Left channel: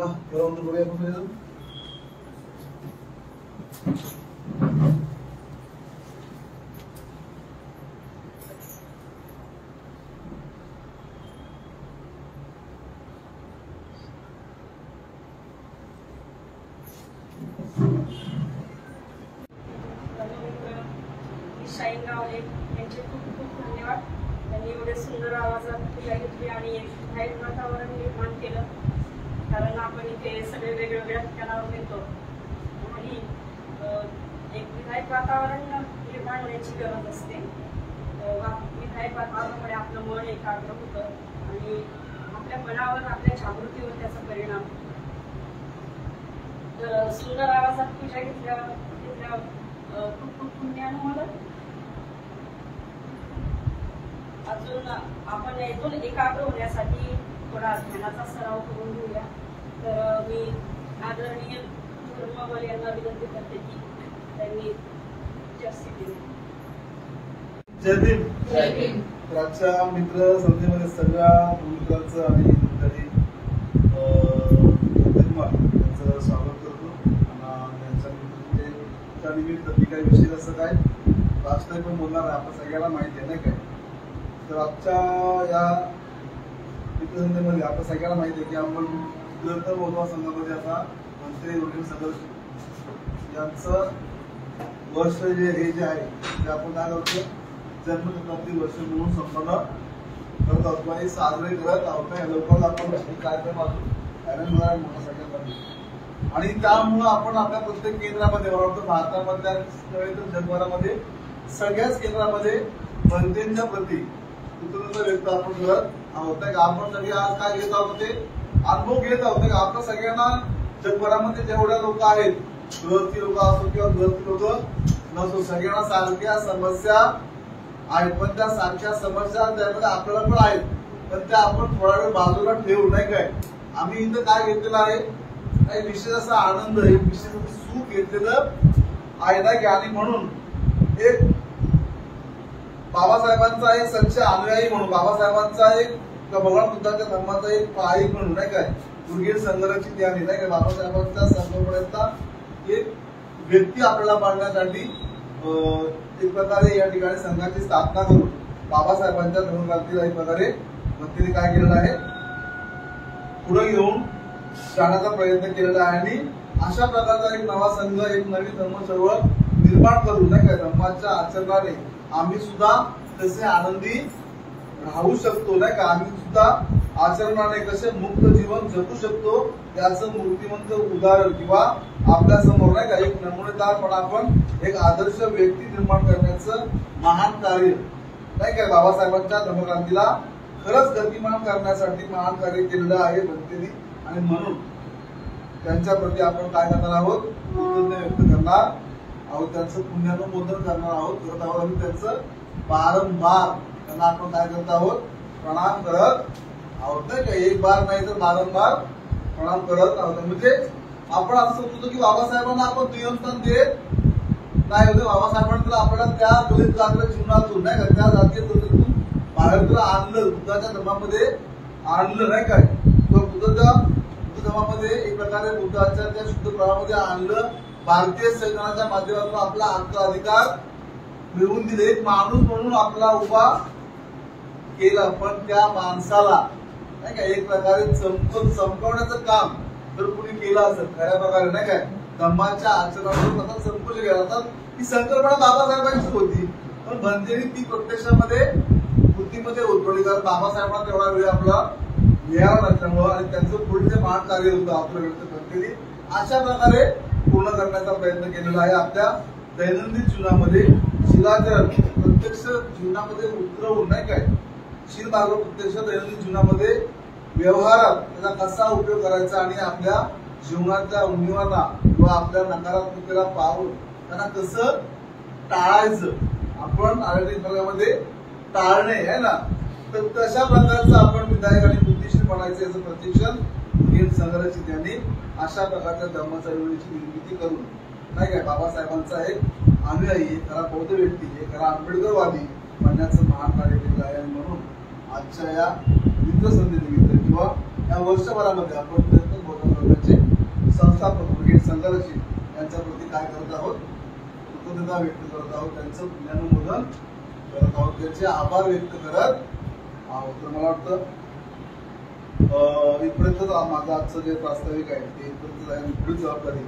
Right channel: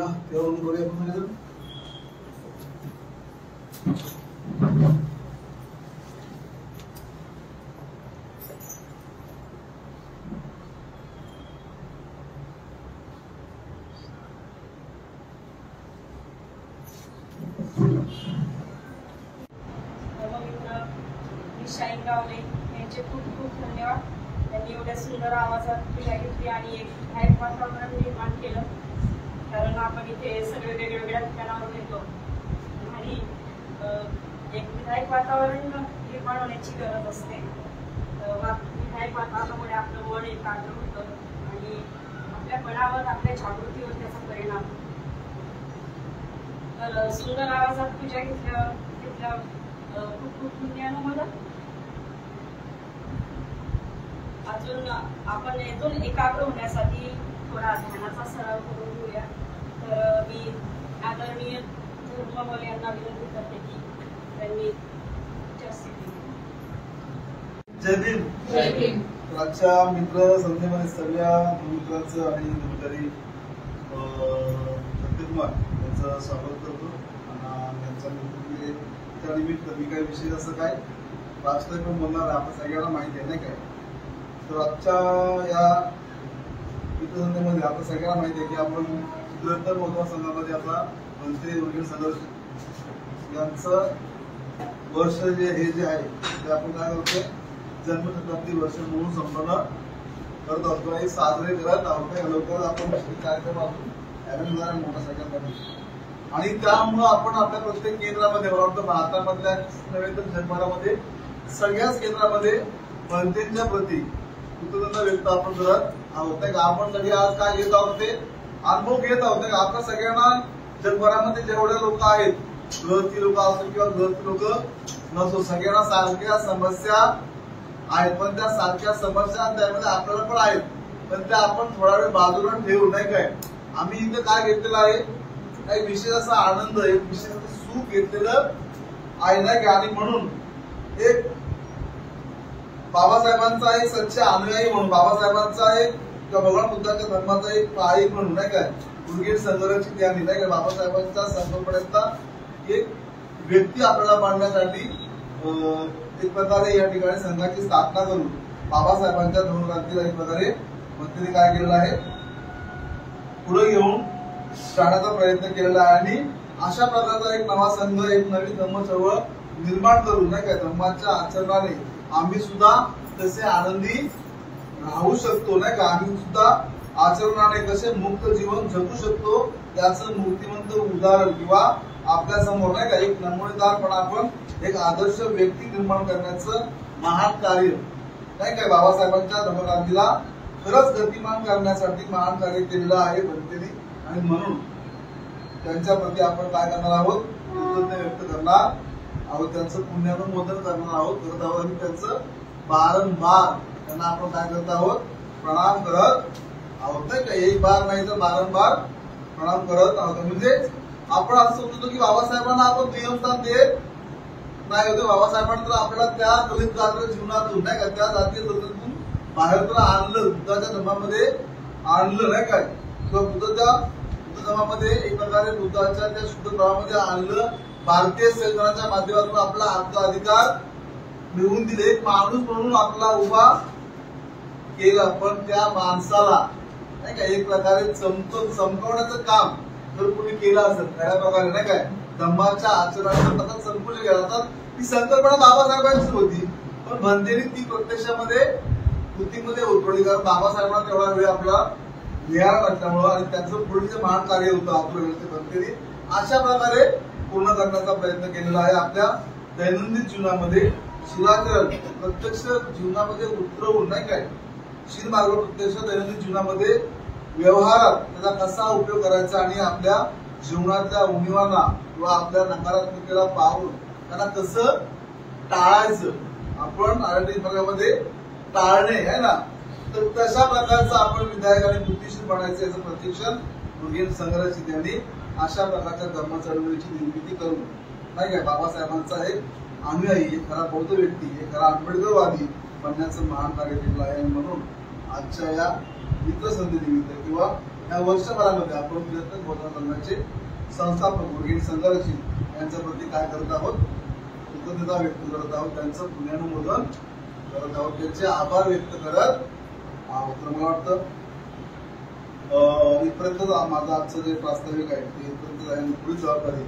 या बघूया आपण शाहीन गावले यांचे खूप खूप धन्यवाद. त्यांनी एवढ्या सुंदर आवाजात पूजा घेतली आणि एक विधायक वातावरण निर्माण केलं. कारण आपण इथे सगळे वेगवेगळ्या ठिकाणावर येतो आणि एक विधायक वातावरण निर्माण होण्याची गरज असते. विधायक वातावरणामुळे आपलं मन एकाग्र होतं आणि आपल्या मनावर आपल्या जागृतीवर त्याचा परिणाम. तर सुंदर आवाजात पूजा घेतल्यावर खूप खूप पुण्यानुमोदन. अजून आपण यातून एकाग्र होण्यासाठी थोडा ध्यानाचा सराव करून घेऊया. तर मी आदरणीय धर्मवाले यांना विनंती करते की त्यांनी जास्ती जय भीम. जय भीम. आजच्या मित्र संस्थेमध्ये सगळ्या मित्रांचं आणि तरी त्यांचं स्वागत करतो. त्यांच्या निमित्त मी काही विशेष असं काय राष्ट्रीय पण बोलणार आहे, आपण सगळ्यांना माहिती आहे नाही काय. तर आजच्या या मित्रसंस्थेमध्ये आपण सगळ्यांना माहिती आहे की आपण निरंतर मोठ्या संघामध्ये आता मंत्री वगैरे सदस्य यांचं वर्ष जे आहे ते आपण काय करतोय जन्मशताब्दी वर्ष म्हणून संपन्न करत असतो आणि साजरे करत आहोत. लवकरच आपण कार्यक्रम अरेंज मोठा सगळ्यांमध्ये आणि त्यामुळं आपण आपल्या प्रत्येक केंद्रामध्ये मला वाटतं भारतामधल्या नव्हे तर जगभरामध्ये सगळ्याच केंद्रामध्ये जनतेच्या प्रती कृतज्ञता व्यक्त आपण करत आहोत. आपण सगळे आज काय घेत आहोत ते अनुभव घेत आहोत. आता सगळ्यांना जगभरामध्ये जेवढ्या लोक आहेत, गरजू लोक असो किंवा गरजू लोक नसो, सगळ्यांना सारख्या समस्या आहेत. पण त्या सारख्या समस्या त्यामध्ये आपल्याला पण आहेत, पण त्या आपण थोडा वेळ बाजूला ठेवू नाही काय. आम्ही इथं काय घेतलेलं आहे, काही विशेष असा आनंद, एक विशेष सुख घेतलेलं आहे नाही का. आणि म्हणून एक बाबासाहेबांचा एक सच्चा अनुयायी म्हणून, बाबासाहेबांचा एक भगवान बुद्धाच्या धर्माचा एक पाईक म्हणून नाही काय, उर्गेट संघर्षाची त्यानी नाही काय बाबासाहेबांच्या संकल्पनेचा एक व्यक्ती आपल्याला पाडण्यासाठी एक प्रकारे या ठिकाणी संघाची स्थापना करून बाबासाहेबांच्या धर्मक्रांतीला एक प्रकारे मंत्र्यांनी काय केलेलं आहे, पुढे घेऊन जाण्याचा प्रयत्न केलेला आहे. आणि अशा प्रकारचा एक नवा संघ, एक नवी धर्म चळवळ निर्माण करून नाही का धर्माच्या आचरणाने आम्ही सुद्धा तसे आनंदी राहू शकतो नाही का. आम्ही सुद्धा आचरणाने कसे मुक्त जीवन जगू शकतो याचं मूर्तिमंत उदाहरण किंवा आपल्या समोर नाही का एक नमुनेदारपणा, आपण एक आदर्श व्यक्ती निर्माण करण्याचं महान कार्य नाही का बाबासाहेबांच्या धर्मक्रांतीला खरंच गतिमान करण्यासाठी महान कार्य केलेलं आहे बनतेने. आणि म्हणून त्यांच्या प्रती आपण काय करणार आहोत, कृतज्ञता व्यक्त करणार आहोत, त्यांचं पुण्यानुमोदन करणार आहोत आणि त्यांचं वारंवार त्यांना आपण काय करत आहोत, प्रणाम करत आहोत नाही का. एक बार नाही तर वारंवार प्रणाम करत आहोत. म्हणजे आपण असं समजतो की बाबासाहेबांना आपण प्रियस्थान देत नाही होते. बाबासाहेबांना तर आपल्याला त्या दलित जातीय जीवनातून नाही का, त्या जातीय चळवळीतून बाहेर तर आणलं, बुद्धाच्या धर्मामध्ये आणलं नाही काय, किंवा बुद्ध धर्मामध्ये एक प्रकारे बुद्धाच्या त्या शुद्ध प्रवाहामध्ये आणलं. भारतीय संविधानाच्या माध्यमातून आपला हक्क अधिकार मिळवून दिले, एक माणूस म्हणून आपला उभा केला. पण त्या माणसाला नाही का एक प्रकारे चमकवण्याचं काम जर कोणी केलं असेल खऱ्या प्रकारे नाही काय धर्माच्या आचरणाचं संकुल केलं तर ही संकल्पना बाबासाहेबांची होती, पण बनतेने ती प्रत्यक्षामध्ये बुद्धीमध्ये उतरवली. कारण बाबासाहेबांना तेवढा वेळ आपला मिळाला नसल्यामुळं आणि त्यांचं पुढे जे महान कार्य होतं आपलं बनतेने अशा प्रकारे पूर्ण करण्याचा प्रयत्न केलेला आहे. आपल्या दैनंदिन जीवनामध्ये शिलाचरण प्रत्यक्ष जीवनामध्ये उतरवून नाही काय शील मार्ग प्रत्यक्ष दैनंदिन जीवनामध्ये व्यवहारात त्याचा कसा उपयोग करायचा आणि आपल्या जीवनाच्या उणीवांना किंवा आपल्या नकारात्मकतेला पाहून त्यांना कसं टाळायचं, आपण आरोग्य भागामध्ये टाळणे आहे ना. तर तशा प्रकारचं आपण विधायक आणि बुद्धिशील बनायचं याचं प्रशिक्षण उर्गेट संघर्षाची त्यांनी अशा प्रकारच्या धर्म चळवळीची निर्मिती करून नाही काय बाबासाहेबांचा एक अनुयायी, एक खरा बौद्ध व्यक्ती, एक खरा आंबेडकरवादी बनण्याचं महान कार्य केलं आहे. आणि म्हणून आजच्या या मित्रसंधीनिमित्त किंवा या वर्षभरामध्ये आपण बचत बोधना संघाचे संस्थापक ब्रिगेड संघरक्षित यांच्या प्रती काय करत आहोत, कृतज्ञता व्यक्त करत आहोत, त्यांचं पुण्यानुमोदन करत आहोत, त्यांचे आभार व्यक्त करत आहोत. तर मला वाटतं इथपर्यंत माझं आजचं जे प्रास्ताविक आहे ते इथपर्यंत आहे. पुढील जबाबदारी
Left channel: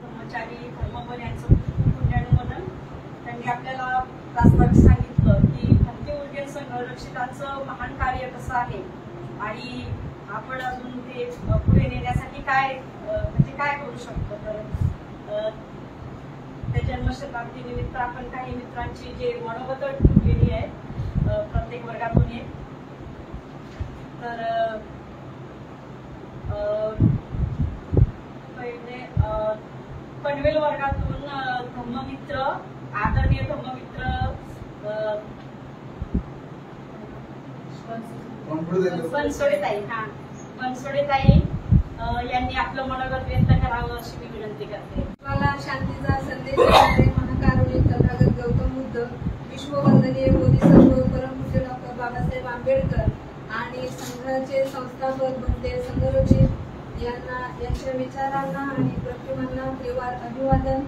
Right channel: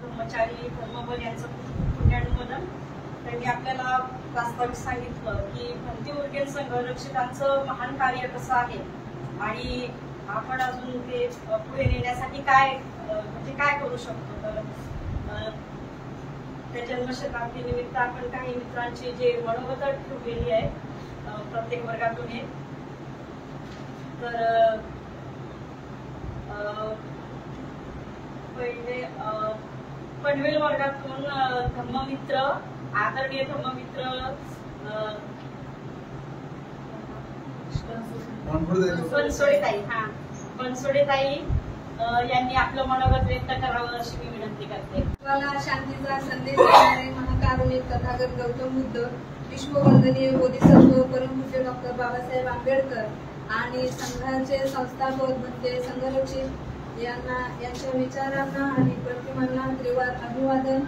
ब्रह्मचारी धर्मबन यांचं पुण्यानुमोदन. त्यांनी आपल्याला प्रास्ताविक सांगितलं की भक्ती उर्गेल संघरक्षितांचं महान कार्य कसं आहे आणि आपण अजून ते पुढे नेण्यासाठी काय म्हणजे काय करू शकतो. तर त्या जन्मशताब्दी निमित्त आपण काही मित्रांची जे मनोगत ठेवलेली आहे प्रत्येक वर्गातून एक. तर पहिले पनवेल वर्गातून धम्ममित्र, आदरणीय धम्ममित्र बनसोडेताई यांनी आपलं मनोगत व्यक्त करावं अशी मी विनंती करते. मला शांतीचा संदेश देणारे महाकारुणिक तथागत गौतम बुद्ध, विश्ववंदनीय बोधिसत्व परमपूज्य डॉक्टर बाबासाहेब आंबेडकर आणि संघाचे संस्थापक बनते संघरक्षित यांच्या विचारांना आणि प्रतिमांना त्रिवार अभिवादन.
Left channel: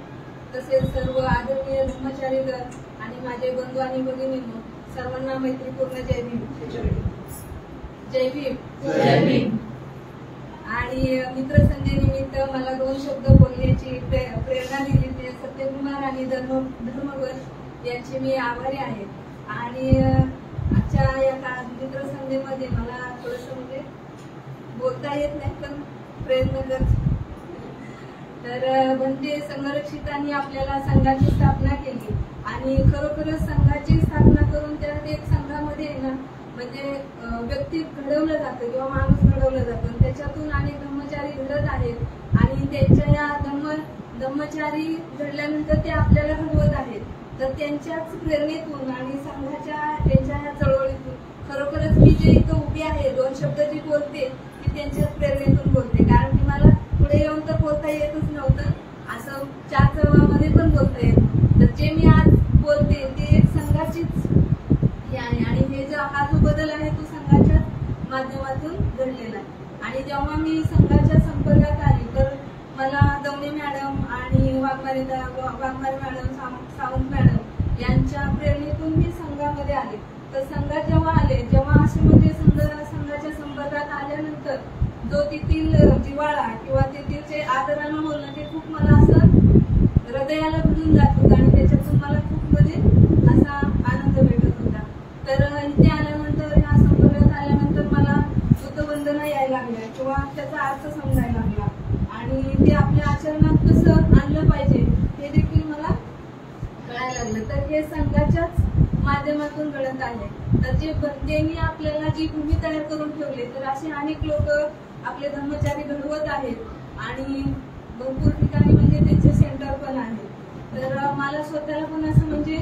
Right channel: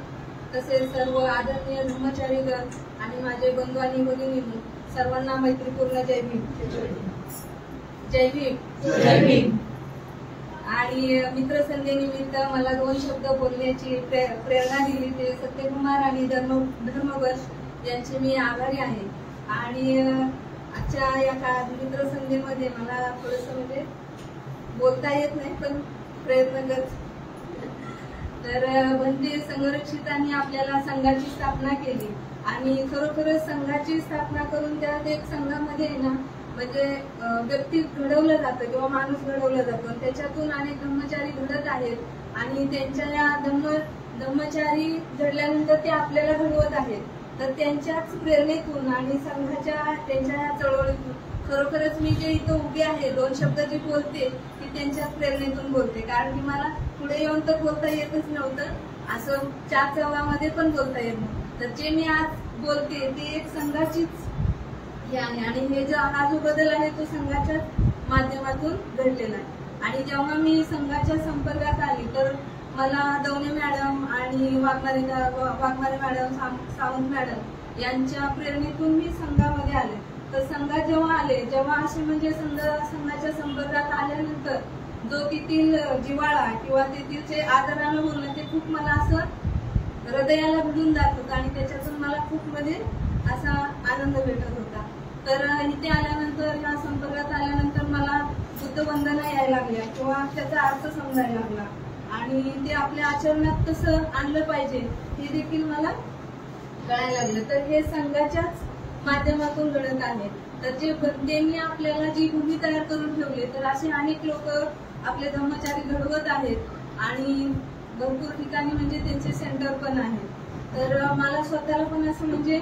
तसेच सर्व आदरणीय धर्मचारीगण आणि माझे बंधू आणि भगिनींनो सर्वांना मैत्रीपूर्ण जय भीम. जय भीम. जय भीम. आणि मित्रसंध्येनिमित्त मला 2 शब्द बोलण्याची प्रेरणा दिली ते सत्यकुमार आणि धर्मबन यांचे मी आभारी आहे. आणि आजच्या या मित्रसंध्येमध्ये मला थोडंसं म्हणजे बोलता येत नाही पण प्रयत्न करते. तर भंते संघरक्षितांनी आपल्याला संघाची स्थापना केली आणि खरोखरच संघाची स्थापना करून त्यात एक संघामध्ये ना म्हणजे व्यक्ती घडवलं जातं किंवा माणूस घडवला जातो. त्याच्यातून अनेक धम्मचारी घडत आहेत आणि त्यांच्या या धम्मचारी घडल्यानंतर ते आपल्याला घडवत आहेत. तर त्यांच्याच प्रेरणेतून आणि संघाच्या त्यांच्या या चळवळीतून खरोखरच मी जे इथं उभी आहे 2 शब्द जी बोलते ती त्यांच्याच प्रेरणेतून बोलते. कारण की मला पुढे येऊन तर बोलता येतच नव्हतं, असं 4 चौघामध्ये पण बोलता येत नव्हतं. तर जे मी आज बोलते ते एक संघाचीच हे आहे आणि हे हा जो बदल आहे तो संघाच्याच माध्यमातून घडलेला आहे. आणि जेव्हा मी संघाच्या संपर्कात आली तर मला दवणे मॅडम आणि वाघमारे मॅडम, सावंत मॅडम यांच्या प्रेरणेतून मी संघामध्ये आले. तर संघात जेव्हा असे म्हणजे संघाच्या संपर्कात आल्यानंतर जो तेथील जिव्हाळा किंवा तेथीलचे आदरानं बोलणं ते खूप मला असं हृदयाला भिडून जात होतं आणि त्याच्यातून मला खूप मध्ये असा आनंद भेटत होता. तर इथे आल्यानंतर या संपर्कात आल्यानंतर मला बुद्धवंदना यायला लागल्या किंवा त्याचा अर्थ समजायला लागला आणि ते आपल्या आचरणात कसं आणलं पाहिजे हे देखील मला कळायला लागलं. तर हे संघाच्याच माध्यमातून घडत आहे. तर जे त्यांनी आपल्याला जी भूमी तयार करून ठेवली तर असे अनेक लोक आपले धर्मचारी घडवत आहेत आणि भरपूर ठिकाणी म्हणजे त्यांचे सेंटर पण आहे. तर मला स्वतःला पण असं म्हणजे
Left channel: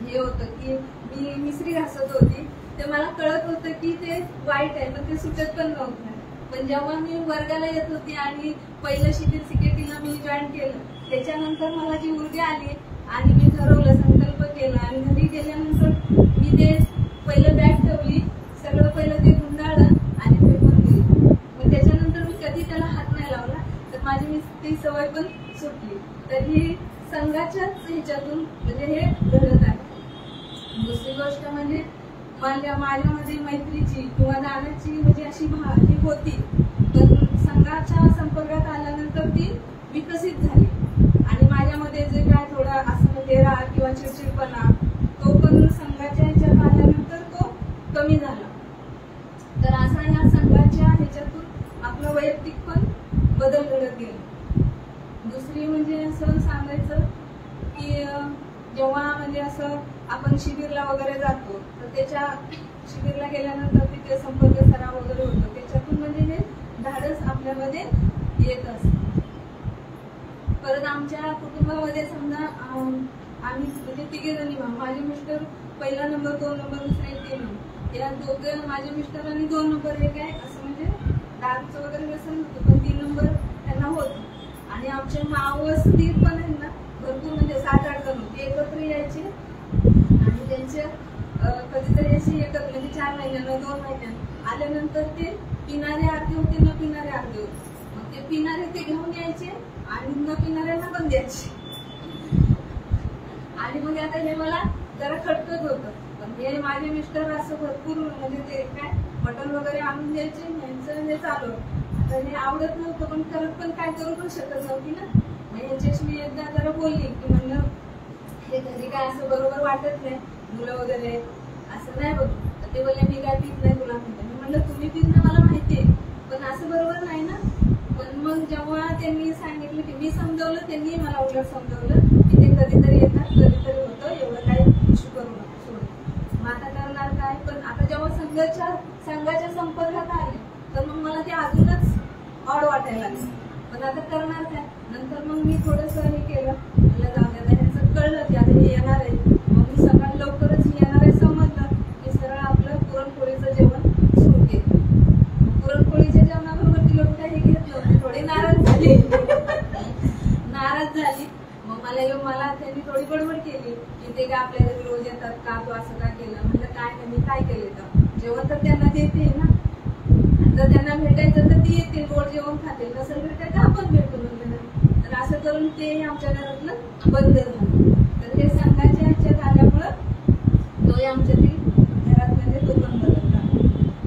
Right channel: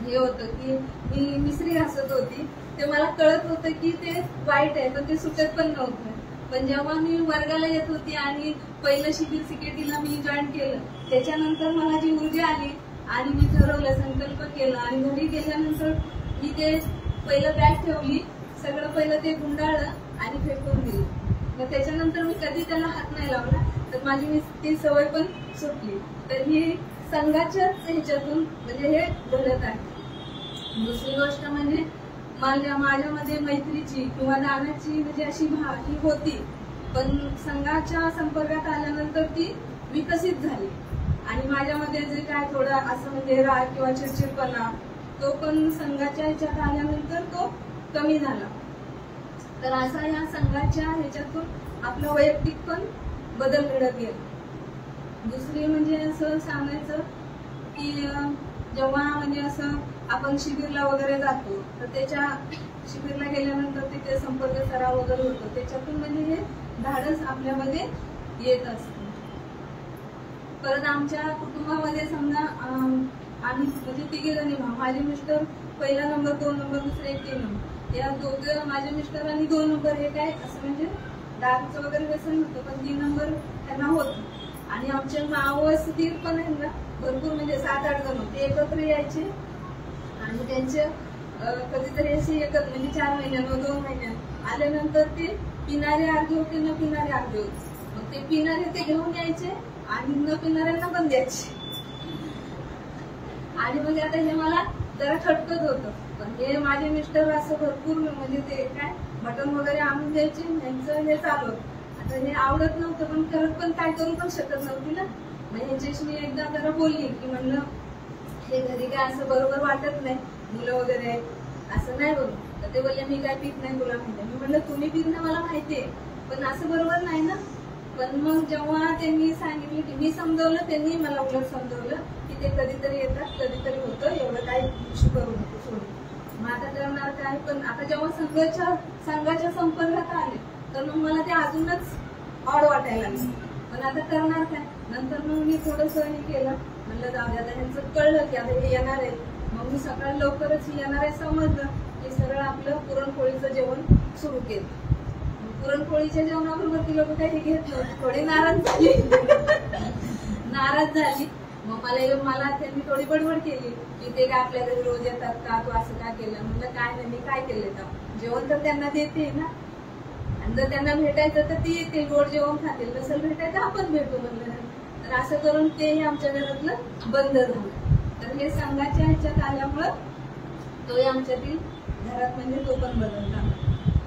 हे होतं की मी मिसरी घासत होती ते मला कळत होतं की ते वाईट आहे पण ते सुटत पण नव्हतं. पण जेव्हा मी वर्गाला येत होती आणि पहिलं शिबिर सिकेटीला मी जॉईन केलं त्याच्यानंतर मला जी ऊर्जा आली आणि मी ठरवलं, संकल्प केला आणि घरी गेल्यानंतर मी ते पहिलं बॅग ठेवली, सगळं पहिलं ते गुंडाळलं आणि फेकून दिली. मग त्याच्यानंतर मी कधी त्याला हात नाही लावला तर माझी ती सवय पण सुटली. तर ही संघाच्याच ह्याच्यातून म्हणजे हे घडत आहे. दुसरी गोष्ट म्हणजे माझ्यामध्ये मैत्रीची किंवा दानाची म्हणजे अशी भावना होती पण संघाच्या संपर्कात आल्यानंतर ती विकसित झाली आणि माझ्यामध्ये जे काय थोडा असं म्हणजे राग किंवा चिडचिडपणा तो पण संघाच्या ह्याच्यात आल्यानंतर तो कमी झाला. तर असा या संघाच्या ह्याच्यातून आपलं वैयक्तिक पण बदल घडत गेला. दुसरी म्हणजे असं सांगायचं की जेव्हा म्हणजे असं आपण शिबिरला वगैरे जातो तर त्याच्या शिबिरला गेल्यानंतर तिथे संपर्क सराव वगैरे होतो त्याच्यातून म्हणजे हे धाडस आपल्यामध्ये येत असतं. परत आमच्या कुटुंबामध्ये समजा आम्ही म्हणजे 3 जणी, माझे मिस्टर 1 नंबर, 2 नंबर, दुसरे 3 नंबर, या दोघं माझे मिस्टर आणि 2 नंबर हे काय असं म्हणजे दारूचं वगैरे व्यसन होतं पण 3 नंबर त्यांना होत आणि आमचे मावस पण आहेत ना भरपूर म्हणजे 7-8 जण होते एकत्र यायचे आणि त्यांचे कधीतरी अशी एकच म्हणजे 4 महिन्यानं 2 महिन्यानं आल्यानंतर ते पिणारे अर्धे होते, न पिणारे अर्धे होते. मग ते पिणारे ते घेऊन यायचे आणि न पिणाऱ्यांना पण द्यायचे. आणि मग आता हे मला जरा खटकत होतं. पण हे माझे मिस्टर असं भरपूर म्हणजे ते काय मटण वगैरे आणून द्यायचे, यांचं हे चालू. आता हे आवडत नव्हतं पण करत पण काय करू पण शकत नव्हती ना. मग ह्याच्याशी मी एकदा जरा बोलली की म्हणलं हे घरी काय असं बरोबर वाटत नाही, मुलं वगैरे असं नाही बघ. तर ते बोलले मी काय पीत नाही तुला म्हणलं. मी म्हणलं तुम्ही पीत नाही मला माहितीये पण असं बरोबर नाही ना. पण मग जेव्हा त्यांनी सांगितलं की मी समजवलं, त्यांनी मला उलट समजवलं की ते कधीतरी येतात, कधीतरी होतं, एवढं काही इश्यू करू नको सोडून. मग आता करणार काय. पण आता जेव्हा संघाच्या संपर्कात आले तर मग मला ते अजूनच ऑड वाटायला लागलं. पण आता करणार काय. नंतर मग मी थोडंसं हे केलं, म्हणलं जाऊ द्या. ह्यांचं कळलं की आता हे येणार आहे. मग मी सकाळी लवकरच येणार आहे समजलं की सरळ आपलं पुरणपोळीचं जेवण सुरू केलं. पुरणपोळीच्या जेवणाबरोबर ती लोक काही घेतलं, थोडी नाराज झाली. मला त्यांनी थोडी बडबड केली की ते काय आपल्या घरी रोज येतात का, तू असं काय केलं. म्हटलं काय नाही, मी काय केलं तर जेवण तर त्यांना देते ना. जर त्यांना भेटायचं तर ती येतील, गोड जेवण खातील, नसेल भेटायचं आपण भेटू म्हणलं. तर असं करून ते आमच्या घरातलं बंद झालं. तर हे संघाच्या ह्याच्यात आल्यामुळं तो आमच्यातील घरात म्हणजे तो पण बदलला.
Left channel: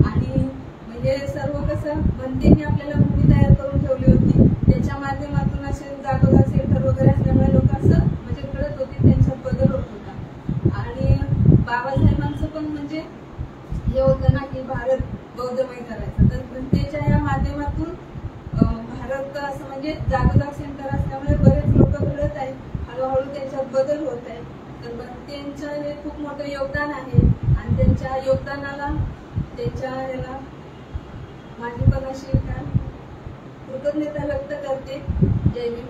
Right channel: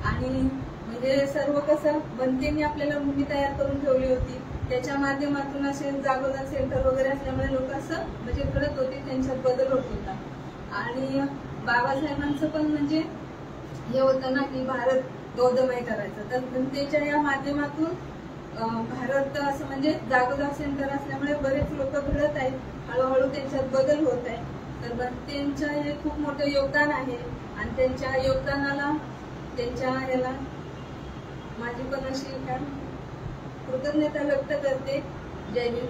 आणि म्हणजे सर्व कसं बनतेनी आपल्याला मुली तयार करून ठेवली होती, त्याच्या माध्यमातून असे जागोजा सेंटर वगैरे असल्यामुळे लोक असं म्हणजे करत होते, त्यांच्यात बदल होत होता. आणि बाबासाहेबांचं पण म्हणजे हे होतं ना की भारत बौद्धमय करायचं. तर त्याच्या या माध्यमातून भारत असं म्हणजे जागोजाग सेंटर असल्यामुळे बरेच लोक घडत आहेत, हळूहळू त्यांच्यात बदल होत आहे. तर त्यांचं हे खूप मोठं योगदान आहे आणि त्यांच्या योगदानाला त्यांच्या ह्याला माझी पण अशी काय कृतज्ञता व्यक्त करते. जय भीम.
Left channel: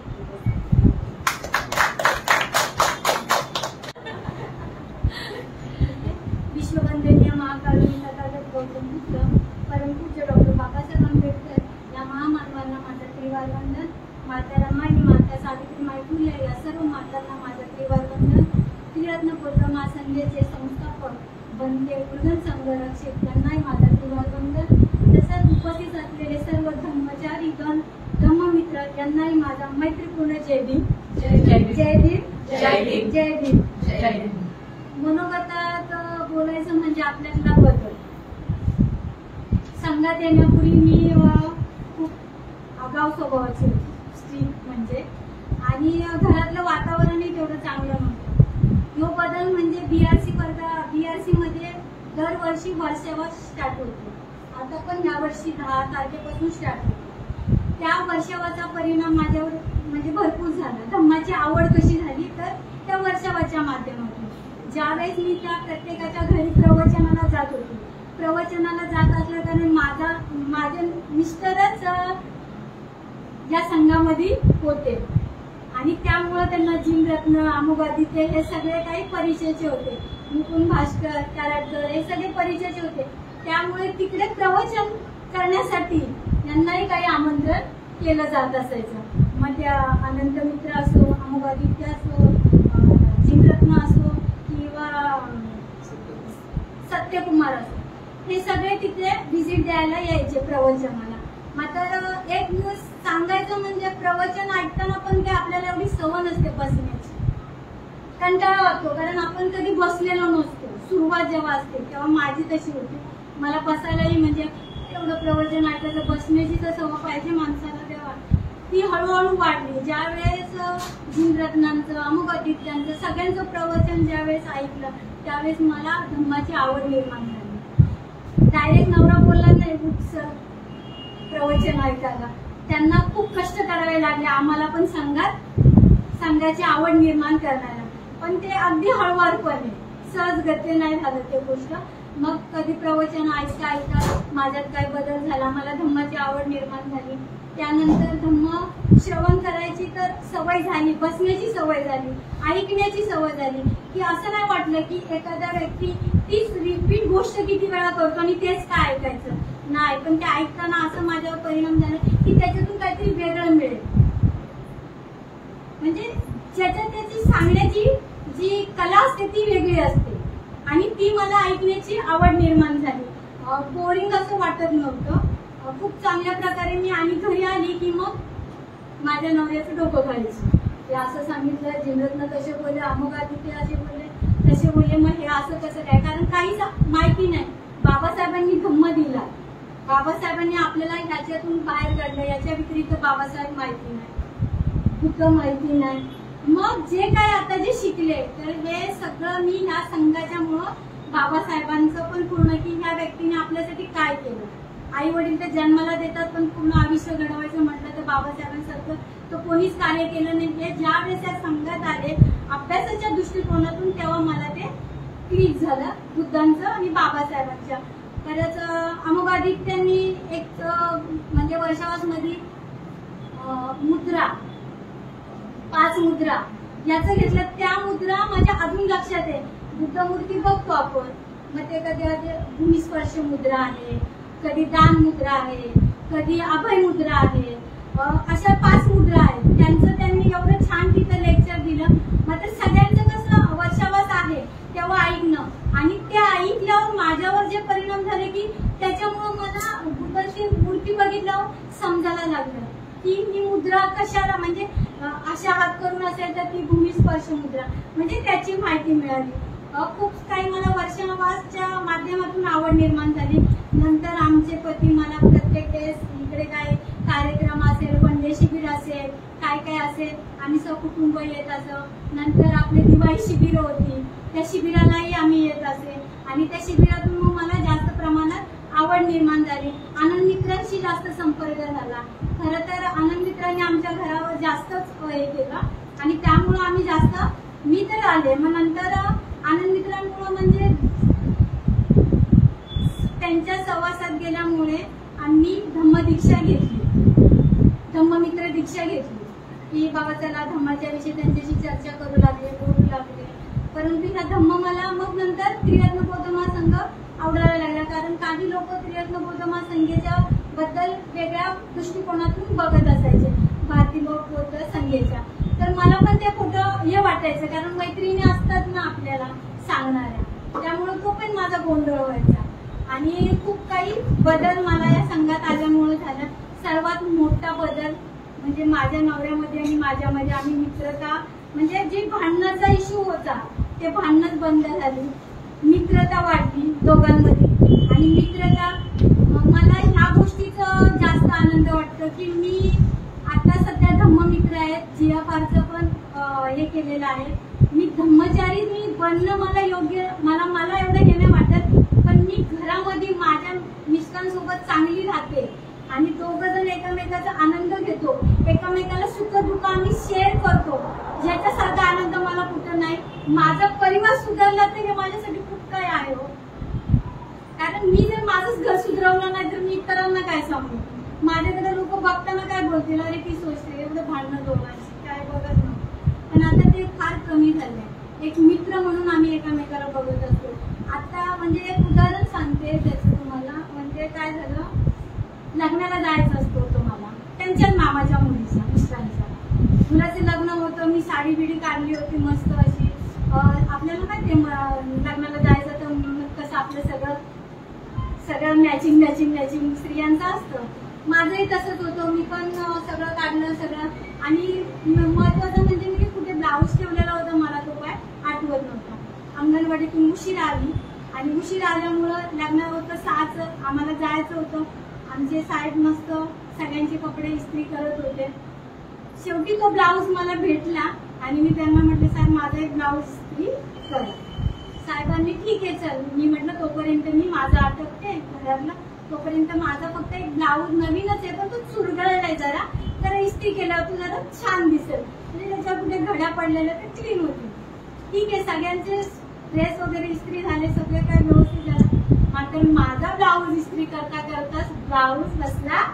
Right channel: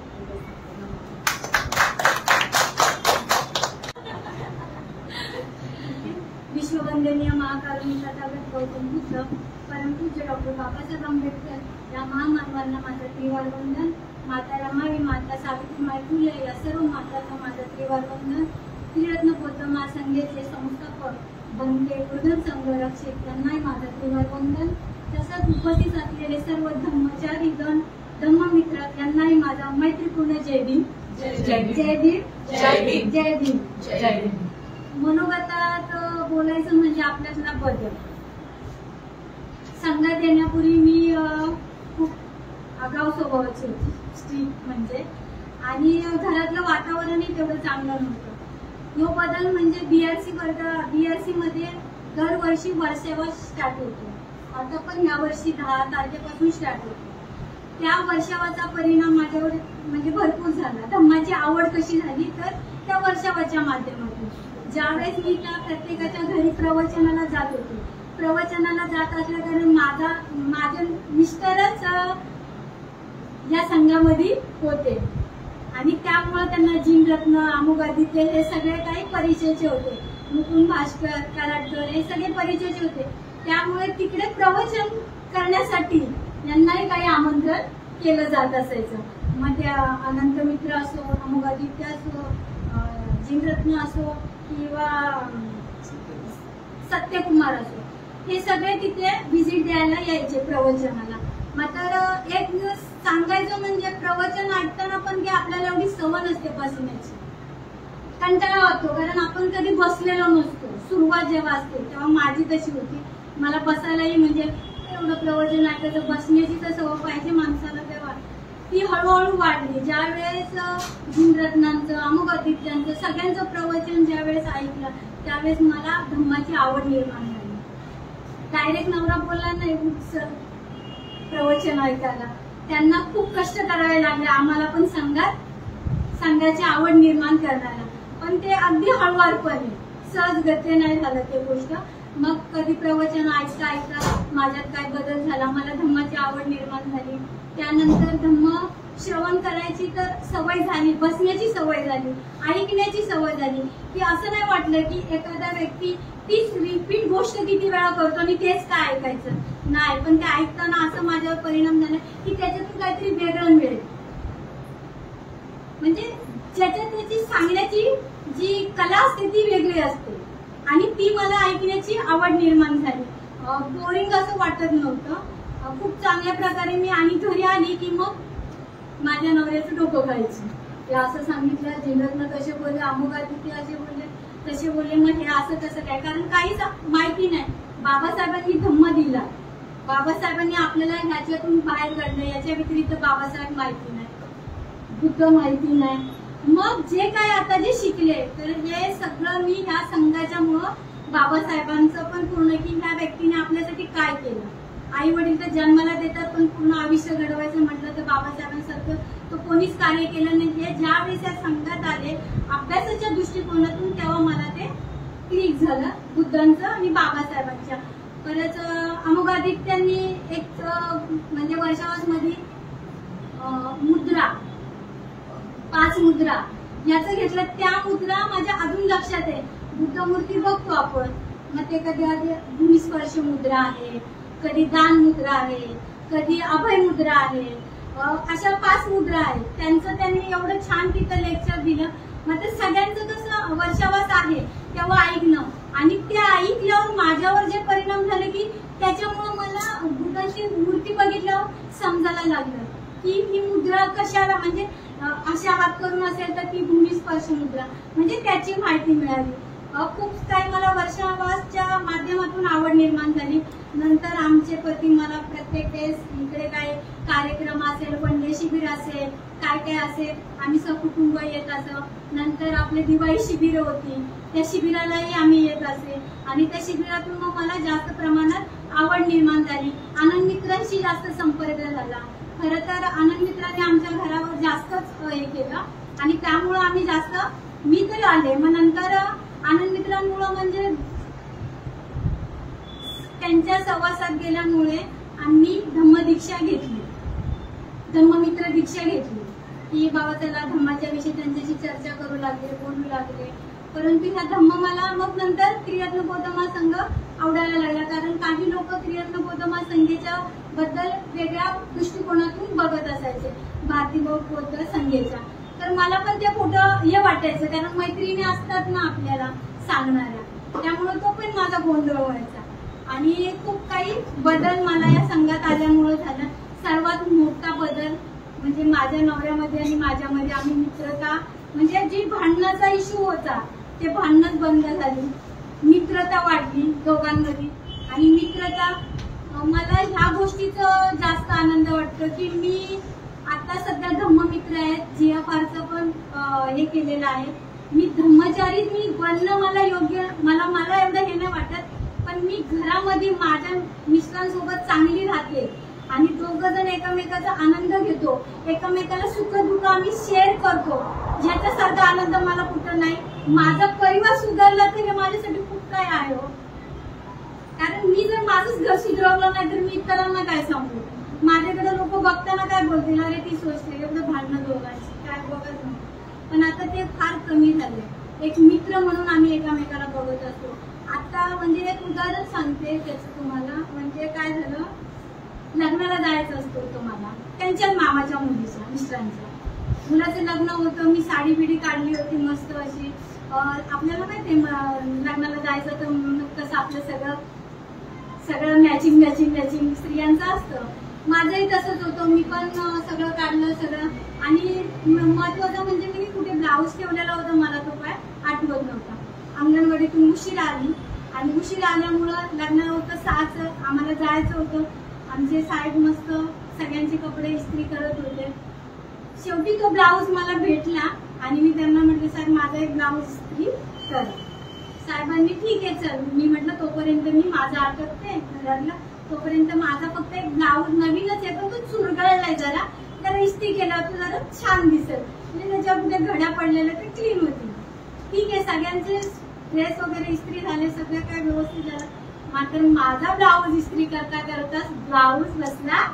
विश्ववंदनीय महाकारुणी तथागत गौतम बुद्ध परमपूज्य डॉक्टर बाबासाहेब आंबेडकर या महामानवांना माझं त्रिवार वंदन. माता रमाई, माता सावित्रीबाई फुले या सर्व मातांना माझं त्रिवार वंदन. त्रिरत्न गौतम संघाचे संस्थापक बनते गुरुधर संघरक्षक यांनाही माझं त्रिवार वंदन. तसंच उपस्थित असलेले सर्व धम्मचारी गण धम्ममित्र यांनाही माझा मैत्रीपूर्ण जय भीम. जय भीम. जय भीम. जय भीम. जय भीम. जय भीम. मनोगतात बोलायचं म्हणजे आपल्यातला बदल. संघात येण्यापूर्वी मी खूप आगाऊ स्वभावाची होती, स्ट्रिक्ट म्हणजे. आणि घरातलं वातावरणही तेवढं चांगलं नव्हतं. यो बदल म्हणजे बीआरसी मध्ये दरवर्षी वर्षावर स्टार्ट होतो. आता पण यावर्षी 10 तारखेपासून स्टार्ट होतो. त्या वर्षावाचा परिणाम माझ्यावर म्हणजे भरपूर झाला. धम्माची आवड कशी झाली तर त्या वर्षावाच्या माध्यमातून. ज्यावेळेस मी त्या प्रत्येकाच्या घरी प्रवचनाला जात होते, प्रवचनाला जात असल्या कारण माझे मिस्टरच या संघामध्ये होते आणि त्यामुळे त्यांना जिमरत्न, अमुगादित्य हे सगळे काही परिचयाचे होते. मुकुंद भास्कर, कराडकर हे सगळे परिचयाचे होते. त्यामुळे तिकडे प्रवचन करण्यासाठी यांनाही काही आमंत्रण केलं जात असायचं. मग त्या अनंत मित्र असो, अमुगादित्य असो, जिमरत्न असो किंवा सत्यकुमार असो, हे सगळे तिथे व्हिजिट द्यायला यायचे प्रवचनाला. मात्र एक सांगायचं म्हणजे प्रवचन ऐकताना पण की आपल्याला एवढी सवय नसते बसण्याची, कंटाळा होतो कारण आपण कधी बसलेलो नसतो. सुरुवात जेव्हा असते तेव्हा माझी तशी होती. मला बसायलाही म्हणजे एवढं प्रवचन ऐकायचं, बसण्याची तर सवय पाहिजे माणसाला, तेव्हा ती हळूहळू वाढली. ज्यावेळेस जिमरत्नांचं, अमुगादित्यांचं सगळ्यांचं प्रवचन ज्यावेळेस ऐकलं त्यावेळेस मला धम्माची आवड निर्माण झाली. डायरेक्ट नवरा बोलला नाही सर प्रवचन ऐकायला, त्यांना खूप कष्ट करावे लागले आम्हाला पण संघाची आवड निर्माण करण्याला. पण ते अगदी हळूवारपणे सहज गती नाही झालं ते गोष्ट. मग कधी प्रवचन ऐकता ऐकता माझ्यात काय बदल झाला, मला धम्माची आवड निर्माण झाली. त्यानंतर धम्म श्रवण करायची तर सवय झाली, बसण्याची सवय झाली, ऐकण्याची सवय झाली. की असं नाही वाटलं की एखादा व्यक्ती तीच रिपीट गोष्ट किती वेळा करतो आणि तेच काय ऐकायचं नाही. पण ते ऐकताना असं माझ्यावर परिणाम झाला की त्याच्यातून काहीतरी वेगळं मिळेल. म्हणजे ज्याच्यात त्याची सांगण्याची जी कला असते ती वेगळी असते आणि ती मला ऐकण्याची आवड निर्माण झाली. बोरिंग असं वाटत नव्हतं. खूप चांगल्या प्रकारे मी आणि घरी आली की मग माझ्या नवऱ्याचं डोकं खायचं. ते असं सांगितलं, जिल्ह्यातनं तसे बोलले, अमुक असे बोलले, तसे बोलले. मग हे असं कसं काय, कारण काहीच माहिती नाही. बाबासाहेबांनी धम्म दिला, बाबासाहेबांनी आपल्याला ह्याच्यातून बाहेर काढलं, याच्या व्यतिरिक्त बाबासाहेब माहिती नाही, बुद्ध माहिती नाही. मग जे काय आता जे शिकले तर हे सगळं मी ह्या संघाच्यामुळं बाबासाहेबांचं पण पूर्ण की ह्या व्यक्तीने आपल्यासाठी काय केलं. आई वडील तर जन्माला देतात पण पूर्ण आयुष्य घडवायचं म्हटलं तर बाबासाहेबांसारखं तो कोणीच कार्य केलं नाही. ज्या वेळेस या संघात आले अभ्यासाच्या दृष्टिकोनातून तेव्हा मला ते क्लिक झालं बुद्धांचं आणि बाबासाहेबांच्या. परत अमोघादित्यांनी एक म्हणजे वर्षावासमध्ये मुद्रा 5 मुद्रा याचं घेतलं. त्या मुद्रा माझ्या अजून लक्षात आहे. बुद्ध मूर्ती बघतो आपण, मग ते कधी भूमिस्पर्श मुद्रा आहे, कधी दान मुद्रा आहे, कधी अभय मुद्रा आहे. अशा 5 मुद्रा आहेत. त्यांचं त्यांनी एवढं छान तिथं लेक्चर दिलं. मात्र सगळ्यांचं कसं वर्षावास आहे तेव्हा ऐकणं आणि त्या ऐकल्यावर माझ्यावर जे परिणाम झाले की त्याच्यामुळं मला बुद्धाची मूर्ती बघितल्यावर समजायला लागलं की ही मुद्रा कशाला, म्हणजे अशा हात करून असेल तर ती भूमिस्पर्श मुद्रा, म्हणजे त्याची माहिती मिळाली. खूप काही मला वर्षावासच्या माध्यमातून आवड निर्माण झाली. नंतर आमचे पती मला प्रत्येक वेळेस इकडे काय कार्यक्रम असेल, वनडे शिबिर असेल, काय काय असेल, आम्ही सहकुटुंब येत असं. नंतर आपले दिवाळी शिबिर होती, त्या शिबिरालाही आम्ही येत असे आणि त्या शिबिरातून मग मला जास्त प्रमाणात आवड निर्माण झाली. आनंद मित्रांशी जास्त संपर्क झाला. खरं तर आनंद मित्रांनी आमच्या घरावर जास्तच हे केलं आणि त्यामुळं आम्ही जास्त मी तर आले. मग नंतर आनंद मित्रांमुळं म्हणजे त्यांच्या सहवासात गेल्यामुळे आम्ही धम्मदीक्षा घेतली, धम्ममित्र दीक्षा घेतली की बाबा चला धम्माच्या विषयी त्यांच्याशी चर्चा करू लागले, बोलू लागले. परंतु ह्या धम्म मला मग नंतर त्रिरत्न बौद्ध महासंघ आवडायला लागला. कारण काही लोक त्रिरत्न बौद्ध महासंघेच्या बद्दल वेगळ्या दृष्टिकोनातून बघत असायचे, भारतीय बौद्ध संघेच्या. तर मला पण ते खोटं हे वाटायचं, कारण मैत्रिणी असतात ना आपल्याला सांगणाऱ्या, त्यामुळे तो पण माझा गोंधळ व्हायचा. आणि खूप काही बदल मला या संघात आल्यामुळे झाला. सर्वात मोठा बदल म्हणजे माझ्या नवऱ्यामध्ये आणि माझ्यामध्ये आम्ही मित्रता, म्हणजे जी भांडणाचा इश्यू होता ते भांडणच बंद झाली, मित्रता वाढली दोघांमध्ये. आणि मित्रता मला ह्या गोष्टीचं जास्त आनंद वाटतं की मी आता सध्या धम्ममित्र आहेत, GFRचं पण हे केलेलं आहे. मी धम्मचारी मी बनणं मला योग्य, मला एवढं हे नाही वाटत, पण मी घरामध्ये माझ्या मिस्टरांसोबत चांगली राहते आणि दोघं जण एकमेकाचा आनंद घेतो, एकमेकाला सुख दुःख आम्ही शेअर करतो. ज्याच्यासारखा आनंद मला कुठं नाही. माझा परिवार सुधारला तर हे माझ्यासाठी खूप काय आहे हो. कारण मी जर माझंच घर सुधारवलं नाही तर मी इतरांना काय सांगू. माझ्याकडे लोक बघताना काय बोलतील, अरे ती सोचते एवढं भांडणं दोघांची काय बघत नाही. पण आता ते फार कमी झाले. एक मित्र म्हणून आम्ही एकमेकाला बघत असतो. आता म्हणजे एक उदाहरण सांगते त्याचं तुम्हाला. म्हणजे काय झालं, लग्नाला जायचं असतो तुम्हाला त्यांच्याच मामाच्या मुलीचा, मिस्टरांच्या मुलाचं लग्न होतं. मी साडी बिडी काढली होती मस्त अशी. आपल्याला माहिती लग्नाला जायचं तर म्हणून कसं आपलं सगळं मॅचिंग स्त्रियांचं असतं. माझंही तसंच होतं. मी पण सगळं काढलं सगळं. आणि महत्वाचं म्हणजे मी कुठे ब्लाऊज ठेवलेला होता मला तो काय आठवत नव्हता. अंगणवाडीतून उशीर आली आणि उशीर आल्यामुळं लग्न होतं 6चं, आम्हाला जायचं होतं. आमचे साहेब मस्त सगळ्यांचे कपडे इस्त्री करत होते. शेवटी तो ब्लाऊज मला भेटला आणि मी त्यांना म्हटलं साहेब माझा एक ब्लाऊज इस्त्री कर. साहेबांनी ठीक आहे चल. मी म्हटलं तोपर्यंत मी माझं आटपते घरातलं, तोपर्यंत माझा फक्त एक ब्लाऊज नवीनच आहे पण तो चुरगळलाय जरा, तर इस्त्री केल्यावर जरा छान दिसेल. म्हणजे त्याच्या कुठे घड्या पडलेल्या ते क्लीन होती. ठीक आहे, सगळ्यांचे ड्रेस वगैरे इस्त्री झाले, सगळं काय व्यवस्थित झालं. मात्र माझा ब्लाऊज इस्त्री करता करताच ब्लाऊज बसला,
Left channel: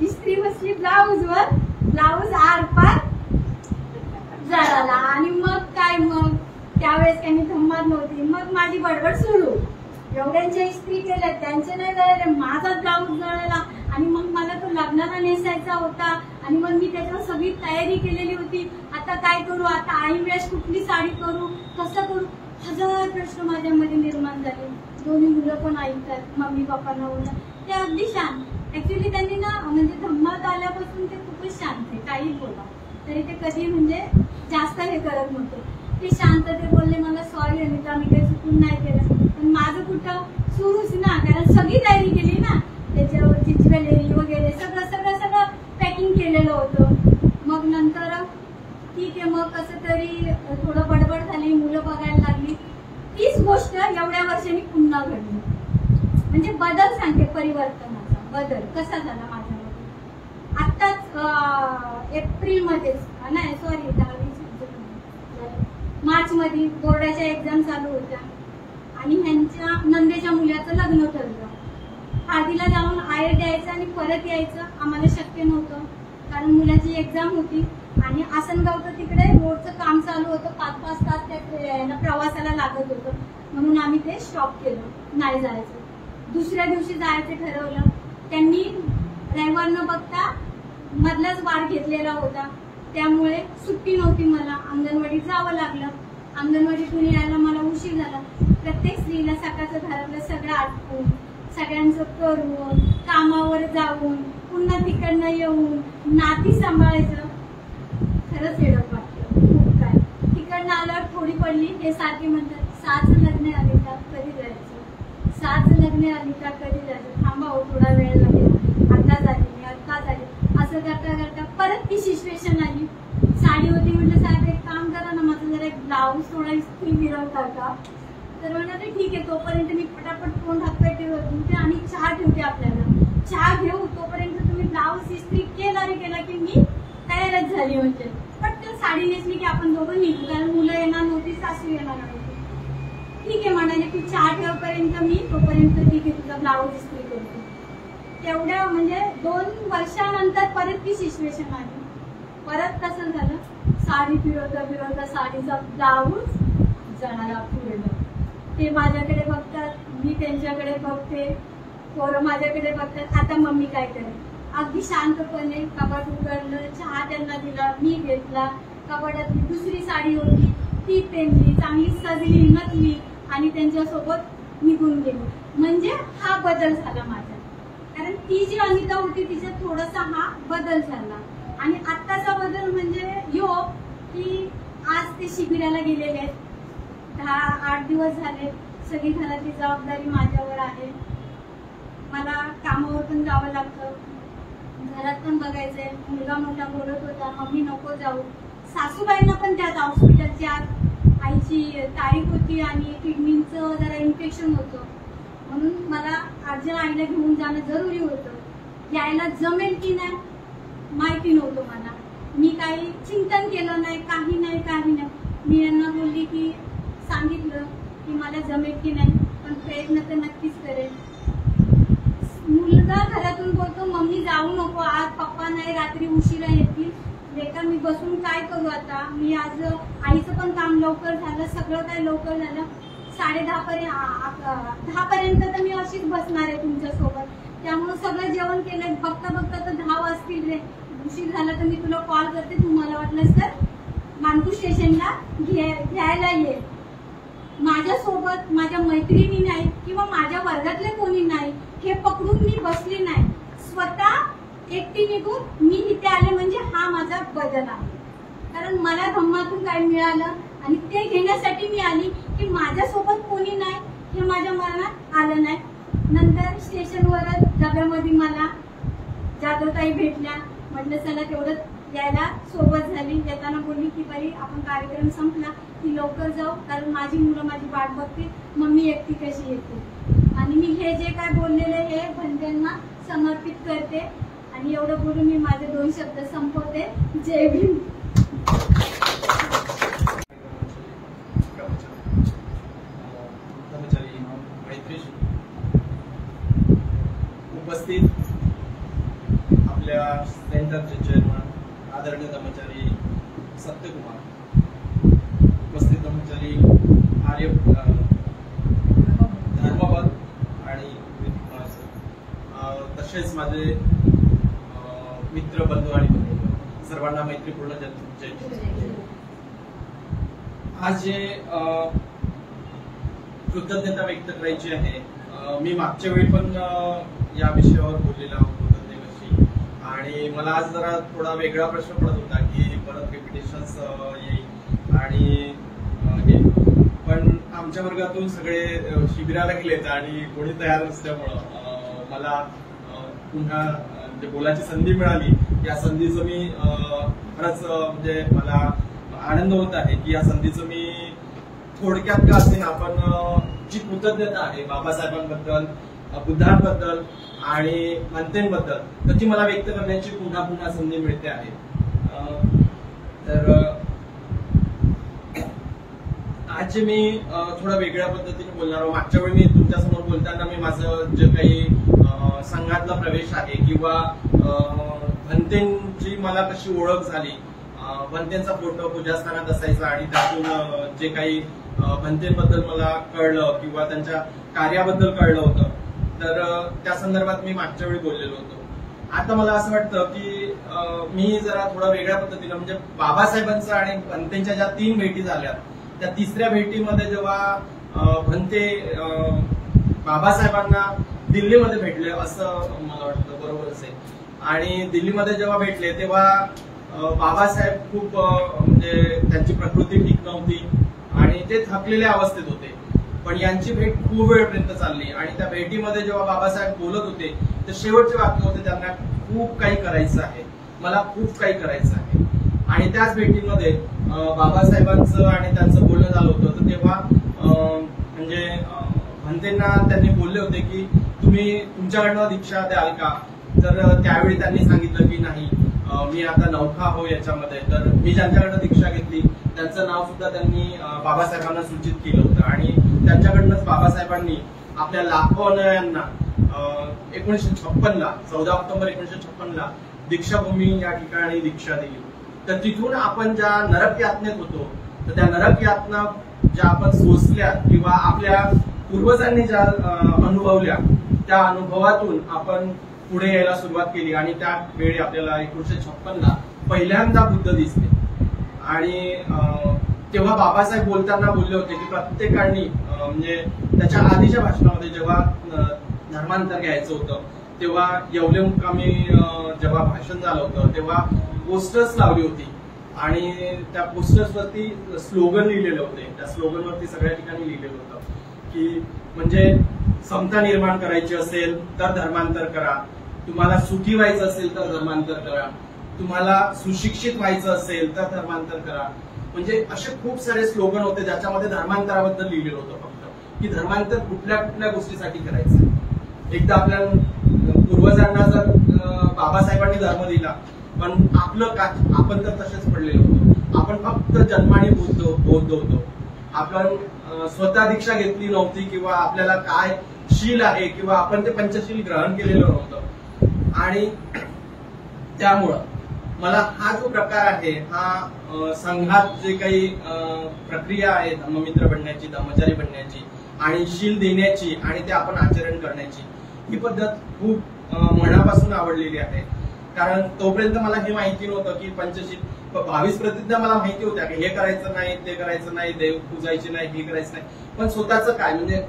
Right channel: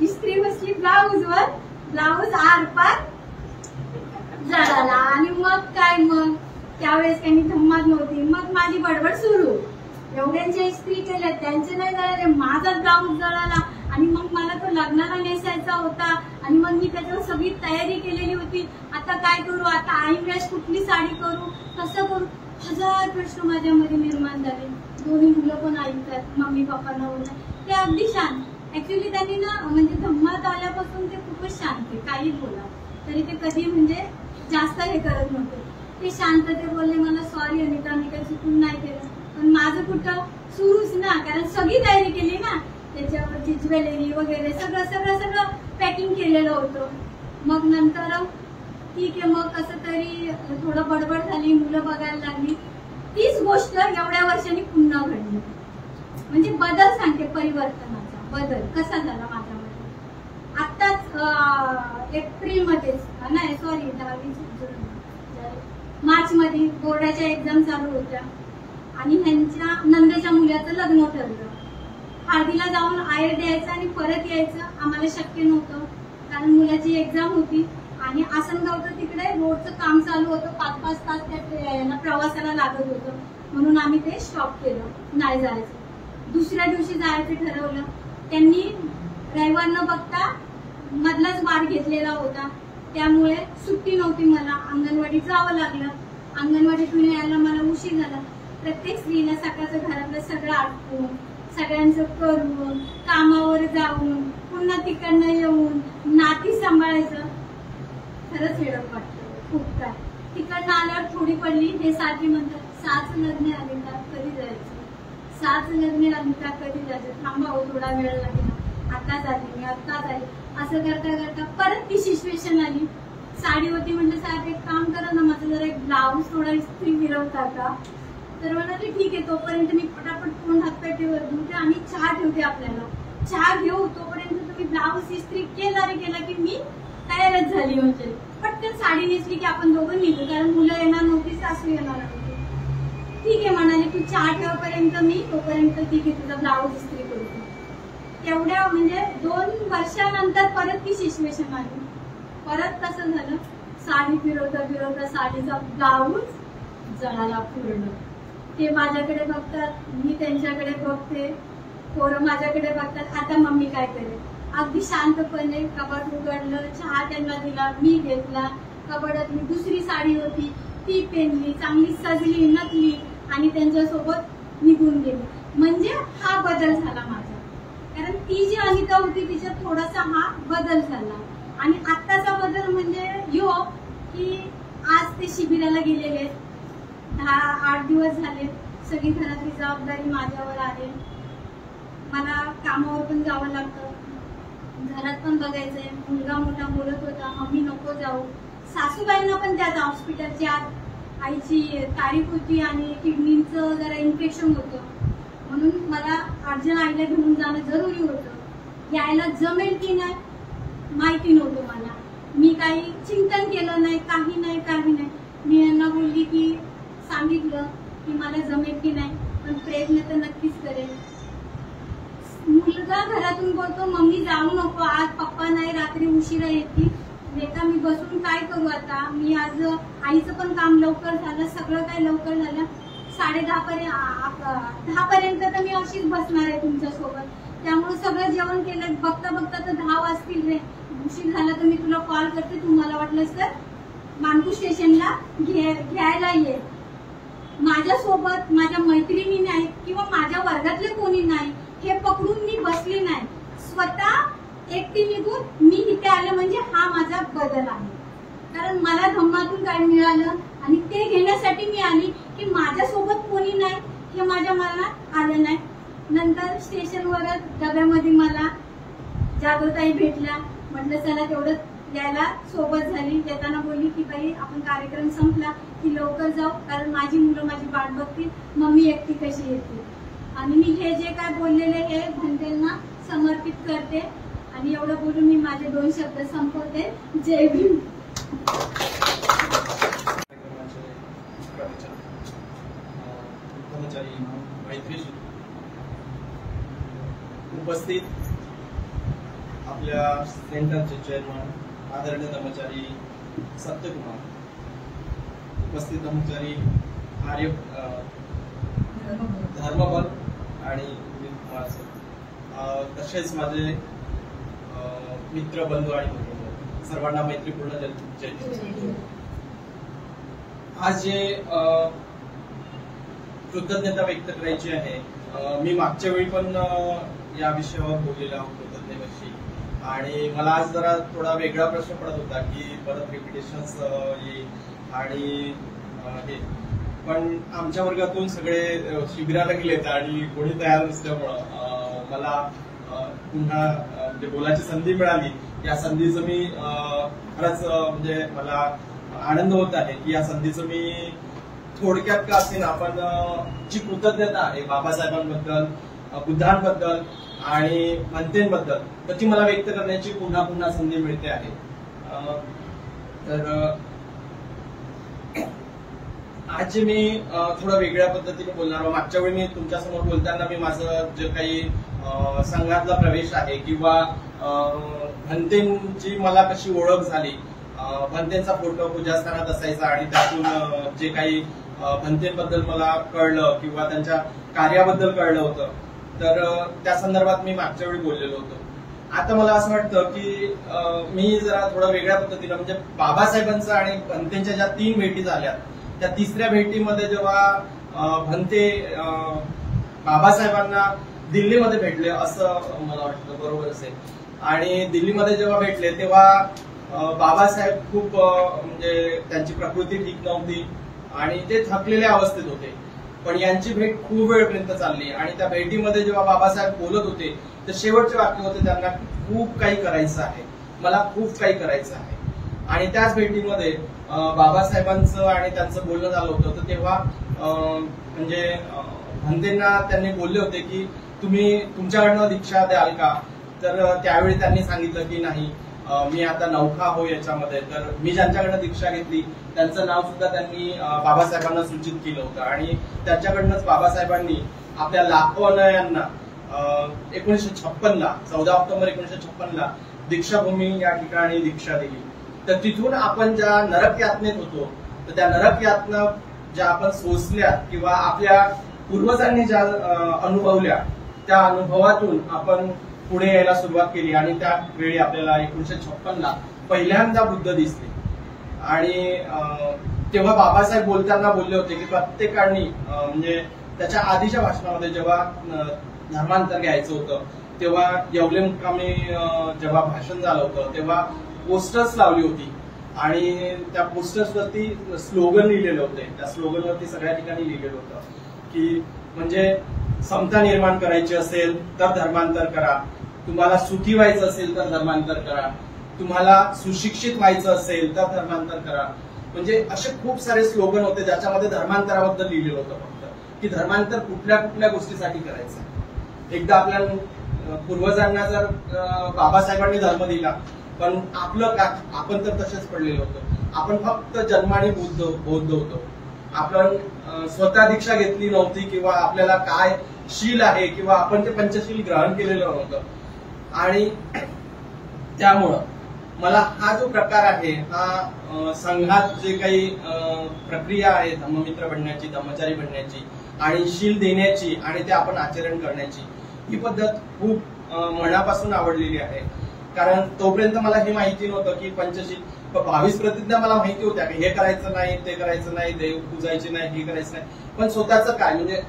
इस्त्री बसली ब्लाऊजवर, ब्लाऊज आरपार जळाला. आणि मग काय, मग त्यावेळेस त्यांनी धम्मात नव्हती. मग माझी बडबड सुरू, एवढ्यांच्या इस्त्री केल्या त्यांचे नाही जळाले, माझा ब्लाऊज जळाला. आणि मग मला तो लग्नाला नेसायचा होता आणि मग मी त्याच्यावर सगळी तयारी केलेली होती. आता काय करू, आता ऐन वेळेस कुठली साडी करू, कसं करू, 1000 प्रश्न माझ्यामध्ये निर्माण झाले. दोन्ही मुलं पण ऐकतात, मम्मी पप्पांना बोलतात. ते अगदी शांत. ऍक्च्युली त्यांनी ना म्हणजे धम्मात आल्यापासून ते खूपच शांत आहे. काही बोला तरी ते कधी म्हणजे जास्त हे करत नव्हते. ते शांत ते बोलले, मला सॉरी अनिता, मी काही चुकून नाही केलं. पण माझं कुठं सुरूच ना, कारण सगळी तयारी केली ना, त्याच्यावरची ज्वेलरी वगैरे सगळं पॅकिंग केलेलं होतं. मग नंतर ठीक आहे, मग कसं तरी थोडं बडबड झाली, मुलं बघायला लागली. तीच गोष्ट एवढ्या वर्षांनी पुन्हा घडली. म्हणजे बदल सांगते, परिवर्तनाचा बदल कसा झाला माझ्यामध्ये. आत्ताच एप्रिलमध्येच नाही सॉरी 10 मार्च मध्ये बोर्डाच्या एक्झाम चालू होत्या आणि ह्यांच्या नंदेच्या मुलाचं लग्न ठरलं. हळदीला जाऊन आयर द्यायचं आणि परत यायचं आम्हाला शक्य नव्हतं, कारण मुलाची एक्झाम होती आणि आसनगावचं तिकडे रोडचं काम चालू होतं. 5-5 तास त्या प्रवासाला लागत होतं, म्हणून आम्ही ते स्टॉप केलं, नाही जायचं. दुसऱ्या दिवशी जायचं ठरवलं. त्यांनी रविवार न बघता मधलाच वार घेतलेला होता, त्यामुळे सुट्टी नव्हती. मला अंगणवाडीत जावं लागलं. अंगणवाडीतून यायला मला उशीर झाला. प्रत्येक स्त्रीला सकाळचं घरातलं सगळं आटपून, सगळ्यांचं करून, कामावर जाऊन, पुन्हा तिकडनं येऊन नाती सांभाळायचं, खरंच हेडक वाटलं खूप. काय तिकडनं आल्यावर थोडी पडली. हे सारखी म्हणतात, 6चं लग्न आले का कधी जायचं, 6चं लग्न आली का कधी जायचं, थांबा हो थोडा वेळ लागेल, आता झाली मी, आता झाली. असं करता करता परत ती सिच्युएशन आली. साडी होती, म्हटलं साहेब एक काम करा ना, माझं जरा एक ब्लाऊज थोडा इस्त्री फिरवता का. तर म्हणाले ठीक आहे, तोपर्यंत मी पटापट तोंड हातपाय ठेवते आणि चहा ठेवते, आपल्याला चहा घेऊ, तोपर्यंत तुम्ही ब्लाऊज इस्त्री केला रे केला की मी तयारच झाली. म्हणजे पटकन साडी नेसली की आपण दोघं निघू, कारण मुलं येणार नव्हती, सासू येणार नव्हती. ठीक आहे म्हणाले, तू चहा ठेवापर्यंत मी तोपर्यंत ठीक आहे तुझा ब्लाऊज इस्त्री करतो. तेवढ्या म्हणजे 2 वर्षानंतर परत ती सिच्युएशन आली. परत कसं झालं, साडी फिरवता साडीचा ब्लाऊज जळाला पूर्ण. ते माझ्याकडे बघतात, मी त्यांच्याकडे बघते, पोरं माझ्याकडे बघतात. आता मम्मी काय करेल. अगदी शांतपणे कपाट उघडलं, चहा त्यांना दिला, मी घेतला. कपाटात दुसरी साडी होती ती पेनली, चांगली सजली नटली आणि त्यांच्यासोबत निघून गेली. म्हणजे हा बदल झाला माझ्या, कारण ती जी अनिता होती तिच्यात थोडासा हा बदल झाला. आणि आत्ताचा बदल म्हणजे की आज ते शिबिराला गेलेले आहेत. 8 दिवस झाले. सगळी घरातली जबाबदारी माझ्यावर आहे. मला कामावर पण जावं लागतं, घरात पण बघायचंय. मुलगा मोठा बोलत होता, मम्मी नको जाऊ. सासूबाईंना पण त्यात हॉस्पिटलच्या आईची तारीख होती आणि किडनीचं जरा इन्फेक्शन होतं, म्हणून मला अर्जंट आईला घेऊन जाणं जरुरी होतं. यायला जमेल की नाही माहिती नव्हतं मला. मी काही चिंतन केलं नाही, काही नाही. मी यांना बोलली की सांगितलं की मला जमेल की नाही, पण प्रयत्न तर नक्कीच करेल. मुलगा घरातून बोलतो, मम्मी जाऊ नको आज, पप्पा नाही, रात्री उशिरा येतील. बेटा मी बसून काय करू आता. मी आज आईचं पण काम लवकर झालं, सगळं काय लवकर झालं. 10:30 पर्यंत तर मी अशीच बसणार आहे तुमच्यासोबत. त्यामुळे सगळं जेवण केलं, बघता तर 10 वाजतील रे. उशीर झाला तर मी तुला कॉल करते, तुम्हाला वाटलंच तर मानकू स्टेशनला घ्यायला ये. माझ्यासोबत माझ्या मैत्रिणी नाही किंवा माझ्या वर्गातले कोणी नाही, हे पकडून मी बसले नाही. स्वतः एकटी निघून मी इथे आले, म्हणजे हा माझा बदल आहे. कारण मला धम्मातून काय मिळालं आणि ते घेण्यासाठी मी आली की माझ्यासोबत कोणी नाही हे माझ्या मनात आलं नाही. नंतर स्टेशनवरच डब्यामध्ये मला जागोताई भेटल्या. म्हटलं चला तेवढं यायला सोबत झाली. येताना बोलली की बाई आपण कार्यक्रम संपला की लवकर जाऊ, कारण माझी मुलं माझी वाट बघतील, मम्मी एकटी कशी येते. आणि मी हे जे काय बोललेले हे भंतेंना समर्पित करते. आणि एवढं बोलून मी माझे 2 शब्द संपवते. जय भीम. उपस्थित आपल्या सेंटरचे चेअरमन आदरणीय कर्मचारी सत्यकुमार, उपस्थित कर्मचारी आर्य धर्मपद आणि तसेच माझे मित्र बंधू आणि सर्वांना मैत्रीपूर्ण जय. आज जे कृतज्ञता व्यक्त करायची आहे. मी मागच्या वेळी पण या विषयावर बोललेला कृतज्ञतेविषयी, आणि मला आज जरा थोडा वेगळा प्रश्न पडत होता की परत रिपिटेशन्स येईल आणि हे, पण आमच्या वर्गातून सगळे शिबिराला गेलेत आणि कोणी तयार नसल्यामुळं मला पुन्हा म्हणजे बोलायची संधी मिळाली. या संधीचं मी खरंच म्हणजे मला आनंद होत आहे की या संधीचं मी थोडक्यात का असेना आपण जी कृतज्ञता आहे बाबासाहेबांबद्दल, बुद्धांबद्दल आणि भंतेंबद्दल, तर ती मला व्यक्त करण्याची पुन्हा पुन्हा संधी मिळते आहे. तर आज मी थोडा वेगळ्या पद्धतीने बोलणार आहे. मागच्या वेळी मी तुमच्यासमोर बोलताना मी माझं जे काही संघातला प्रवेश आहे किंवा भंतेंची मला कशी ओळख झाली, भंतेंचा फोटो पूजास्थानात असायचा आणि त्यातून जे काही भंतेंबद्दल मला कळलं किंवा त्यांच्या कार्याबद्दल कळलं होतं, तर त्या संदर्भात मी मागच्या वेळी बोललेलो होतो. आता मला असं वाटतं की मी जरा थोडा वेगळ्या पद्धतीनं म्हणजे बाबासाहेबांचं आणि भंतेंच्या ज्या 3 भेटी झाल्या, त्या 3ऱ्या भेटीमध्ये जेव्हा भंते बाबासाहेबांना दिल्लीमध्ये भेटले असं मला वाटतं, बरोबर असेल. आणि दिल्लीमध्ये जेव्हा भेटले तेव्हा बाबासाहेब खूप म्हणजे त्यांची प्रकृती ठीक नव्हती आणि ते थकलेल्या अवस्थेत होते. पण यांची भेट खूप वेळपर्यंत चालली आणि त्या भेटीमध्ये जेव्हा बाबासाहेब बोलत होते तर शेवटचे वाक्य होते, त्यांना खूप काही करायचं आहे, मला खूप काही करायचं आहे. आणि त्याच भेटीमध्ये बाबासाहेबांचं आणि त्यांचं बोलणं झालं होतं. तर तेव्हा म्हणजे भंतेंना त्यांनी बोलले होते की तुम्ही तुमच्याकडनं दीक्षा द्याल का? तर त्यावेळी त्यांनी सांगितलं की नाही, मी आता नौखा हो याच्यामध्ये. तर मी ज्यांच्याकडनं दीक्षा घेतली त्यांचं नाव सुद्धा त्यांनी बाबासाहेबांना सूचित केलं होतं आणि त्यांच्याकडनंच बाबासाहेबांनी आपल्या लाखो अनुयायांना 1956ला 14 ऑक्टोबर 1956ला दीक्षाभूमी या ठिकाणी दीक्षा दिली. तर तिथून आपण ज्या नरक यातनेत होतो, तर त्या नरक यातना ज्या आपण सोसल्या किंवा आपल्या पूर्वजांनी ज्या अनुभवल्या, त्या अनुभवातून आपण पुढे यायला सुरुवात केली. आणि त्यावेळी आपल्याला 1956ला पहिल्यांदा बुद्ध दिसले. आणि तेव्हा बाबासाहेब बोलताना बोलले होते की प्रत्येकाने म्हणजे त्याच्या आधीच्या भाषणामध्ये जेव्हा धर्मांतर घ्यायचं होतं तेव्हा येवले मुक्कामी जेव्हा भाषण झालं होतं तेव्हा पोस्टर्स लावली होती आणि त्या पोस्टर्सवरती स्लोगन लिहिलेले होते. त्या स्लोगनवरती सगळ्या ठिकाणी लिहिलेलं होतं की म्हणजे समता निर्माण करायची असेल तर धर्मांतर करा, तुम्हाला सुखी व्हायचं असेल तर धर्मांतर करा, तुम्हाला सुशिक्षित व्हायचं असेल तर धर्मांतर करा. म्हणजे असे खूप सारे स्लोगन होते ज्याच्यामध्ये धर्मांतराबद्दल लिहिलेलं होतं फक्त की धर्मांतर कुठल्या कुठल्या गोष्टीसाठी करायचं. एकदा आपल्या पूर्वजांना जर बाबासाहेबांनी धर्म दिला पण आपलं का, आपण तर तसेच पडलेलो होतो. आपण फक्त जन्माने बौद्ध होतो. आपण स्वतः दीक्षा घेतली नव्हती किंवा आपल्याला काय शील आहे किंवा आपण ते पंचशील ग्रहण केलेलं नव्हतं. आणि त्यामुळं मला हा जो प्रकार आहे, हा संघात जे काही प्रक्रिया आहे धम्ममित्र बनण्याची, धम्मचारी बनण्याची आणि शील देण्याची आणि ते आपण आचरण करण्याची, ही पद्धत खूप मनापासून आवडलेली आहे. कारण तोपर्यंत मला हे माहिती नव्हतं की पंचशील 22 प्रतिज्ञा मला माहिती होत्या की हे करायचं नाही, ते करायचं नाही, देव पूजायचे नाही, हे करायचं नाही. पण स्वतःचं काय म्हणजे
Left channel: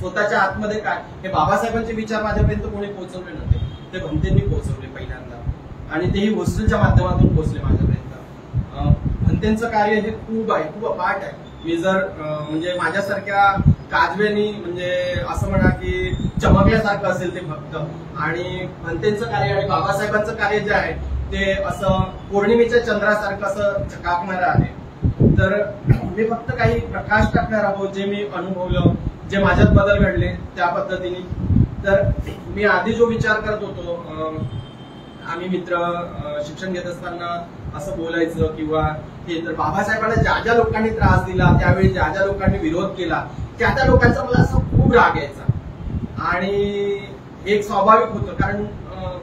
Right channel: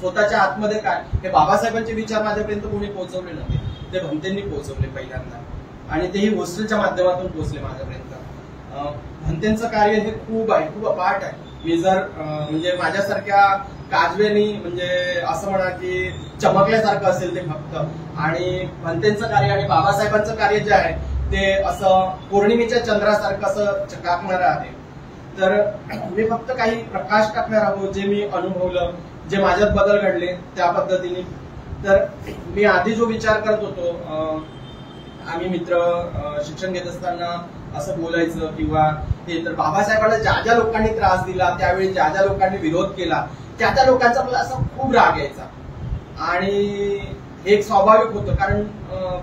स्वतःच्या आतमध्ये काय, हे बाबासाहेबांचे विचार माझ्यापर्यंत कोणी पोहोचवले नव्हते. ते भंतेंनी पोहोचवले पहिल्यांदा आणि तेही हॉस्टेलच्या माध्यमातून पोहोचले माझ्यापर्यंत. भंतेंचं कार्य हे खूप आहे, खूप अपाट आहे. मी जर म्हणजे माझ्यासारख्या काजवेनी म्हणजे असं म्हणा की चमकल्यासारखं असेल ते फक्त, आणि भंतेंचं कार्य आणि बाबासाहेबांचं कार्य जे आहे ते असं पौर्णिमेच्या चंद्रासारखं असं चकाकणारं आहे. तर मी फक्त काही प्रकाश टाकणार आहोत जे मी अनुभवलं, जे माझ्यात बदल घडले त्या पद्धतीने. तर मी आधी जो विचार करत होतो, आम्ही मित्र शिक्षण घेत असताना असं बोलायचं किंवा हे, तर बाबासाहेबांना ज्या ज्या लोकांनी त्रास दिला, त्यावेळी ज्या ज्या लोकांनी विरोध केला, त्या त्या लोकांचा मला असं खूप राग यायचा. आणि हे एक स्वाभाविक होतं कारण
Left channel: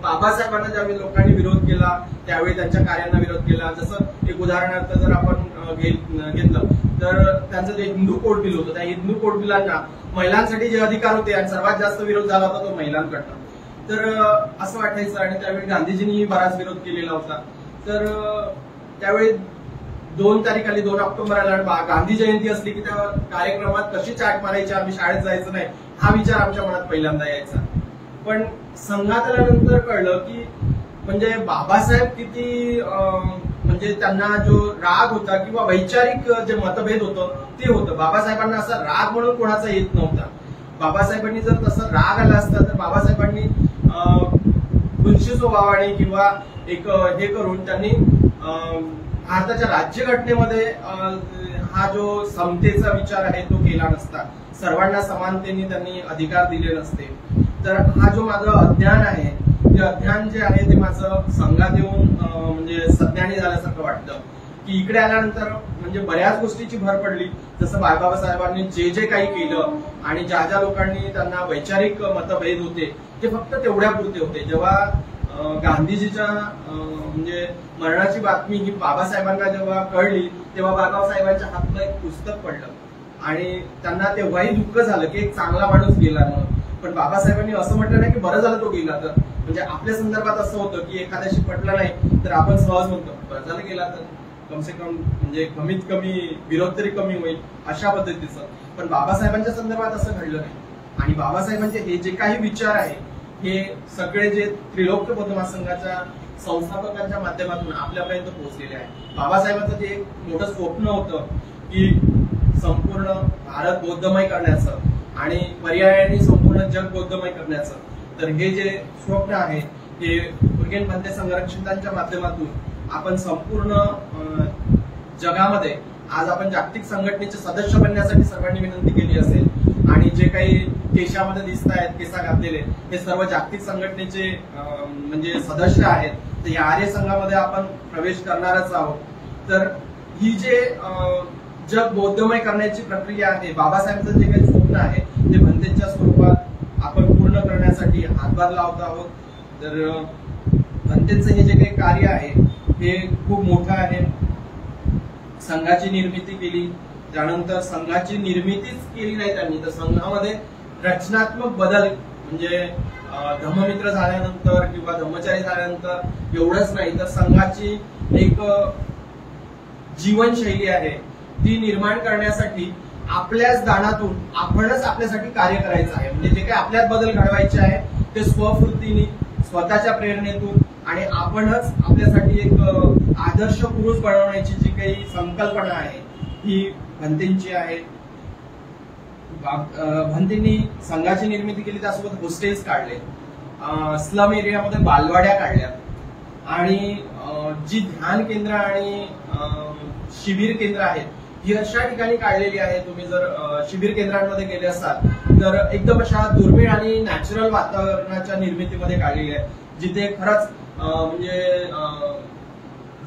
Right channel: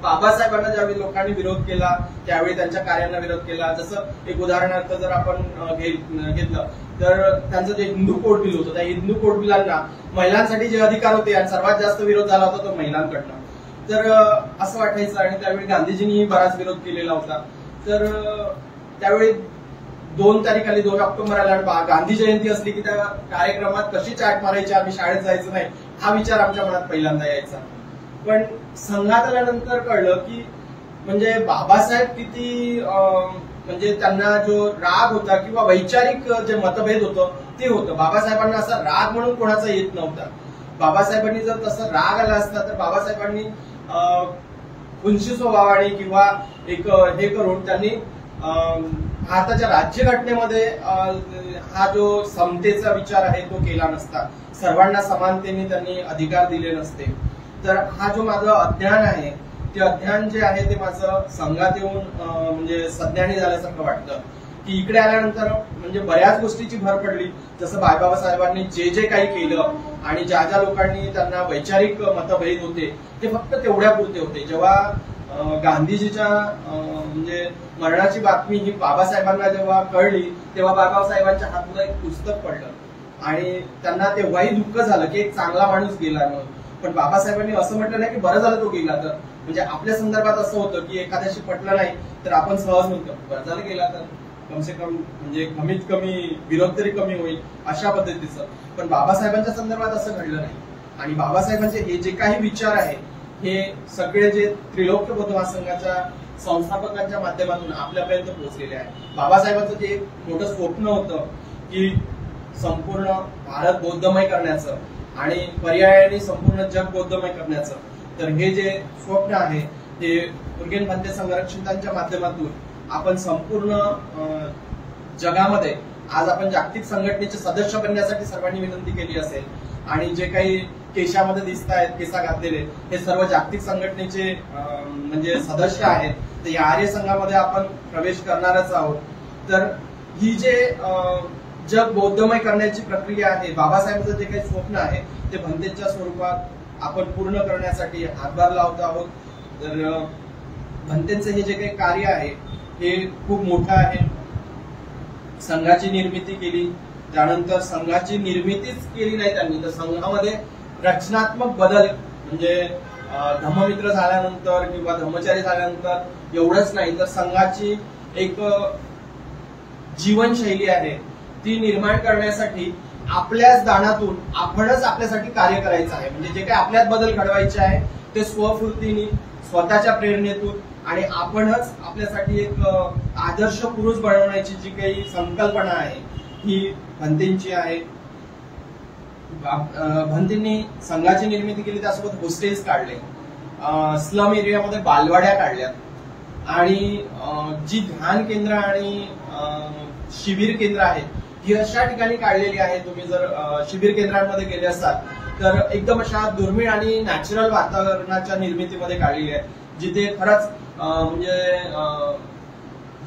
बाबासाहेबांना ज्यावेळी लोकांनी विरोध केला त्यावेळी त्यांच्या कार्यांना विरोध केला. जसं एक उदाहरणार्थ जर आपण घेतलं तर त्यांचं जे हिंदू कोड बिल होतं, त्या हिंदू कोड बिलांना महिलांसाठी जे अधिकार होते आणि सर्वात जास्त विरोध झाला होता तो महिलांकडनं. तर असं वाटायचं आणि त्यावेळी गांधीजींनी बराच विरोध केलेला होता. तर त्यावेळी 2 तारीख आली, 2 ऑक्टोबर आला आणि गांधी जयंती असली की त्या कार्यक्रमात कशी चाट मारायची, आम्ही शाळेत जायचं नाही हा विचार आमच्या मनात पहिल्यांदा यायचा. पण संघात आल्यानंतर कळलं की म्हणजे बाबासाहेब किती म्हणजे त्यांना जो राग होता किंवा वैचारिक जे मतभेद होतं ते होतं. बाबासाहेबांना असा राग म्हणून कोणाचा येत नव्हता. बाबासाहेबांनी जर तसं राग आला असता तर बाबासाहेबांनी खुनशी स्वभावाने किंवा एक हे करून त्यांनी भारताच्या राज्यघटनेमध्ये हा जो समतेचा विचार आहे तो केला नसता. सर्वांना समानतेने त्यांनी अधिकार दिले नसते. तर हा जो माझं अज्ञान आहे ते अज्ञान जे आहे ते माझं संघात येऊन म्हणजे सज्ञानी झाल्यासारखं वाटतं की इकडे आल्यानंतर म्हणजे बऱ्याच गोष्टीची भर पडली. जसं बाबासाहेबांनी जे जे काही केलं आणि ज्या ज्या लोकांनी त्यांना वैचारिक मतभेद होते ते फक्त तेवढ्यापुरते होते. जेव्हा गांधीजीच्या म्हणजे मरणाची बातमी ही बाबासाहेबांना जेव्हा कळली तेव्हा बाबासाहेबांच्या हातून एक पुस्तक पडलं आणि त्यांना तेव्हाही दुःख झालं की एक चांगला माणूस गेला म्हणून. पण बाबासाहेबांनी असं म्हटलं नाही की बरं झालं तो गेला. तर म्हणजे आपल्या संदर्भात असं होतं की एखाद्याशी पटलं नाही तर आपण सहज म्हणतो बरं झालं गेला तर कमसे कम म्हणजे कमीत कमी विरोध तरी कमी होईल अशा पद्धतीचं. पण बाबासाहेबांच्या संदर्भात असं घडलं नाही. आणि बाबासाहेबांचे हे जे काही विचार आहे हे सगळे जे त्रिलोक्य बौद्ध महासंघाच्या संस्थापकांच्या माध्यमातून आपल्यापर्यंत पोहोचलेले आहे. बाबासाहेबांचं जे एक मोठं स्वप्न होतं की संपूर्ण भारत बौद्धमय करण्याचं आणि पर्यायाने संपूर्ण जग बौद्धमय करण्याचं. तर हे जे स्वप्न आहे हे मुरगेन भंते संरक्षितांच्या माध्यमातून आपण संपूर्ण जगामध्ये आज आपण जागतिक संघटनेचे सदस्य बनण्यासाठी सर्वांनी विनंती केली असेल आणि जे काही केशामध्ये दिसत आहेत केसा घातलेले हे सर्व जागतिक संघटनेचे म्हणजे सदस्य आहेत. तर या आर्य संघामध्ये आपण प्रवेश करणारच आहोत. तर ही जे जग बौद्धमय करण्याची प्रक्रिया आहे बाबासाहेबांचं जे काही स्वप्न आहे ते भंतेच्या स्वरूपात आपण पूर्ण करण्यासाठी हातभार लावत आहोत. तर भंतेचं हे जे काही कार्य आहे हे खूप मोठं आहे. संघाची निर्मिती केली, त्यानंतर संघाची निर्मितीच केली नाही त्यांनी तर संघामध्ये रचनात्मक बदल म्हणजे धम्ममित्र झाल्यानंतर किंवा धम्मचारी झाल्यानंतर एवढंच नाही तर संघाची एक जीवनशैली आहे ती निर्माण करण्यासाठी आपल्याच दानातून आपणच आपल्यासाठी कार्य करायचं आहे. म्हणजे जे काही आपल्यात बदल घडवायचे आहे ते स्वफूर्तीने स्वतःच्या प्रेरणेतून आणि आपणच आपल्यासाठी एक आदर्श पुरुष बनवण्याची जी काही संकल्पना आहे ही भंतेंची आहे. भंतेंनी संघाची निर्मिती केली त्यासोबत हॉस्टेल्स काढले, स्लम एरियामध्ये बालवाड्या काढल्या आणि जी ध्यान केंद्र आणि शिबिर केंद्र आहेत ही अशा ठिकाणी काढलेली आहे. तुम्ही जर शिबिर केंद्रांमध्ये गेले असाल तर एकदम अशा दुर्मिळ आणि नॅचरल वातावरणाच्या निर्मितीमध्ये काढलेली आहे जिथे खरंच म्हणजे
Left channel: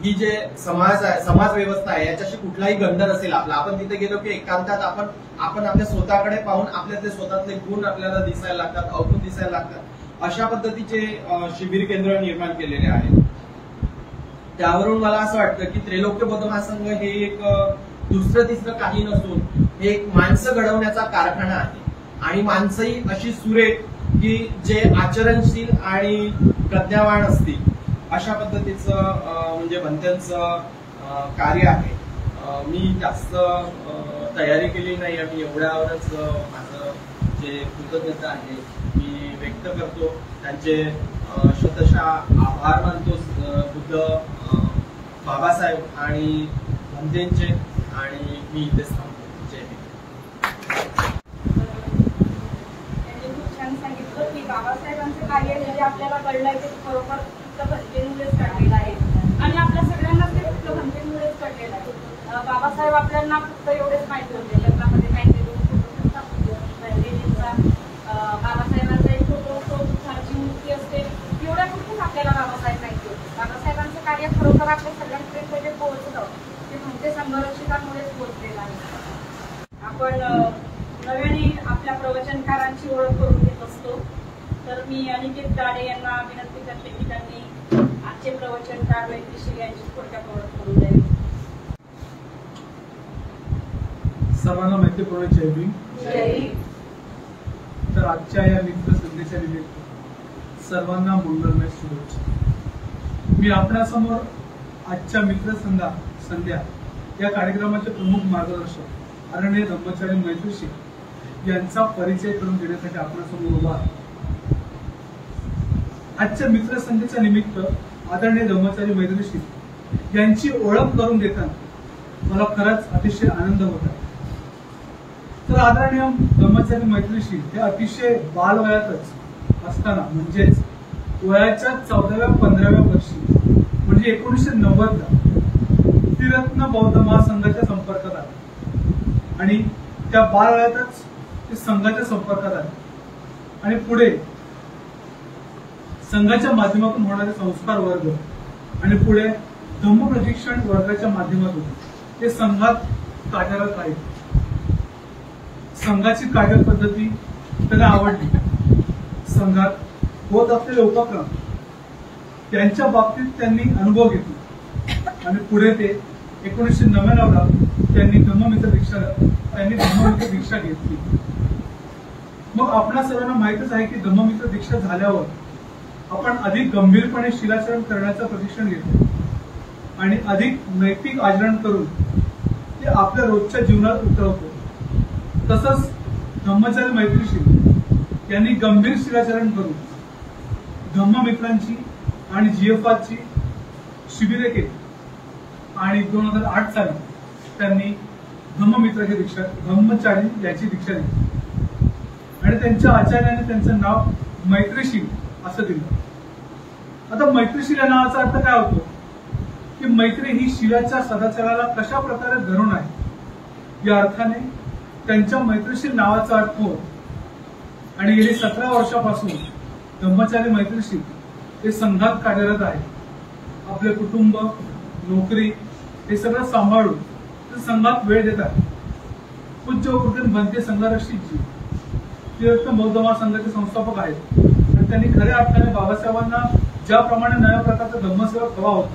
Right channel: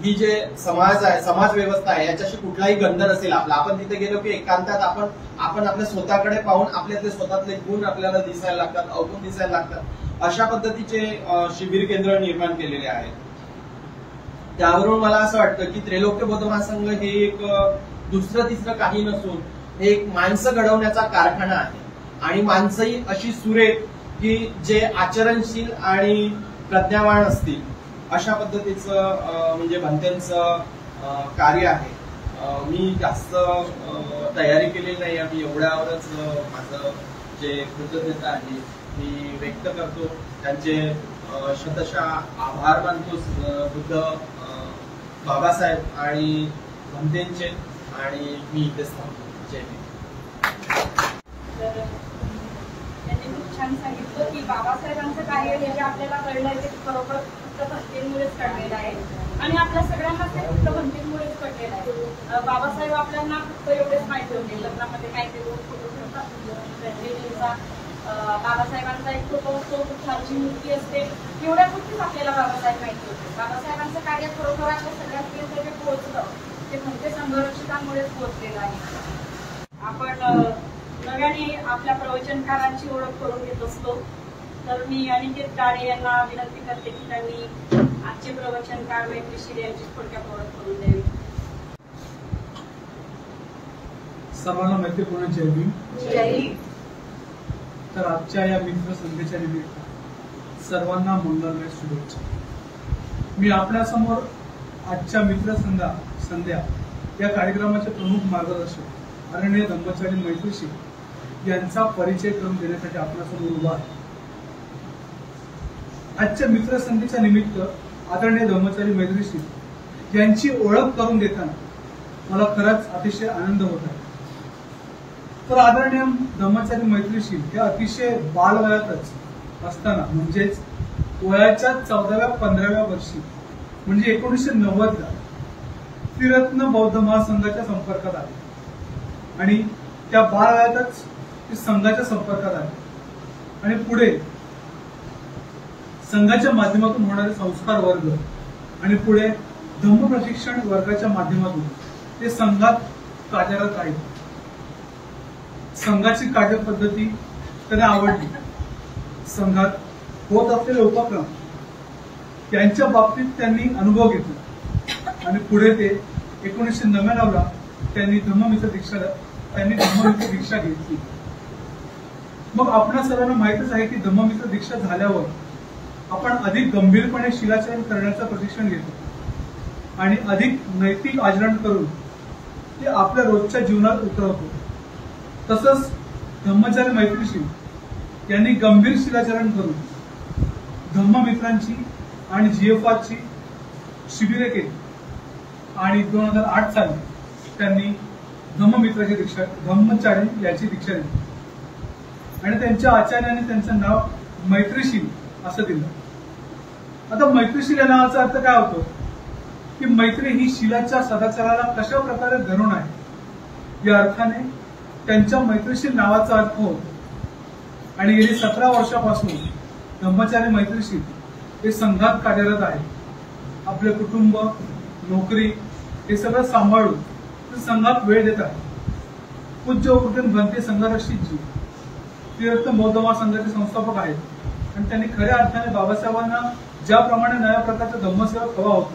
ही जे समाज आहे समाज व्यवस्था आहे याच्याशी कुठलाही गंध नसेल आपला. आपण तिथे गेलो की एकांतात आपण आपल्या स्वतःकडे पाहून आपल्यातले स्वतःतले गुण आपल्याला दिसायला लागतात, अवगुण दिसायला लागतात. अशा पद्धतीचे शिबिर केंद्र निर्माण केलेले आहेत. त्यावरून मला असं वाटतं की त्रैलोक्य बौद्ध महासंघ हे एक दुसरं तिसरं काही नसून हे एक माणसं घडवण्याचा कारखाना आहे. आणि माणसंही अशी सुरेख की जे आचरणशील आणि प्रज्ञावान असतील अशा पद्धतीचं म्हणजे भंतेंचं कार्य आहे. मी जास्त तयारी केली नाही आणि एवढ्यावरच माझं जे कृतज्ञता आहे मी व्यक्त करतो. त्यांचे शतशः आभार मानतो बुद्ध बाबासाहेब आणि भंतेंचे आणि मी इथेच थांबतो. जय हिंद. त्यांनी खूप छान सांगितलं की बाबासाहेबांचं कार्य जे आपल्याला कळलं आहे ते खरोखर फक्त भंतेमुळेच घडलेलं आहे आणि आपल्या सगळ्यांना ते फक्त भंतेमुळेच घडलेलं आहे. बाबासाहेब आपल्याला फक्त एवढेच माहिती होते लग्नामध्ये काय ते दोन फोटो ठेवतात भंतेजींचा बाबासाहेबांचा एक फोटो असतो, बुद्धांची मूर्ती असते, एवढ्या गोष्टीच आपल्याला बाबासाहेब माहिती होते. बाबासाहेबांचं कार्य खरोखर आपल्या सगळ्यांपर्यंत जे पोहोचलं ते भंते संघरक्षितांमुळेच पोहोचलेलं आहे. आपण नव्याने आपल्या प्रवचनकारांची ओळख करून घेत असतो. तर मी अनिकेत गाडे यांना विनंती करते की त्यांनी आजचे प्रवचनकार मैत्रीशील यांची थोडक्यात ओळख करून द्यावी. सर्वांना मैत्रीपूर्ण जय भीम. तर आजच्या या मित्र संधीच्या निमित्त सर्वांना मंगलमय शुभेच्छा. मी आपल्यासमोर आजच्या मित्र संध्या या कार्यक्रमाचे प्रमुख मार्गदर्शक आदरणीय धम्मचारी मैत्रीशी यांचा परिचय करून देण्यासाठी आपल्यासमोर उभा आहे. आजच्या मित्रसंधीच्या निमित्त आदरणीय धम्मचारी मैत्रीशी यांची ओळख करून देताना मला खरंच अतिशय आनंद होत आहे. तर आदरणीय धम्मचारी मैत्रीशी हे अतिशय बालवयातच असताना म्हणजेच वयाच्या 14व्या-15व्या वर्षी म्हणजे 1990ला त्रिरत्न बौद्ध महासंघाच्या संपर्कात आले आणि त्या बालवयातच ते संघाच्या संपर्कात आले आणि पुढे संघाच्या माध्यमातून होणारे संस्कार वर्ग आणि पुढे धम्म प्रशिक्षण वर्गाच्या माध्यमातून ते संघात कार्यरत राहिले. संघाची कार्यपद्धती त्यांना आवडली. संघात होत असलेले उपक्रम त्यांच्या बाबतीत त्यांनी अनुभव घेतला आणि पुढे ते 1999ला त्यांनी धम्ममित्र दीक्षा घेतली. मग आपणा सर्वांना माहितच आहे की धम्ममित्र दीक्षा झाल्यावर आपण अधिक गंभीरपणे शिलाचरण करण्याचं प्रशिक्षण घेतो आणि अधिक नैतिक आचरण करून ते आपल्या रोजच्या जीवनात उतरवतो. तसंच धम्मचारी मैत्रीशी यांनी गंभीर शिलाचरण करून धम्ममित्रांची आणि जीएफआरची शिबिरे केली आणि 2008 साली त्यांनी धम्मचारी याची दीक्षा घेतली आणि त्यांच्या आचार्याने त्यांचं नाव मैत्रीशील असं दिलं. आता मैत्रीशील या नावाचा अर्थ काय होतो की मैत्री ही शिलाच्या सदाचाराला कशा प्रकारे धरून आहे या अर्थाने त्यांच्या मैत्रीशील नावाचा अर्थ होतो. आणि गेली 17 वर्षापासून धम्मचारी मैत्रीशील हे संघात कार्यरत आहे. आपले कुटुंब, नोकरी हे सगळं सांभाळून ते संघात वेळ देतात. पूज्य उपकृत भंते संघरक्षितजी त्रिरत्न बौद्ध महासंघाचे संस्थापक आहेत आणि त्यांनी खऱ्या अर्थाने बाबासाहेबांना ज्याप्रमाणे नव्या प्रकारचा धम्मसेवक हवा होता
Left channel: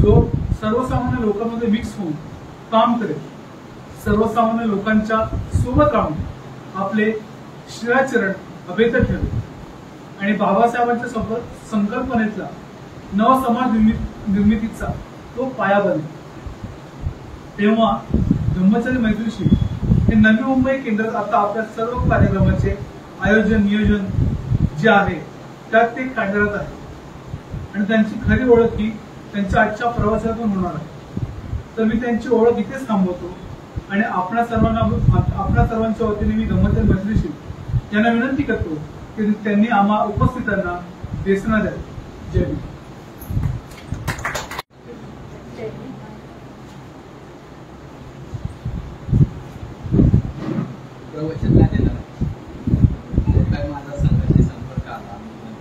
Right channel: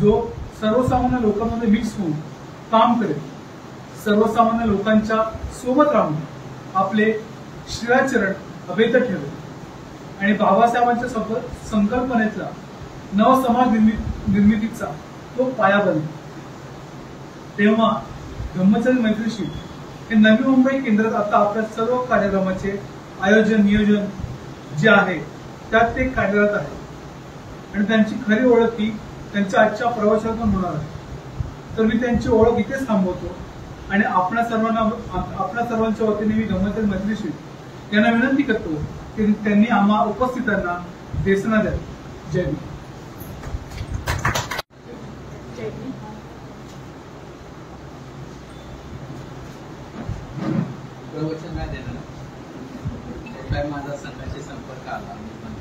जो सर्वसामान्य लोकांमध्ये मिक्स होऊन काम करेल, सर्वसामान्य लोकांच्या सोबत राहून आपले शिलाचरण अभेद्य ठेवेल आणि बाबासाहेबांच्या संकल्पनेतला नवसमाज निर्मितीचा तो पाया बनेल. तेव्हा धम्मचारी मैत्रीशी हे नवी मुंबई केंद्रात आता आपल्या सर्व कार्यक्रमाचे आयोजन नियोजन जे आहे त्यात ते कार्यरत आहे आणि त्यांची खरी ओळख ही त्यांच्या आजच्या प्रवासातून होणार आहे. तर मी त्यांची ओळख इथेच थांबवतो आणि आपल्या सर्वांच्या वतीने मी धम्मचारी मैत्रीशी यांना विनंती करतो की त्यांनी आम्हा उपस्थितांना देसना द्यावी. जय हिंद. प्रवचन नाही देणार आहे. जो काय माझा संघाशी संपर्क आला माझं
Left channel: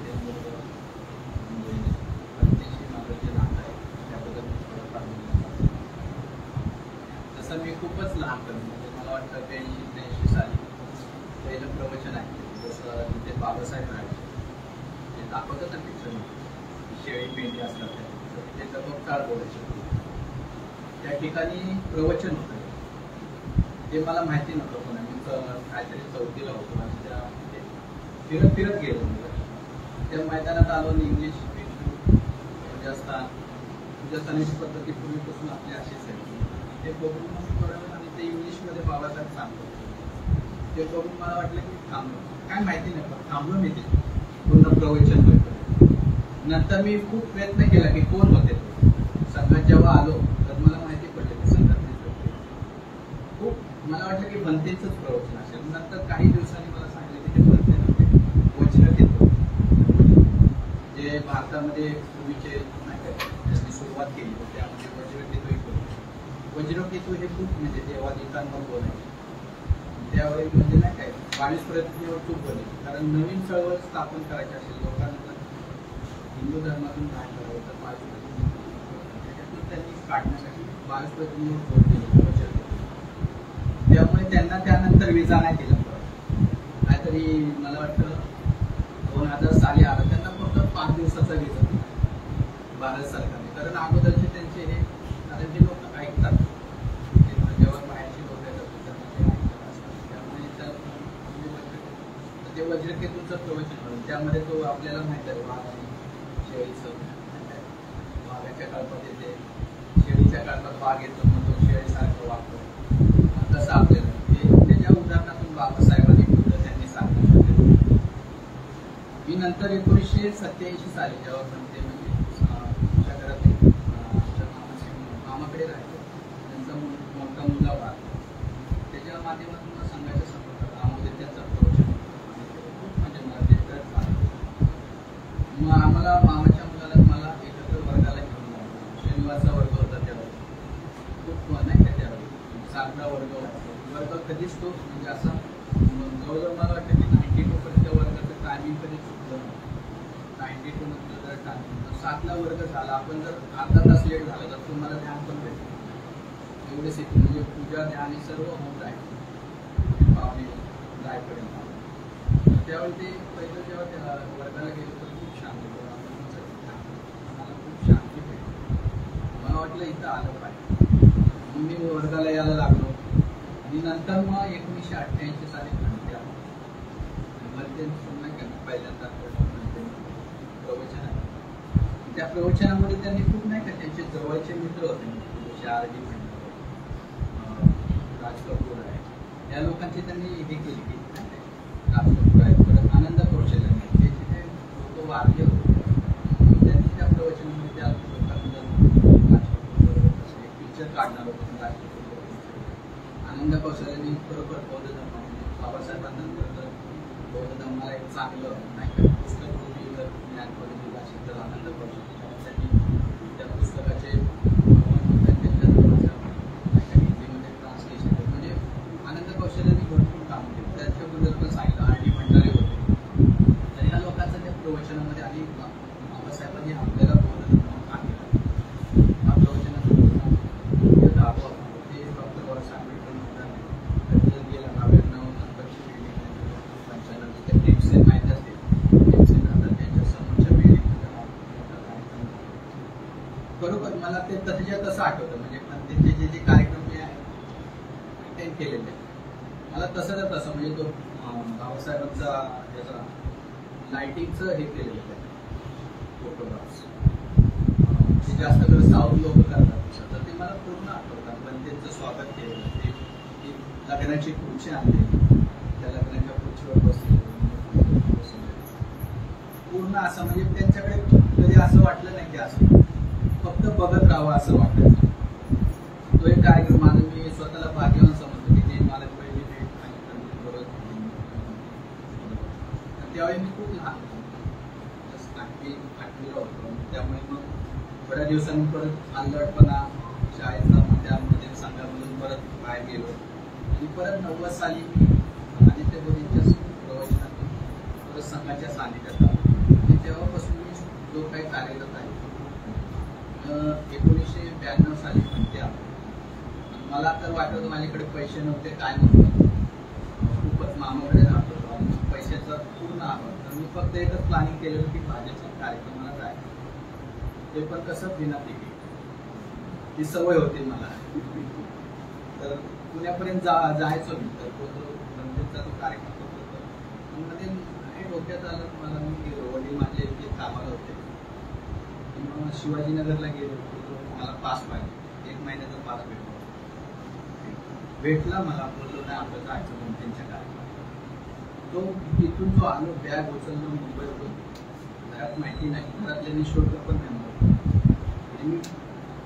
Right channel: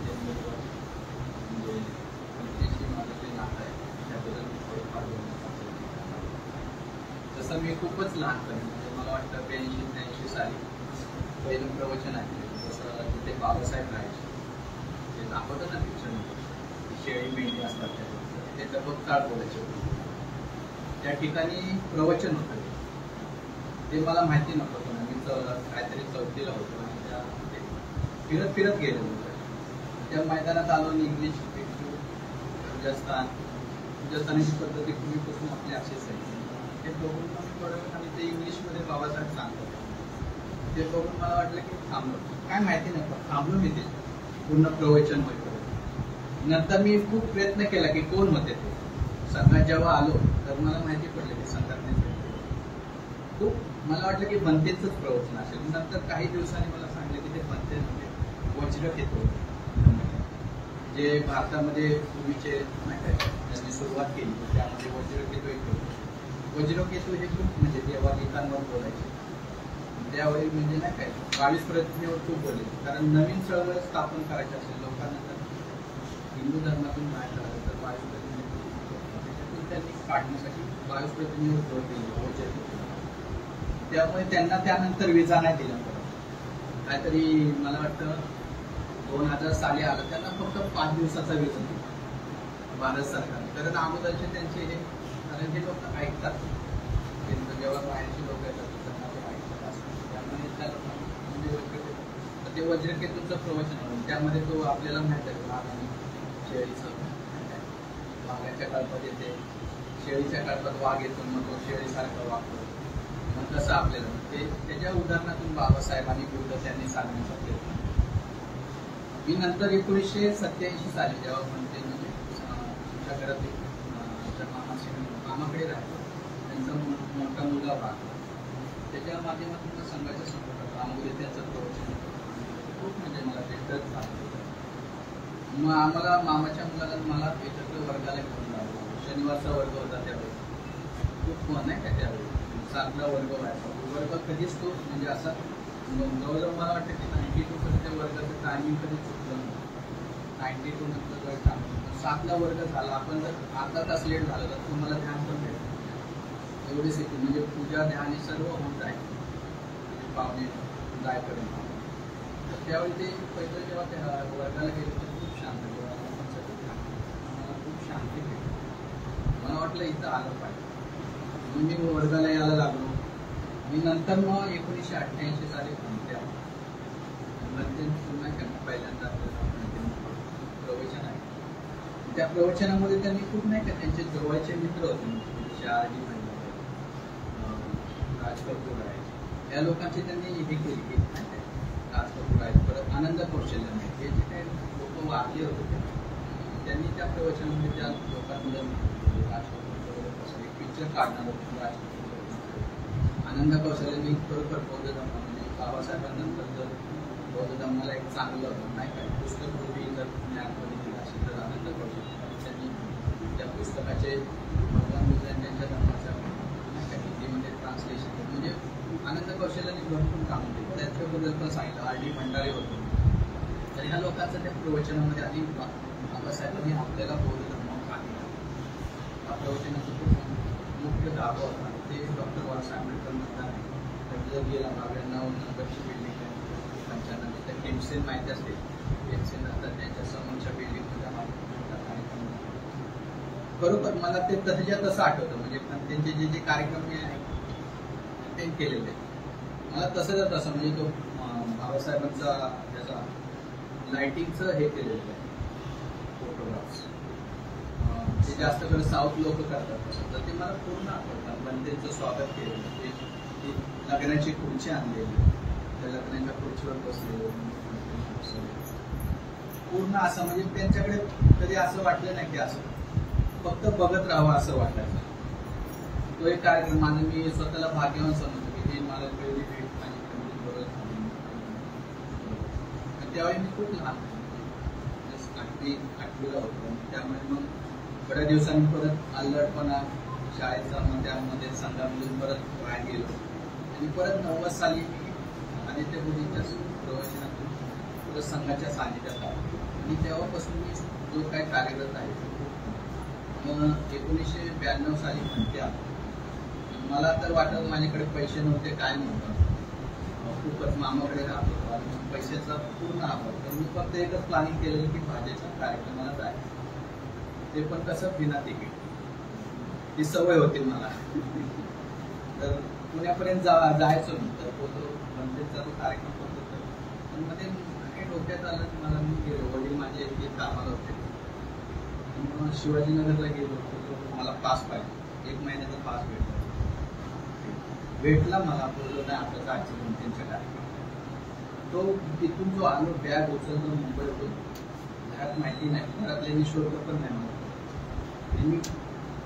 ते नातं आहे त्याबद्दल थोडंफार तसं मी खूपच लहानपणी म्हणजे मला वाटतं 82-83 साली पहिलं प्रवचन ऐकलं. जसं तिथे बाबासाहेब राहायचे ते दाखवतात ना पिक्चर शेळी मेंढी असतात ते जबरकाळ बोलायचे होते. त्या ठिकाणी प्रवचन होतं ते मला माहिती नव्हतं. काहीतरी 4थीला होतो आणि त्या फिरत गेलो. त्या मैदानात आलो मी इंग्लिश राजस्थानी पद्धती पूर्वीपासून आपली अशीच आहे. ते बघून मग कळलं आणि ते इंग्लिशमध्ये बाबासाहेब सांगतो ते बघून मला वाटलं की थांबलो. काय माहिती नाही थांबलो मी ते पूर्ण प्रवचन होईपर्यंत. नंतर मी खूप प्रयत्न केला की कोण होते ते. संघात जेव्हा आलो तर मला माहिती पडलं की संघात नाही खूप मला वाटलं की भंतेचंच प्रवचन असेल. नंतर काही दिवसांनी मला सांगितलं की ते भंते वज्रकेतू जे भारतामध्ये पूर्वीचे नाही काय त्यांनी सुरुवात केली त्यामध्ये वज्रकेतू येतो. वज्रकेतू हे खूप म्हणजे देवागीतांवर बोलायचे त्यावेळी म्हणजे नाही काय 22 प्रतिज्ञेवर खूप बोलले. कारण नवीन चळवळ स्थापन करायची असेल लोकांना हिंदू धर्मातून बाहेर काढावं तर 22 प्रतिज्ञेतून त्यांनी काढण्यासाठी 22 प्रतिज्ञेवर जोर दिली. त्यामुळे त्यांना त्यानंतर विजा नाही दिला. काहीतरी मला वाटतं 2000 साली आलं त्यांना फक्त 5 दिवसाचा विजा दिला भारत सरकारने. कारण अगोदरचे त्यांचे हे कारण ते लोक ऐकतात जेव्हा बाहेरचे लोक येतात त्यांना ते ऐकतात त्यामुळे ते वज्रकेतूचं प्रवचन होतं. त्यामध्ये तो आपल्याला माहित आहे वाघ आणि शेळीचं वाघाच्या कळपात येते शेळीच्या काळात वाघ येतो मग तो शेळीसारखं वागतो, मग कसं आपल्याला त्याच्या उदाहरणातून बाबासाहेबांनी पुढं त्यांनी सांगितलं. मी नंतर 1987 साली जेव्हा म्हणते म्हणजे आमच्या घरात आमच्या मामाकडे राहायचो, त्यांचा मोठा मुलगा वाघ, त्याच्या माध्यमातून सांगायचं समोर आम्हाला त्याचं प्रवचन खूप म्हणजे मला ते टच झालं. मग आम्हाला मामाच्या मुलाला मला एकत्र वर्गाला घेऊन जावं, शनिवारचा वर्ग होता त्यावेळी, खूप नाही का त्यावेळी 7ला वर्ग व्हायचा. वर्ग कधीच तो म्हणजे असा जवळजवळ मला वाटतं की 92% त्या वर्गाचं टायमिंग कधी चुकलं नव्हतं. 92 नंतर जर टायमिंग 7ला वर्ग झाला, आपण जर अर्धा तास लेट झालं तर तुम्हाला ध्यान पण भेटेल एवढे सेकंड, म्हणजे पूजा ध्यान हे सर्व होत आहे पाहुणे जायपर्यंत. त्यावेळी ते पहिलं जेव्हा त्या वर्गाला गेलो तर खूप शांत आम्हाला खूप शांती भेटली. मला वाटलं इथं आलं पाहिजे, मग मी वर्गाला यायला लागलो. मी नंतर मग 1988 साली म्हणते पुन्हा पहिल्यांदा प्रवचन आहे. त्या प्रवचनामध्ये त्यांनी खूप नाही का त्यांचे जवळचे मित्र होते, जसे आर.डी. राज कपूर आहे, या लोकांची त्यांनी हे केली की राज कपूर आहे, परत आनंद कौशल्य नाही, हे जे काही लोक वारले होते त्यांनी त्या प्रवचनामध्ये त्या लोकांना पिक्चर काढणार होतं. आनंद कौशल्याने बरोबर बौद्ध धर्म म्हणजे बाबासाहेबांनंतर जर बौद्ध धर्माला एक चांगलं नाही का पुस्तक रूपी जर ज्ञानपणे दिलं असेल तर आनंद कौशल्य. त्यांनी त्या पुस्तकाचे भगवान बुद्धांनी त्यांच्या धर्माच्या हिंदीमध्ये ट्रान्सलेशन केलं, म्हणजे आनंद कौशल्याने भरपूर काम केलं. त्याच्याबद्दल पण सांगितलं. आर.डी. भंडारे होते. तर ह्या लोकांचं त्या प्रवचनामध्ये आणि बाबासाहेबांनी आपल्याला बौद्ध धर्म सांगितलं. हा प्रवचनाचा दावा होता ते डॉक्टर बाबासाहेब आंबेडकर म्हणतात गेला 95 तिथे टिप्सेन माहिती असते. टिप्सेन आता त्यांच्या समोरच्या बिल्डिंगमध्ये बरोबर मला ते तसंच्या तसं आठवतं, म्हणजे त्यांचे जे जे कार्यक्रम मी अटेंड केलेले मला तसंच तसं म्हणजे तो बाबासाहेबांचा याचा लाइटिंगचं हे केलेलं आहे फोटोग्राफ्स, ते जास्त करून साऊथ लोक करतात तर ते मला पूर्ण आठवतात. पण त्यांचं स्वागत केलेलं ते लग्नाची खुर्ची आणली, त्या लग्नाच्या खुर्चीवर बसले पूर्ण असं म्हणजे त्यांच्याकडे कधी असं वाटलं नाही की असं फक्त बघत राहावं असं वाटायचं. तो एक कार्यक्रम आणि मी स्वतःला भाग्यवान समजतो की ते मला पहिली भेट आणि त्यावेळी मी खूप लहान आठवीला होतो, त्यामुळे मग बऱ्याच दिवसांनी परत अल्लडपणा शाळेचा त्यामध्ये संघामधून परत बाहेर गेलो आणि परत 90 साली आणि ते बोलीच्या प्रवचनातून परत संघाच्या सानिध्यात आलो आणि तेव्हापासून मी जो काही कार्यरत आहे 1992 साली म्हणते आलो. मला तर वाटत माझ्याकडे पैसे नव्हते काय नव्हतं, खूपच मामाकडे राहत होतो आणि पैशाचा पूर्ण अभाव. तर मी फक्त एकच प्लॅनिंग केलेलं की भाज्याच्या कार्यक्रमाला जायचं, ते पण कसं बिना तिकीट, ही सवय होती मला. तर पुण्यापर्यंत जायचो मी, तर तो मंदिरचा तो कार्यक्रम होतो तर मध्ये हे डोक्यात आलं मला. मी गेलो, वडील माझे इथे कामाला होते, मग शिवाजीनगरला गेलो, मला पास पाहिजे, 1 महिन्याचा पास भेटला मला. बोललो नाही आपलं जायचं म्हणून त्यांच्या कार्यक्रम. तो तिथून जो आलो बॅग उचललो मुंबईतून, घरात माहिती नाही, घरातल्यांनी शोधलं पण नाही मला. मी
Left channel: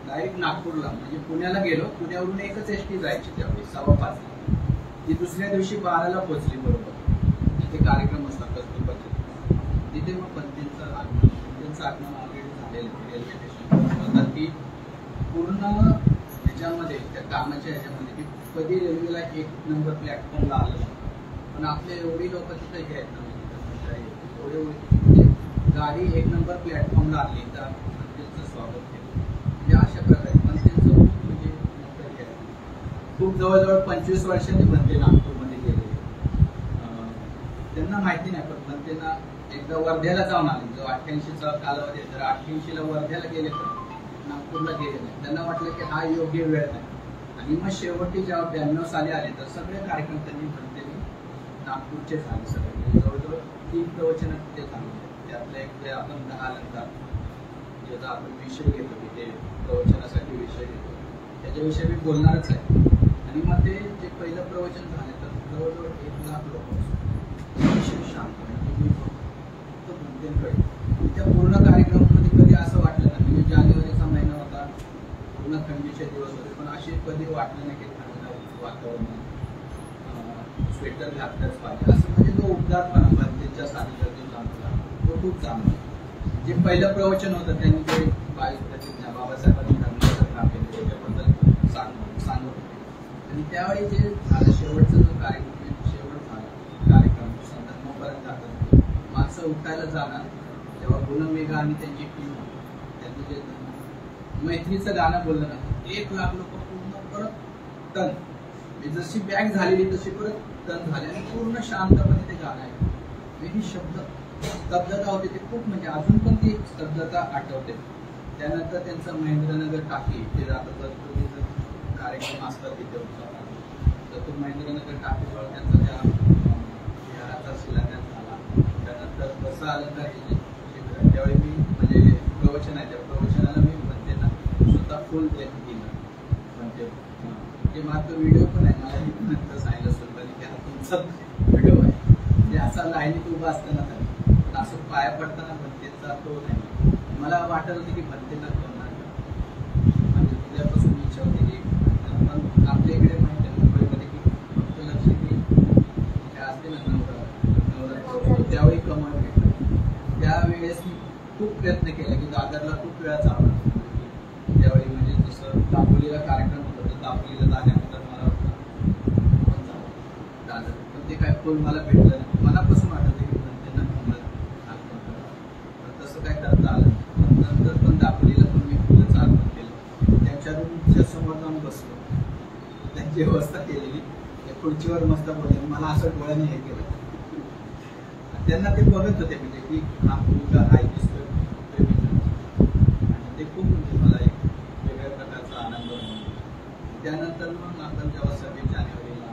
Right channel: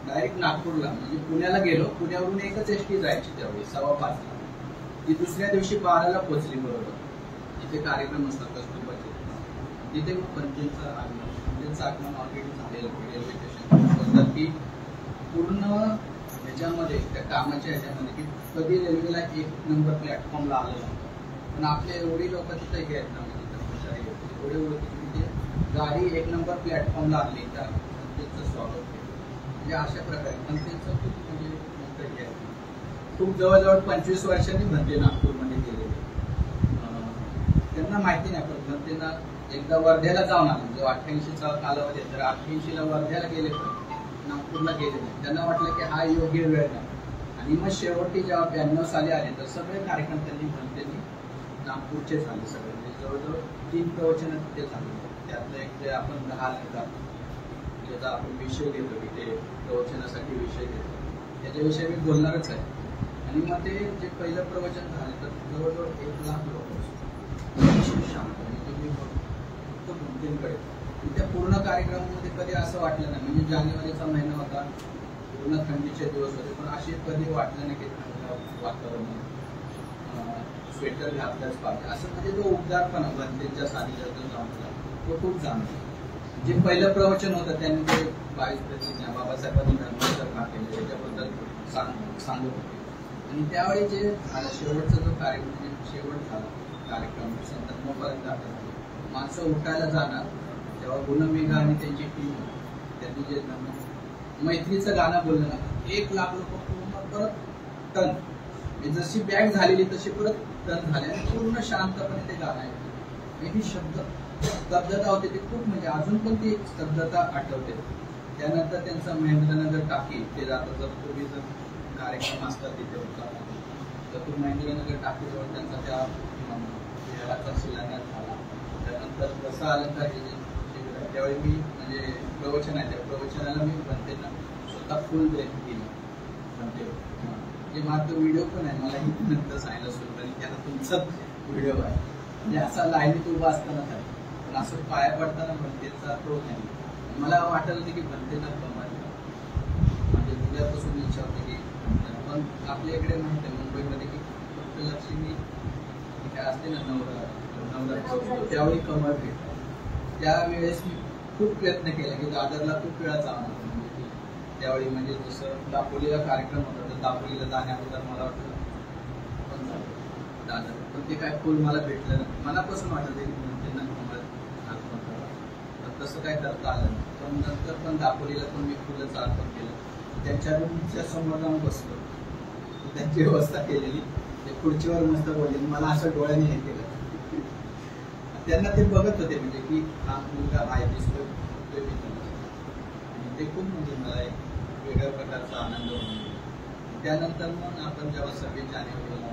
डायरेक्ट नागपूरला म्हणजे पुण्याला गेलो, पुण्यावरून एकच एसटी जायची त्यावेळी 5:15. ती दुसऱ्या दिवशी 12ला पोहोचली बरोबर. तिथे कार्यक्रम असतात कस्तुरबाचे, तिथे मग पंचांचं आगमन ऑलरेडी झालेलं रेल्वे स्टेशन की पूर्ण ह्याच्यामध्ये त्या कामाच्या ह्याच्यामध्ये की कधी रेल्वेला 1 नंबर प्लॅटफॉर्मला आलेला, पण आपले एवढी लोक तिथे हे आहेत ना एवढे ओळखी गाडी 1 नंबर प्लॅटफॉर्मला आली तर त्यांचं स्वागत केलं. म्हणजे अशा प्रकारे पण त्यांचं म्हणजे नंतर हे खूप जवळजवळ 25 वर्षांनी बनते नागपूरमध्ये गेलेले. त्यांना माहिती नाही पण बनतेना एकदा वर्ध्याला जाऊन आले, जो 88चा कालावधी आहे तर 88ला वर्ध्याला गेले पण नागपूरला गेले नाही. त्यांना वाटलं की हा योग्य वेळ नाही आणि मग शेवटी जेव्हा 92 साली आले तर सगळे कार्यक्रम त्यांनी बनतेनी नागपूरचे झाले सगळे. जवळजवळ 3 प्रवचन तिथे झाले, त्यातले एक जे आपण 10 अलंकार ज्याचा आपण विषय घेतो की ते प्रवचनासाठी विषय घेतो त्याच्याविषयी मी बोलणारच आहे. आणि मग ते जे पहिलं प्रवचन झालं तर जवळजवळ 1 लाख लोक शांत म्हणजे मी फक्त भिंतींकडे त्या पूर्ण कार्यक्रमामध्ये कधी असं वाटलं नाही. म्हणजे जानेवारीचा महिना होता, पूर्ण थंडीचे दिवस होते, पण असे कधी वाटलं नाही की थंड वातावरण स्वेटर घातलंच पाहिजे असं. म्हणजे जो उबदारपणा भरतीच्या सानिध्यातून जाणवला तो खूप जाणवला. जे पहिलं प्रवचन होतं त्यांनी ते 22 प्रतिज्ञा बाबासाहेबांनी धर्माचं काम केलं त्याच्याबद्दल सांगत होते. आणि त्यावेळी जे झालं शेवटचा जो शेवट झाला कार्यक्रम संदर्भापर्यंत जातात माणसं उठायला जाणार तेव्हा गुणमेघा आणि त्यांची टीम त्यांनी जे मैत्रीचं गाणं बोललं ना 1 लाख लोक पूर्ण परत टन जशी बॅग झालेली तशी परत टन झाले आणि पूर्ण शांतपणे ते गाणं आहे. ही शब्द स्तब्धता होती ती खूप म्हणजे अजून पण ती स्तब्धता आठवते. त्यानंतर त्यांचा महेंद्रनगर टाकी ते जाता जर पूर्वी जर कार्यक्रम असतात तिथे होता तर तो महेंद्रनगर टाकीजवळ त्यांचा त्या विहाराचा शिलान्यास झाला. त्यानंतर कसं आलं का त्यावेळी मी म्हणजे प्रवचन आहे त्या प्रवचनाला मी म्हणते ना स्वतः फुल दिलं म्हणते जे मात्र व्हिडिओ पण आहे मला इथे नंतर सांगितलं सुद्धा त्याला तुमचा व्हिडिओ आहे म्हणजे असा लाईनीत उभा असताना पण असं पाया पडताना भरतेचा तो नाही. मला वाटत होतं की भरतेला पण वाटलं म्हणजे तुझ्यापासून इच्छा होती की पण आपल्या इकडे माहिती आहे मुंबईमध्ये की लक्ष्मी असते ना नवरा त्यावेळी कमळ भेटलं. त्यावेळेस मी खूप प्रयत्न केला की दादरला खूप वेळा जावं. त्यावेळी म्हणजे जसं दापोलीला कार्यक्रम होता तर दापोलीला जाण्याबद्दल मला वाटतं दादर पण ते काय फुल मला भेटलं नाही. मनापासून वाटत की त्यांना कमळ अर्पण करावं तर तसं काय करता आलं नाही. नंतर पण दापोलीला पण मी फुलाचं अर्पण केलं. त्यांच्या रूमच्या समोर जाऊन बसलो त्यांची व्यवस्था केलेली त्या खुर्चीवर मस्त बोलले मला असं डोळ्याने हे केलं. त्यांना ते बघत होते म्हणजे की हा मुलगा आहे दिसतोय आणि ते खूप म्हणजे मला एक वेगळ्या प्रकारचा आनंद होतो. त्यानंतर मग आपण जेव्हा 26 जानेवारीला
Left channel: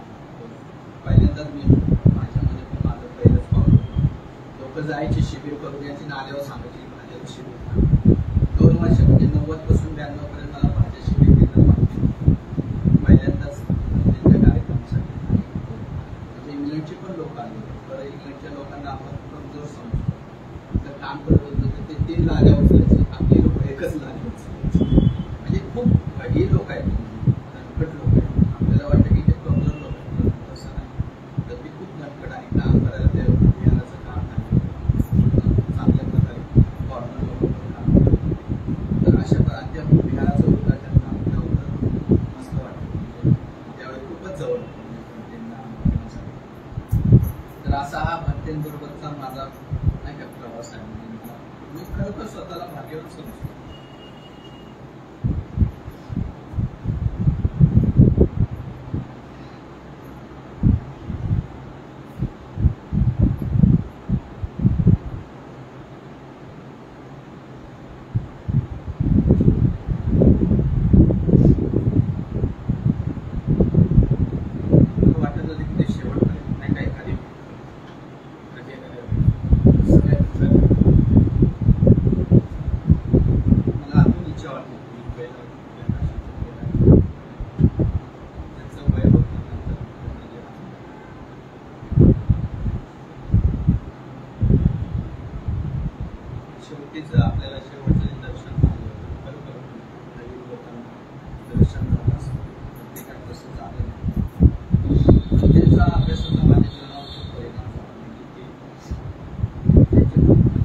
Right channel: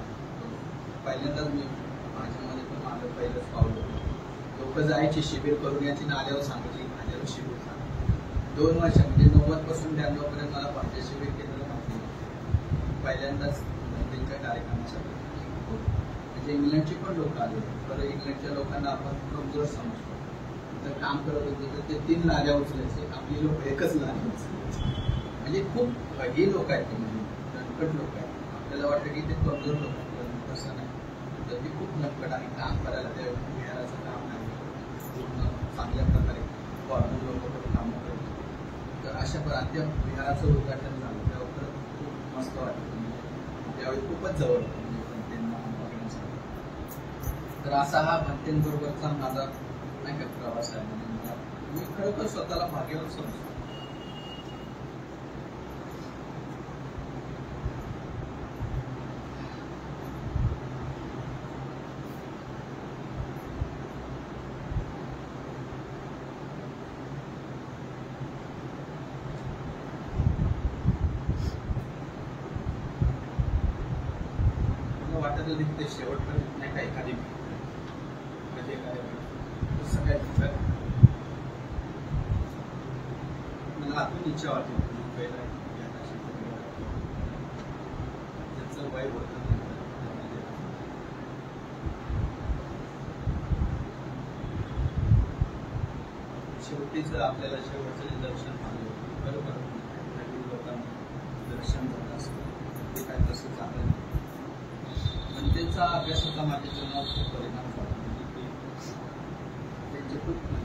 पहिल्यांदाच मी माझ्यामध्ये पण माझं पहिलंच पाऊल होतं. लोक जायची शिबिर करून याची नाल्यावर सांगायची माझ्यावर शिबिर सांग 2 वर्ष म्हणजे 90 पासून 92 पर्यंत मला भाज्या शिबिर केलं माहिती पहिल्यांदाच त्यांच्या कार्यक्रमासाठी. म्हणजे इंग्लंडची पण लोक आले तर इंग्लंडच्या लोकांना आपण कमजोर समजतो तर काम करत होतो तर ते 3 लाद्या उचलायचे आपली लोक एकच लाद्या उचलायचे. म्हणजे खूप ही लोक आहेत दणकट लोक आहेत. आपल्याला वाटतं की ते कमजोर लोक आहेत तसं नाही तर ते खूप दणकट आहे काम करायला ते विहाराचं काम नाही चांगल्या प्रकारे फॉर्मल लोक काम करतात. तर अशा प्रकारे विहाराचं उद्घाटन झालं त्यावर खूप मस्त वाटतं. त्यावेळी खूपच जवळ तर असा हा भंतेंबरोबरचा माझा नाही का प्रवास आहे. मी खरोखर स्वतःला भाग्यवान समजतो. वाटत होती की ते शेवटपर्यंत नाही का एखादी मला अजून इच्छा वाटते मुंबईला त्याचं वय होतं शेवटीच आपल्याला शेवटचं दर्शन बरोबर नवीन लोकांना दर्शन झालं असतं ते काय तसं झालं त्यांचा अभ्यासाचा माझ्या जीवनावर खूप परिणाम झाला. म्हणजे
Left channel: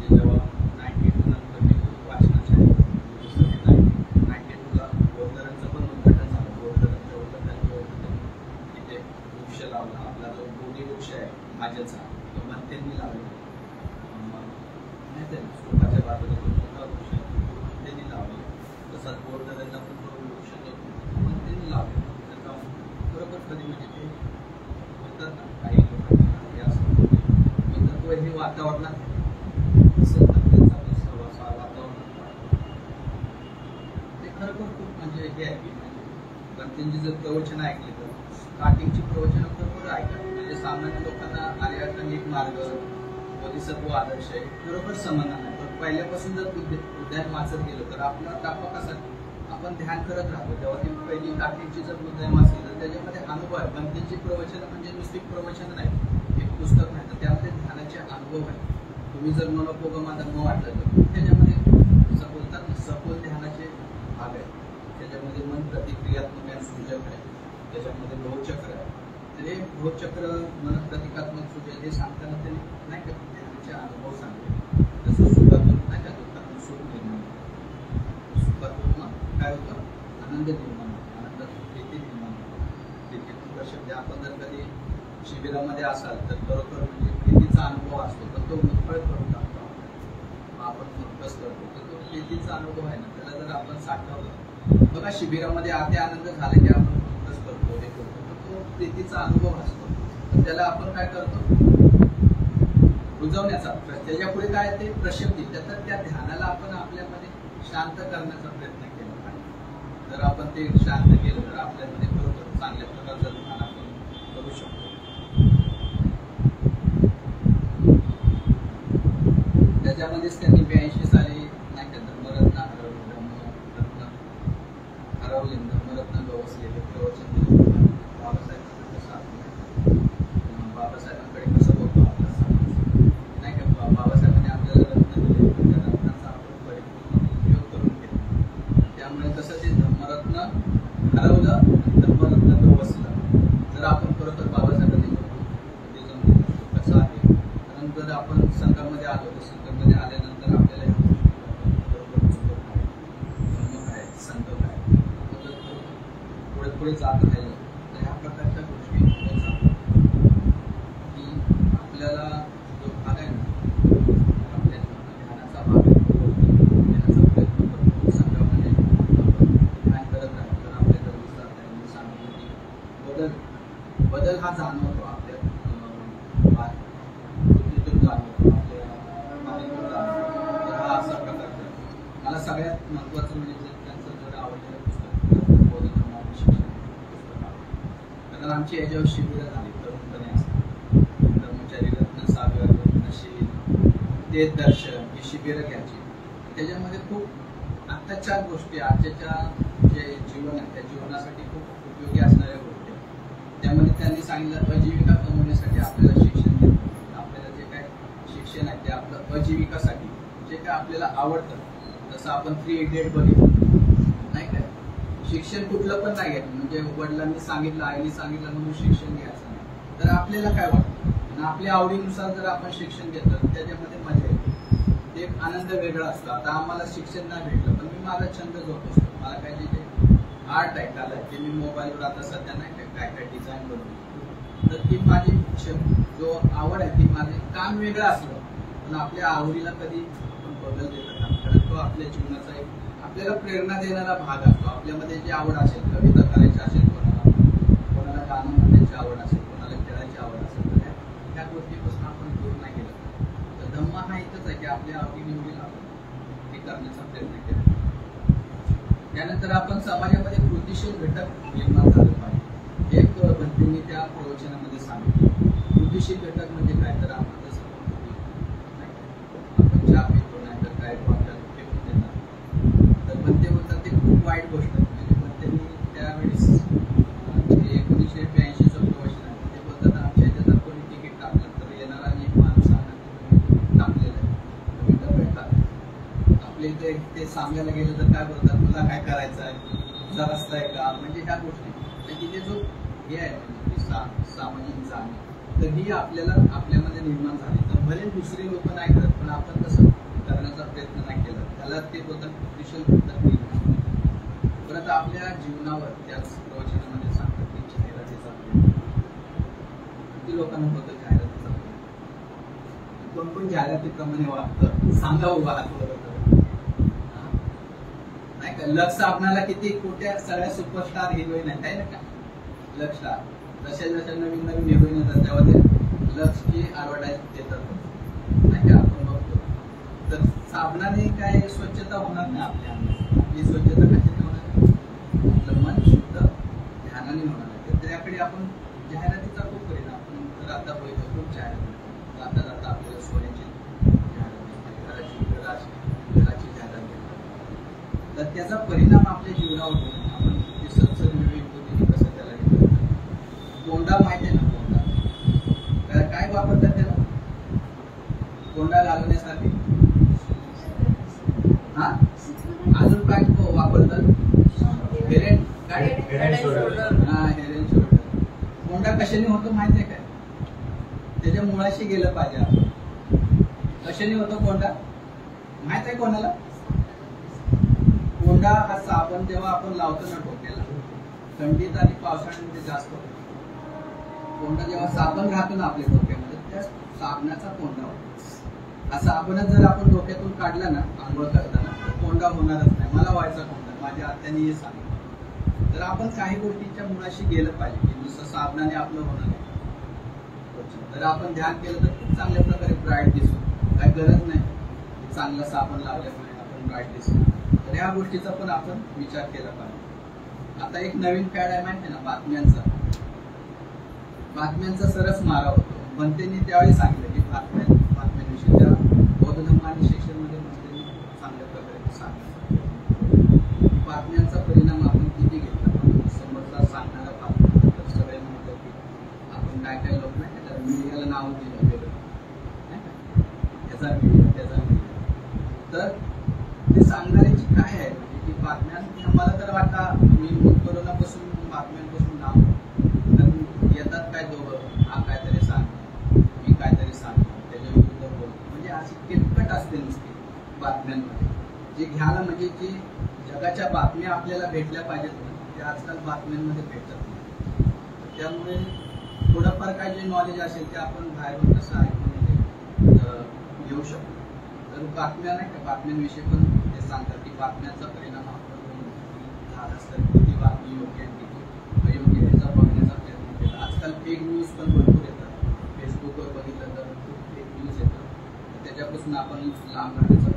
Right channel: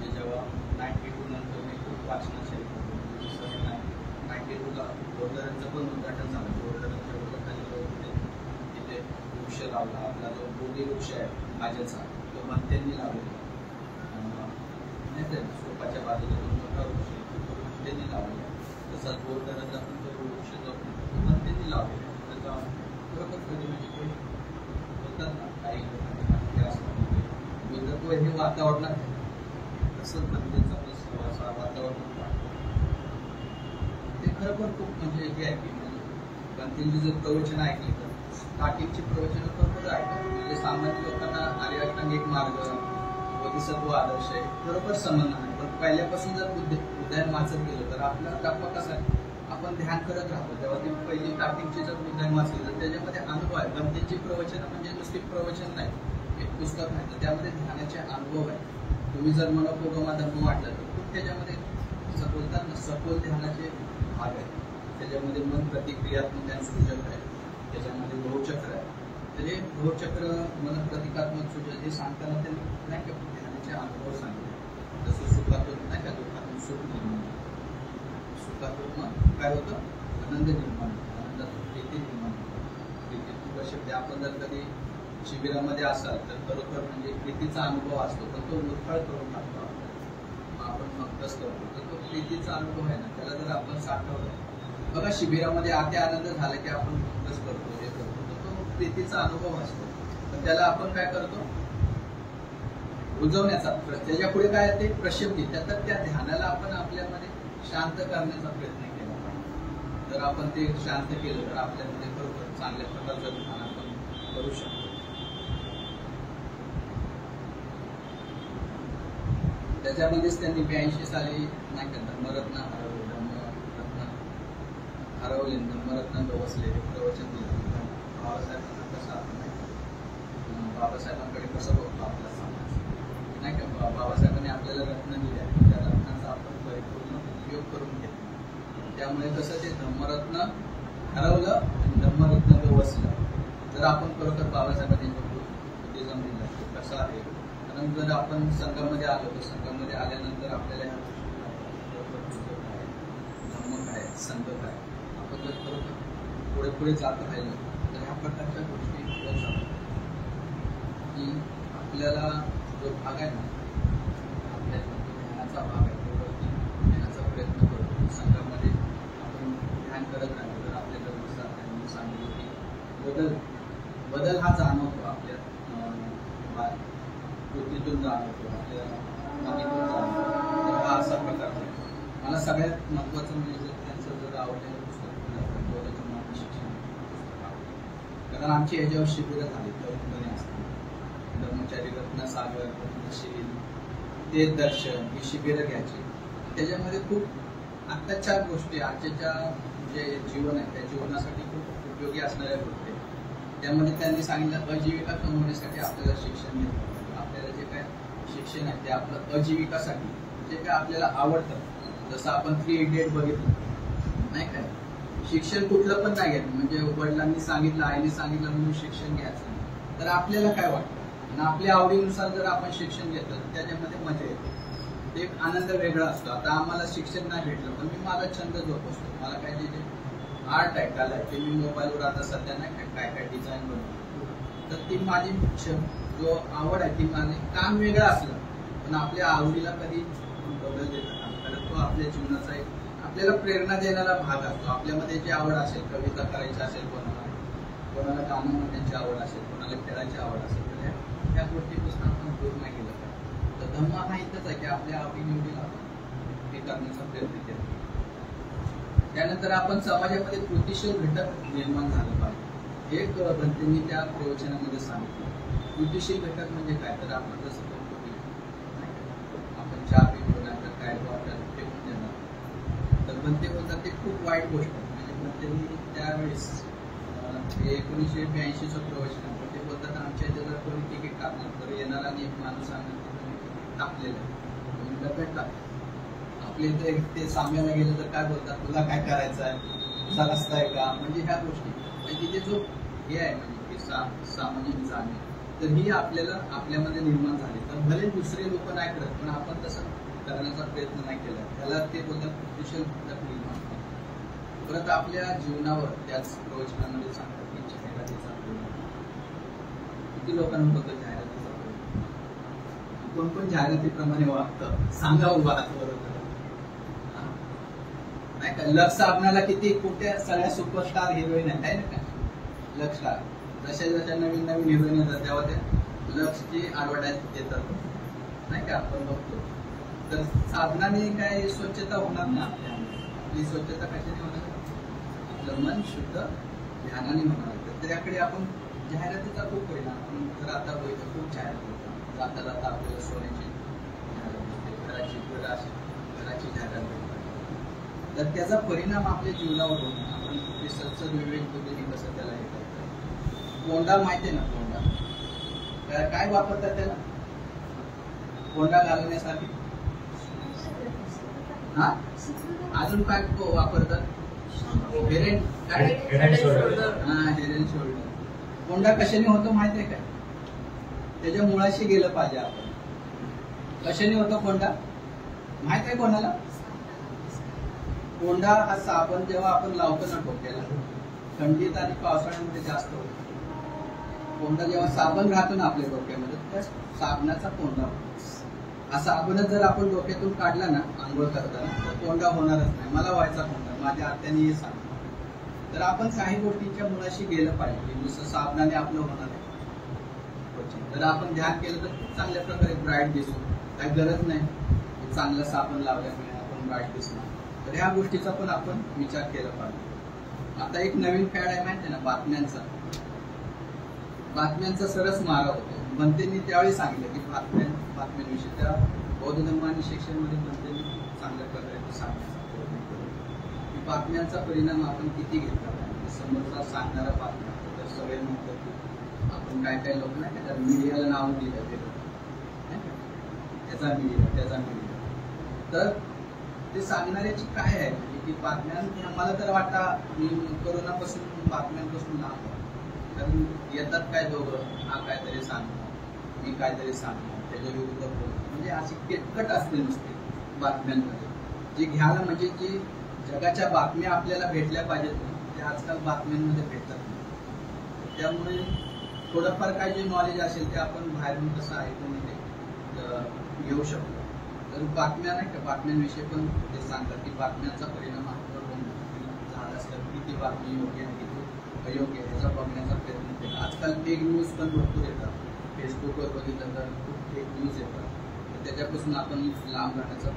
जेव्हा 92 नंतर मी खूप वाचनाचे 92ला बोर्डरांचं पण उद्घाटन झालं. बोर्डरांच्या उद्घाटनाच्या तिथे वृक्ष लावला आपला जो बोधी वृक्ष आहे माझ्याचा तो भंतेंनी लावला नाही स्वतःच्या बाजूला जो वृक्ष त्यांनी लावला तसाच बोर्डरांचा पण तो वृक्ष जो भंतेंनी लावला त्याचा बरोबर कधी म्हणजे ते काही हे वातावरणात तसंच त्यांचा सहवास वातावरण ते खरोखर खूप म्हणजे हे आहे की त्यांची जर प्रवचन ऐकली तर स्टार्टिंगची प्रवचन खरोखर ऐकतात. म्हणजे सामान्य लोकांना आर्य अष्टांगिक मार्ग बोधिसत्व आदर्श आहे खरोखर समजणार नाही. पहिल्यापासून जर उद्यान वाचत गेलो तर आपला टप्पा कसा आहे, आपण ध्यान करत राहतो. जेव्हा ती पहिली स्टार्टिंगची जर उद्यान वाचली तर त्याच्यामध्ये अनुभव आहे. बंतींची प्रवचन म्हणजे नुसती प्रवचन नाही, एक पुस्तक नाही, तर त्यामध्ये ध्यानाचे अनुभव आहे. तुम्ही जर मनोपयोगमा धर्म वाटलं तर त्याच्यामध्ये बोलतात सखोल ध्यानाचे भाग आहेत. त्याच्यामध्ये मन प्रतिक्रियात्मक आणि सूचक आहे, त्याच्यामध्ये लोहचक्र आहे. तर हे लोहचक्र मन प्रतिकात्मक सूचक हे सांगताना ते नाही का ध्यानाचे अनुभव सांगतात. जसं सुखात्मक नाही का दुःखातून सुख निर्माण, सुखातून काय होतं आनंद निर्माण, आनंदातून प्रीती निर्माण. प्रीतीतून शब्द आपण जर कधी शिबिरामध्ये असाल तर खरोखर म्हणजे प्रीतीचा अनुभव असतो, पण तो मुठळ करून टाकतो आपण अभ्यास करतो. तर तो प्रीतीचा अनुभव आहे ना, त्याला जर आपण साठवलं बघा, शिबिरामध्ये आते आनंद झाला की आपण अभ्यास करतो, हे करतो, तर तो प्रीतीचा अनुभव असतो. तर त्याला आपण काय करतो, रुजवण्याचा, त्याच्या पुढे काय ते प्रशब्दी, तर त्या ध्यानाला आपण आपल्यामध्ये शांत करण्याचा प्रयत्न केला. जर आपण ते शांत केलं तर आपल्यामध्ये खरोखर चांगल्या प्रकारचं ध्यान आपण करू शकतो. त्याच्यामध्येच त्यांनी 82 साली नाही का धर्मरत्न हरवले, धर्मरत्न गवसले हे प्रवचन दिलं. बाबासाहेबांना कसं आपण बाबासाहेबांकडे कसं बघतो आपलं नाही का, बाबासाहेबांनी आपल्याला रत्न दिले, त्या रत्नाचा आपण परिपूर्ण उपयोग करून घेतला. त्यामुळे कसं ते धर्मरत्न हरवलं, धर्मरत्न गवसलं. जर आपण खरोखर बाबासाहेबांनी कसं आहे, कारण जर आपण संघामध्ये आलो तर संघामध्ये आल्यानंतर आपल्याला धर्म काय, संघ काय, आपण जर पुढे पुढे जात राहिलो तर ह्या प्रकारच्या गोष्टी होत जातात की आपल्याला जो भाग आहे ना, आपल्या ध्यानाचा भाग घेण्याचा प्रयत्न करतो. संघामध्ये आपण ध्यान करत राहिलो तर आपल्याला विचार त्यांनी सांगितलं की बदल हा जाणवतो आपल्या बुद्धीतून जाणवतो, आपल्या मातीतून जाणवतो. तर हा असा प्रकार आहे. मला सगळ्यात महत्वाचं म्हणजे त्यांचं जर आवडलेलं पुस्तक शिक्षण पुस्तक आवडलं, कारण आमची याच्यावर शिबिरं झाली तरुणपणे असतात. कर्मचारी रत्नसागर, रत्नशील, ते दर्शन ही शिबिरं घ्यायची. त्याच्यामध्ये खूप आत्ताच्या गोष्टी, आजच्या जे जीवन आहे त्या जीवनासाठी खूप उपयोगी असणाऱ्या गोष्टी. त्यामध्ये त्यांनी सांगितलं आजीविका कमवण्यासाठी आपल्याला शिक्षण घ्यायचं. आपल्याला जे काय शिक्षण आहे ते आपलं आजीविकासाठी, जे काय आपल्याला आवडतं. जसं आपण 3 इडियट बघितलं नाही काय, शिक्षण कुठलं पण नाही घ्यायचं, म्हणजे वडिलांनी सांगितलं, आईने सांगितलं म्हणून शिक्षण घ्यायचं नाही. तर आपल्याला काय वाटतं आणि आपल्या आवडीनुसार जर आपण शिक्षण घेतलं तर त्याच्यामध्ये मजा येते, ते एक आनंद वेगळा असतो. आता आम्हाला शिक्षण नाही भेटलं पण मी माझा छंद जोपासतो. मला काय तिथे आर्ट आहे, कला आहे, ते मी मोबाईलवर आता सध्या नाही काय काय डिझाईन बनवतो. तर ती माझी जो आवड आहे ती माझे काम वेगळं असलं पण आपल्या आवडीला कधी बदल देत नाही, कारण तो आपल्या जीवनाचा एक आपल्याला प्रेरणा देणारा भाग असतो. आपल्यामध्ये जी आवड असेल, कविता करायची असेल, कोणाला गाणं म्हणण्याची आवड असेल, कोणाला खेळायची आवड असेल, तर ह्या गोष्टीपासून आपण दूर नाही केलं. तर धम्म हा इथंच आहे की आपल्या आवडीनिवडीला हे करण्याचा प्रयत्न केला. त्यानंतर आपण समाजामध्ये कृतीशील घटक निर्माण झाले पाहिजे. एक म्हणजे मी त्या प्रवचनामध्ये सांगितलं, कृतीशील घटक म्हणजे काय, तर आपण जसं आपण चहा पितो नाही तर काय तो आता फेकून देणार, तर पण ते बोलतात ते खूप वाईट गोष्ट आहे. म्हणजे पण त्यांनी त्यावेळेस 1982चं प्रवचन आहे, पण ते बोलतात आमच्या ह्याच्यात कोणी तिकीट टाकलं तर येणार आणि एक माणूस सांगणार टाकलेलं आहे, तुम्ही डब्यात टाकलं. आपल्या इथे ते सांगायला गेलं तर काय बोलतात, तुला काय करायचं आहे, तुझा रस्ता आहे का, म्हणजे ह्या गोष्टी म्हणजे तिथे जो हे आहे म्हणजे सामाजिक जाणीव तर ही आपल्याला आपल्यामध्ये निर्माण झाली. तर भले दुसरे लोक नाही करत पण आपण तसं करण्याचा प्रयत्न नाही केला, त्याला ते बोलतात कृतीशील घटक निर्माण. परत आपल्या जीवनावर त्याच प्रवचनामध्ये सांगतात की जाहिरातीचा प्रयोग. किती लोकांना होतं जाहिरातीचा प्रयोग, कोण कोण जाहिरातीप्रमाणे वागतं सांगा उभा बरोबर नाही का. लक्स साबणाला किती कुठे सगळ्या सुपरस्टार हिरोईन आहेत ना का, लक्सला जशा जशा नवीन नवीन हिरोईन येतात तेव्हा ते लक्सची ऍडव्हर्टाईज देतात नाही का, आपण बघतो. तर साबणाने काय स्वच्छता होणार नाही आपली स्वच्छता कशाची होणार, आपलं मन शुद्ध ध्यानाने होणार आहे. तर त्याकडे आपण जाहिरातीचा खूप परिणाम. आपण जर आता बघतो खूप जाहिरात जाता जाता आपल्याला सोन्याची जाहिरात, घराची जाहिरात देतात, तर त्याचा परिणाम आपल्या जीवनावर होतो. आपण रिसर्च विवेक पद्धती कसं त्याला हे करतात. कोंडा माहिती आहे ना, कोंडा काय वापरतात त्याला कोंडा घालवण्यासाठी? हा, अजून काय वापरतात? Head and shoulder. कोंडा कशाने होतो माहितीये काय? त्याच्या मुळाशी गेलं पाहिजे आपण. कशाने होतो कोंडा माहित आहे कोणाला? कोंडा हा साबण जेव्हा आपण लावतो ना डोक्याला, थंडीत आणि पावसाळ्यामध्ये जास्त होतो. कोंडा जेव्हा साबण राहतो ना आपल्या डोक्यामध्ये, त्या साबणाचा कोंडा होतो. हा साबणच जर आपण डोक्यातून काढला ना आंघोळ करताना, तर कोंडा होणारच नाही. मला व्हायचा कोंडा, माझ्या आत्याने हे सांगितलं. तर आपण काही गोष्टींच्या मुळाशी गेलं पाहिजे की नुसतं साबणाने आपलं होणार आहे. तर आपण ध्यान केलं तर खूप चांगल्या प्रकारे ब्राईट दिसतो. काही गरज नाही की चांगलं साबण लावल्यामुळे आपण ब्राईट दिसतो. तर ह्या गोष्टीचा पण आपण विचार केला पाहिजे. आता एक नवीन फॅड आहे माहिती आहे ना, बातम्यांचा सरस मारा होतो. बनतेंनी त्यावेळी सांगितलं की बातम्यांविषयी त्या बौद्ध धर्म आणि शिक्षणमध्ये बनतेंनी चांगल्या प्रकारे सांगण्याचा बातम्यांचा परिणाम आपण किती घेतला. समोरचा सांगणारा बातम्या तर सगळे म्हणतो की आपण काय लोक नाही का तर मीडियाला नाव दिलं गेलं, त्याचा मीडिया. तर ते सांगणाऱ्याची काय आहे म्हणजे की बातम्या, मला तर वाटतं मी कोरोनापासून बातम्यांपासून नाव, कारण येतात काय दोघं, हा काहीतरी सांगणार, मी काहीतरी सांगणार, त्याच्या विरुद्ध बोलतो. म्हणजे अशी किटकट असते नुसती बातम्यांमध्ये. जे घ्यायला म्हणजे जी जगाच्या बातम्या आपल्याला भेटल्या पाहिजेत ना, ते आजकाल बातम्यांमध्ये भेटत नाही. त्यामुळे थोडंफार काय जे नॉलेज असेल ते आपण बाहेरून कसं ऐकून घेऊ शकतो. तर बातम्या नाही का, बातम्यांविषयी पण ते सांगतात की बातम्यांचा परिणाम आपल्यावर झाला असतात, किती बातमी योग्य आहे किती अयोग्य आहे याचा बघण्याचा प्रयत्न केला. आजकाल फेक न्यूज पण भरपूर येतात. फेसबुकवर बघितलं तर खूप फेक न्यूज येतात. त्याच्यापासून आपण लांब राहण्याचा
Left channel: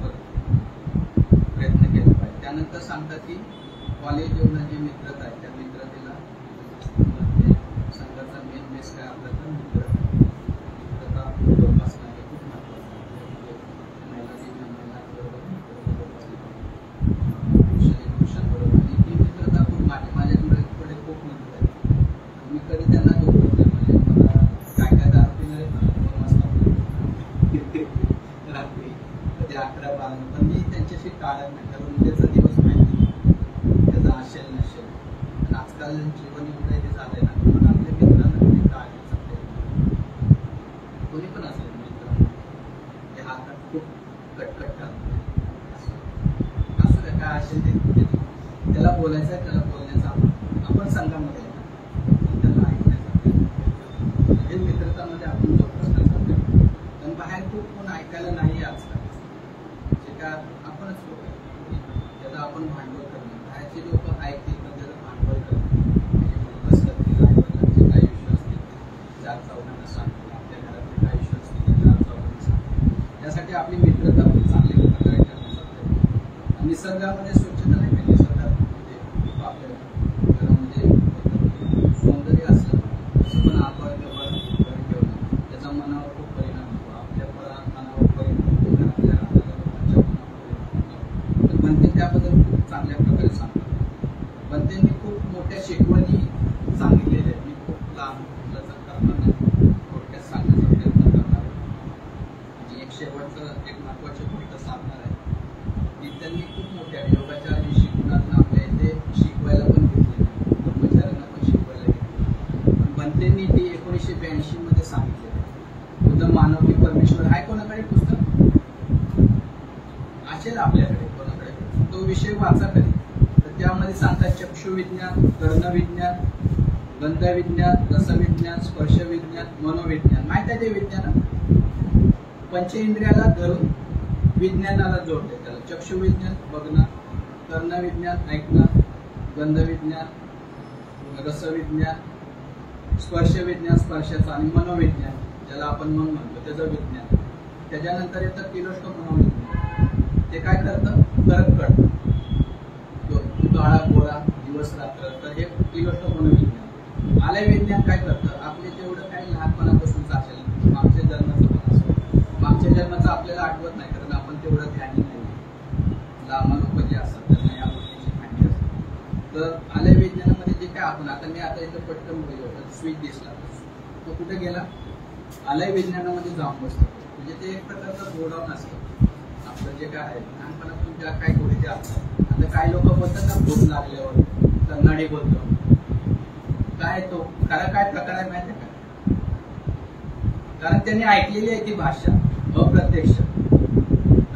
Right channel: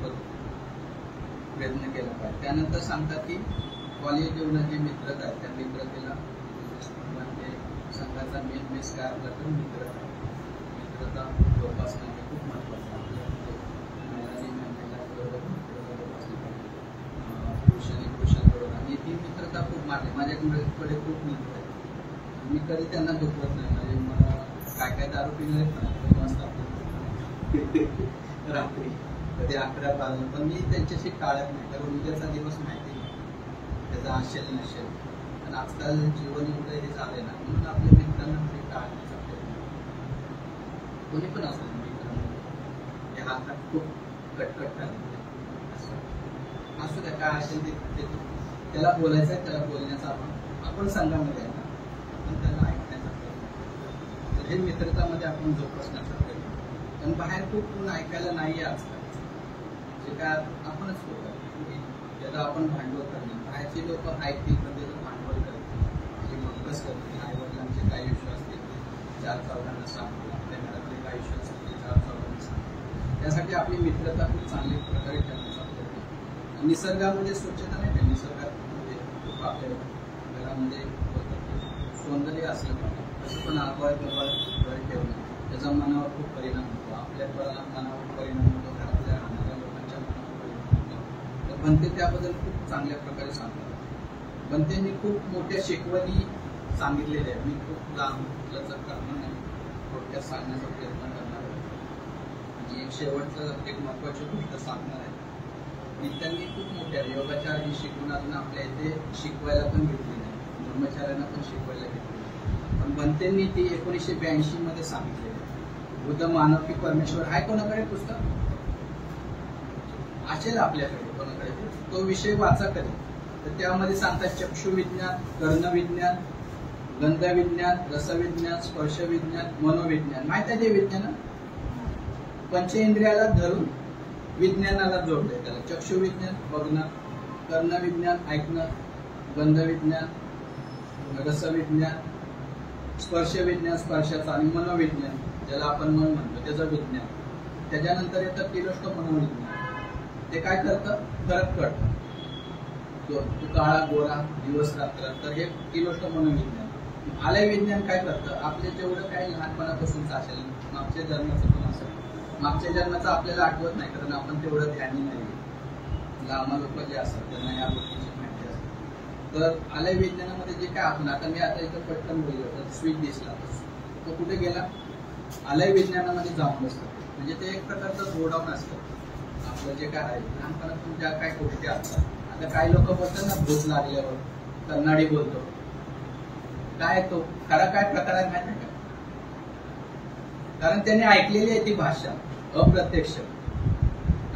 प्रयत्न केला पाहिजे. त्यानंतर सांगतात की कॉलेज जीवनात जे मित्रता आहे त्या मित्रतेला संघाचा मेन बेस काय आपला तर मित्रता जोपासणं हे खूप महत्वाचं आहे. महिलांबरोबर पुरुषांबरोबर आणि ती मित्रता खूप माझ्याकडे खूप मित्र आहेत. मी कधी त्यांना दुखवत नाही. म्हणजे मला काय दारू पिणारे 2 वाजता रात्री कधी 11-12, पण मी त्यांच्याशी टाळत नाही. कारण उद्याचा दिवस माहिती त्याचा असेल नसेल. आणि आजकाल जीवन एवढं हे झालंय ना, म्हणून आपल्या मित्रांना कधी टाळण्याचा प्रयत्न कोणी पण असेल मित्र हे हातात खूप कटकट करणार असू द्या, काय असेल ते त्याला बोलायचं आहे, त्याला बोलण्याचा आपण संघामध्ये आहे ना, त्यांना ऐकण्याचा प्रयत्न. हे मित्रतामध्ये आपण जोपासण्याचा प्रयत्न. पण बाहेर खूप कोण ऐकायला नाही आजकाल. जे काय आपणच लोक आहे त्याला आपण भांडवल करणे. बाहेरचे लोक ऐकतील पण त्याचं भांडवल करतील, म्हणजे मग करतील. आईवडिलांचे काही इश्यू असतील 4-4 सांगतो, आपल्या घरातले काही इश्यू असतील 4-4 सांगतो. त्यासाठी आपली मित्रता खूप चांगली प्रकारे करण्याचा प्रयत्न. निसर्गामध्ये स्वच्छता नाही का, निसर्गामध्ये खूप आपल्या घरामध्ये सौंदर्य असलं तसं पण आबाळ घर ठेवणं त्याचा मनावर खूप परिणाम होतो. आपल्या मनावर परिणाम होतो, घरातल्या लोकांच्या मनावर परिणाम होतो. बनते त्याबद्दल खूप चांगल्या प्रकारे सांगतात. बनतेंनी खूप मोठ्या शिकवणी सांगितलेल्या आहेत. मी खूप लांब थोडक्यात सांगण्याचा प्रयत्न करणार आहे. आणि एक शेवटचं एक महत्वाची गोष्ट सांगणार आहे की त्यांनी खूप मोठ्या योगाच्या शिकवणातून आपल्या इथे शिकवायला पण घेतलेले, कर्मचाऱ्यांना पण शिकवायला घेतले. पण बनतेंनी ती 1982 मध्ये सांगितलेली. बुद्ध मानव की परमेश्वर आहे कोणाकडे पुस्तक असेल आपल्याकडे कोणाकडे, तो विषय वाचा कधी. तर त्यामध्ये सांगतात चक्षुविज्ञान, कर्णविज्ञान, गंधविज्ञान, रसविज्ञान, स्पर्शविज्ञान, मनोविज्ञान. माहित आहे ते विज्ञान पंचेंद्रियाला धरून विज्ञानाला जोडले. त्याला चक्षुविज्ञान बघणं, कर्णविज्ञान ऐकणं, गंधविज्ञान, रसविज्ञान, स्पर्शविज्ञान स्पर्शाचं, आणि मनोविज्ञान ज्याला आपण मन म्हणतो त्याचं विज्ञान. त्याच्यानंतर येतं किलोष्ट मनोविज्ञान. ते काय करतं, फरक कळतं. काळा गोरा दिवस रात्र, तर हे किलोष्ट मनोविज्ञान. आलय विज्ञान काय करतं, आपले जेवढं काही लहानपणापासूनच असेल, मागच्या जन्माचं पण असेल, मागच्या जन्माचं आपल्याला आठवत नाही कारण आपण तेवढं ध्यानी नाही. लांब लोक जे असतात त्यांना या गोष्टीची माहिती असते. तर आलय विज्ञानामध्ये जे काय आपण आता मी आता इथं पटकन बोललो होतं स्वीट दिसला तो कुठे गेला, आलय विज्ञानामध्ये जाऊन बसतो. म्हणजे ते एक प्रकारचं गोडाऊन असतं आपलं जे काय आहे लहानपणातून ज्या काय गोष्टी असतात. आता काही लोक बोलतात ना भूक लागल्यावर कन्नडी बोलतो, काय तो खरा काय प्रकार आहे माहिती का? कारण त्यांनी ऐकलेली आहे ती भाषा अप्रत्यक्ष,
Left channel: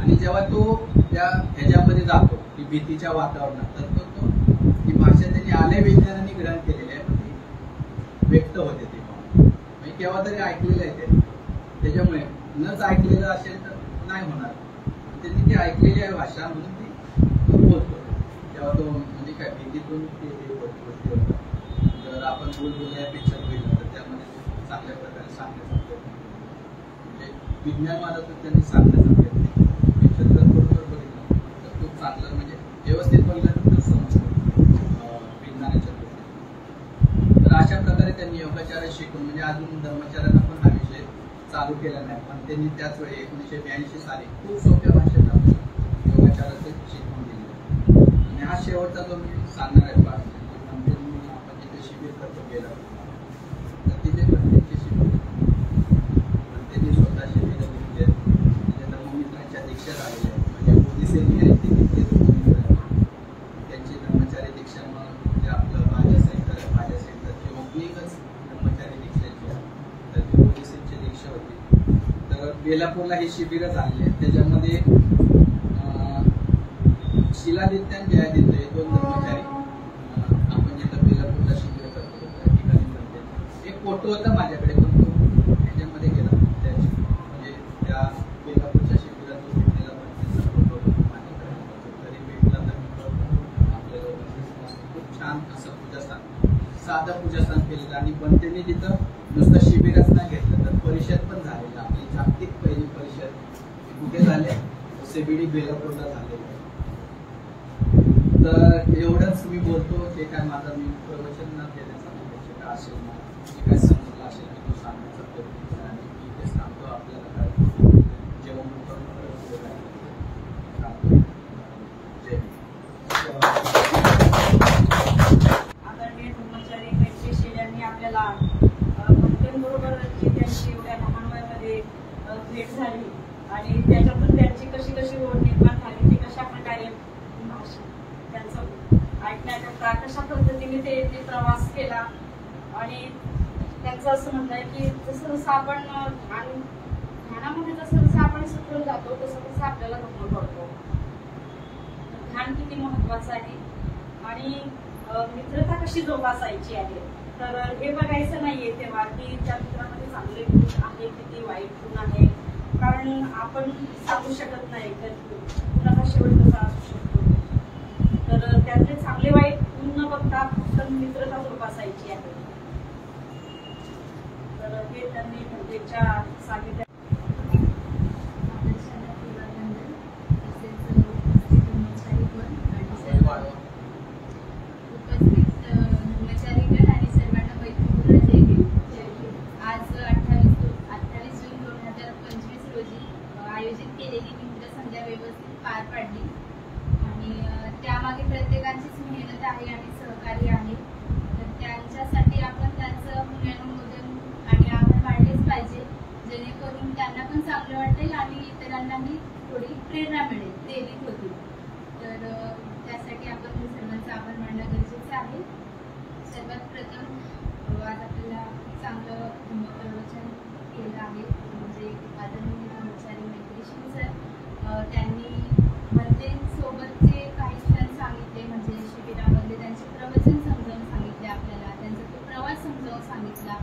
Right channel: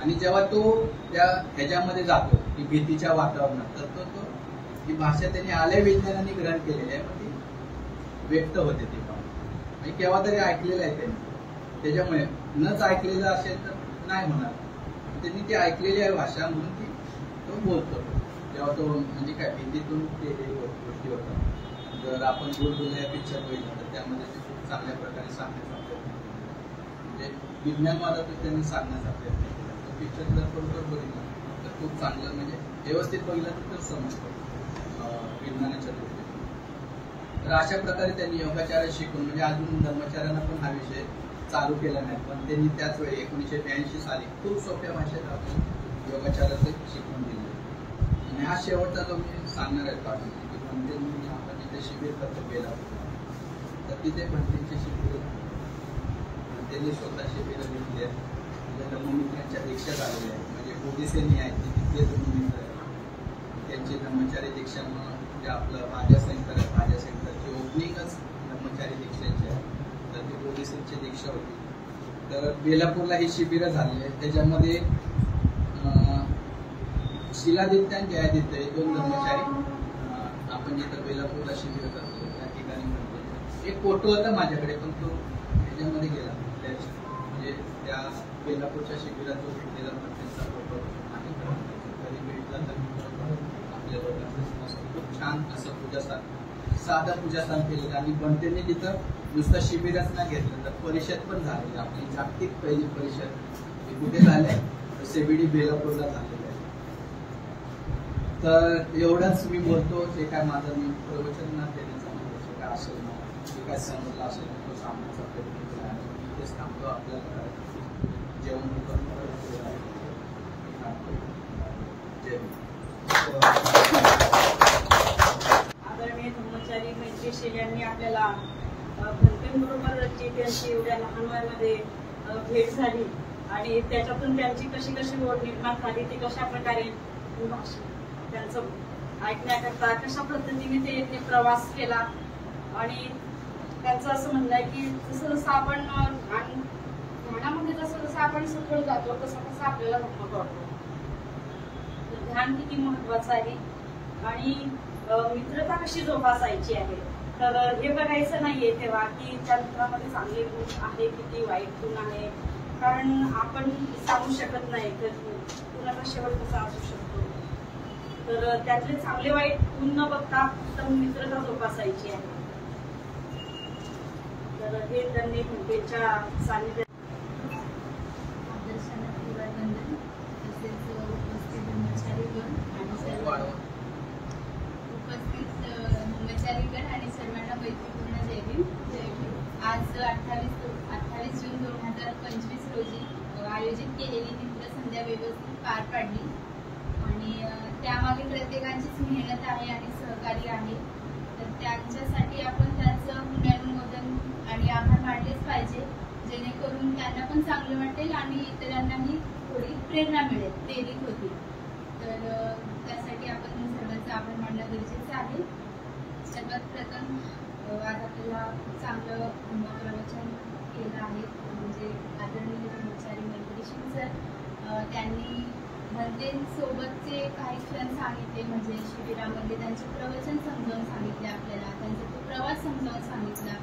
आणि जेव्हा तो त्या ह्याच्यामध्ये जातो की भीतीच्या वातावरणात, तर तो ती भाषा त्यांनी आलय विज्ञानाने ग्रहण केलेली आहे, पण ती व्यक्त होते ती म्हणजे केव्हा तरी ऐकलेलं आहे त्यांनी. त्याच्यामुळे नच ऐकलेलं असेल तर नाही होणार. त्यांनी ती ऐकलेली आहे भाषा म्हणून ती तो बोलतो. तेव्हा तो म्हणजे काय हिंदीतून ते गोष्टी होतात. जर आपण बुलबुल या पिक्चर बघितलं तर त्यामध्ये चांगल्या प्रकारे सांगण्याचा प्रयत्न म्हणजे विज्ञानवादा तर त्यांनी सांगण्याचा प्रयत्न पिक्चर जर बरोबर बघितलं तर खूप चांगलं म्हणजे व्यवस्थित बघितलं तर समजतं विज्ञानाच्या गोष्टी. तर अशा प्रकारे त्यांनी योगाचार्य शिकून म्हणजे अजून धर्माचार्यांना पण हा विषय चालू केला नाही, पण त्यांनी त्याच वेळी 1982 साली खूप सोप्या भाषेत आपण योगाचार्याचं शिकवून दिले. आणि हा शेवटचा जो मी सांगणार आहे आपण जिथे शिबिर खर्च केला तर तिथे पंडितचे शिबिर त्यांनी स्वतः शिबिर दिली आहे. धर्ममित्रांच्या दीक्षा झालेल्या आहेत म्हणजे मोदीसेनी आहेत ते तिथले धर्ममित्र आहेत. त्यांची धर्मचारी दीक्षा म्हणजे आपलं भाज्या सेंटर आहे, भाज्या सेंटरची ओपनिंगच धर्मचारी दीक्षाची आहे. तर ती मोदीसेनची दीक्षा होती. तर बेलापूरला ही शिबिरं झालेली आहेत. त्याच्यामध्ये शिलादित्य आणि जयादित्य हे दोन धर्मचारी आपण जिथं बेलापूरला शिबिर करतो त्या ठिकाणी म्हणते. एक फोटो होता माझ्याकडे पण तो त्याच्यामध्ये गेला म्हणजे त्या बेलापूरच्या शिबिरात जो भेटलेला त्यांचा फोटो तरी भेटला तर आपल्या लोकांचं खूप छान असं पूजास्थान साधं पूजास्थान केलेलं. आणि बनतेने तिथं नुसतं शिबिरच नाही घेतलं तर परिषद पण झालेली. आपली जागतिक पहिली परिषद कुठे झाली तर CBD बेलापूरला झालेलं आहे. तर एवढंच मी बोलतो. जे काय माझं मी प्रवचन न देण्याचा म्हणजे काय असेल जे काय समजलं असेल तो सांगण्याचा प्रयत्न केला. तेच सांगतो आपल्याला काय जेवण आदरणीय धर्मचारी मैत्रीशील यांनी आपल्याला बरोबर त्यांची एवढ्या लहान वयामध्ये भेट झाली आणि त्याच्यातून त्यांची कशी कशी ओढ निर्माण झाली ती कशा प्रकारे त्यांचं ऐकण्याकरता कशा पद्धतीने ते प्रवास केला. आणि त्यांचं असं म्हणणं आहे की जसं जसं आपण ध्यानामध्ये जसं जसं आपण सखोल जातो तसं तसं आपल्याला धर्म कळतो. ध्यान किती महत्वाचं आहे आणि मित्रता कशी जोपासायची आहे. तर हे बघायचं नाहीये तेव्हा की त्या मित्रामध्ये चांगले गुण आहे किती वाईट गुण आहे. कारण आपण सांगू शकत नाही मित्राचा शेवट कसा असू शकतो. तर त्यातले चांगले वाईट गुण न बघता फक्त मित्रता जोपासायची आहे. तर हे त्यांनी भेटच्या सानिध्यात धर्मचारीगण आणि सर्वांना मैत्रीपूर्ण जय भीम. आज 28 जून 2025 रोजी आयोजित केलेली मित्र संध्या व्यवस्थित पार पाडली आणि त्यामागे प्रत्येकाचीच मेहनत आहे आणि सहकार्य आहे. तर त्यांच्यासाठी आपण त्याचं पुनर्नोंदन आणि आभार मानलेच पाहिजे जेणेकरून त्यांना पण चांगलं वाटेल आणि इतरांनाही थोडी प्रेरणा मिळेल, प्रेरित होतील. तर त्यासाठी आपण सर्वांचा आभार मानणं गरजेचं आहे. सर्वात प्रथम आज आपल्याला चांगलं प्रवचन केलं आहे म्हणजे आदरणीय धर्मचारी मैत्रीशील सर. त्यांनी सोबतचे काही क्षण सांगितले म्हणजे शिबिरामधले त्यांचे प्रवचन समजावून सांगितले आपल्याला, त्यांचा तो प्रवास समजावून सांगितला.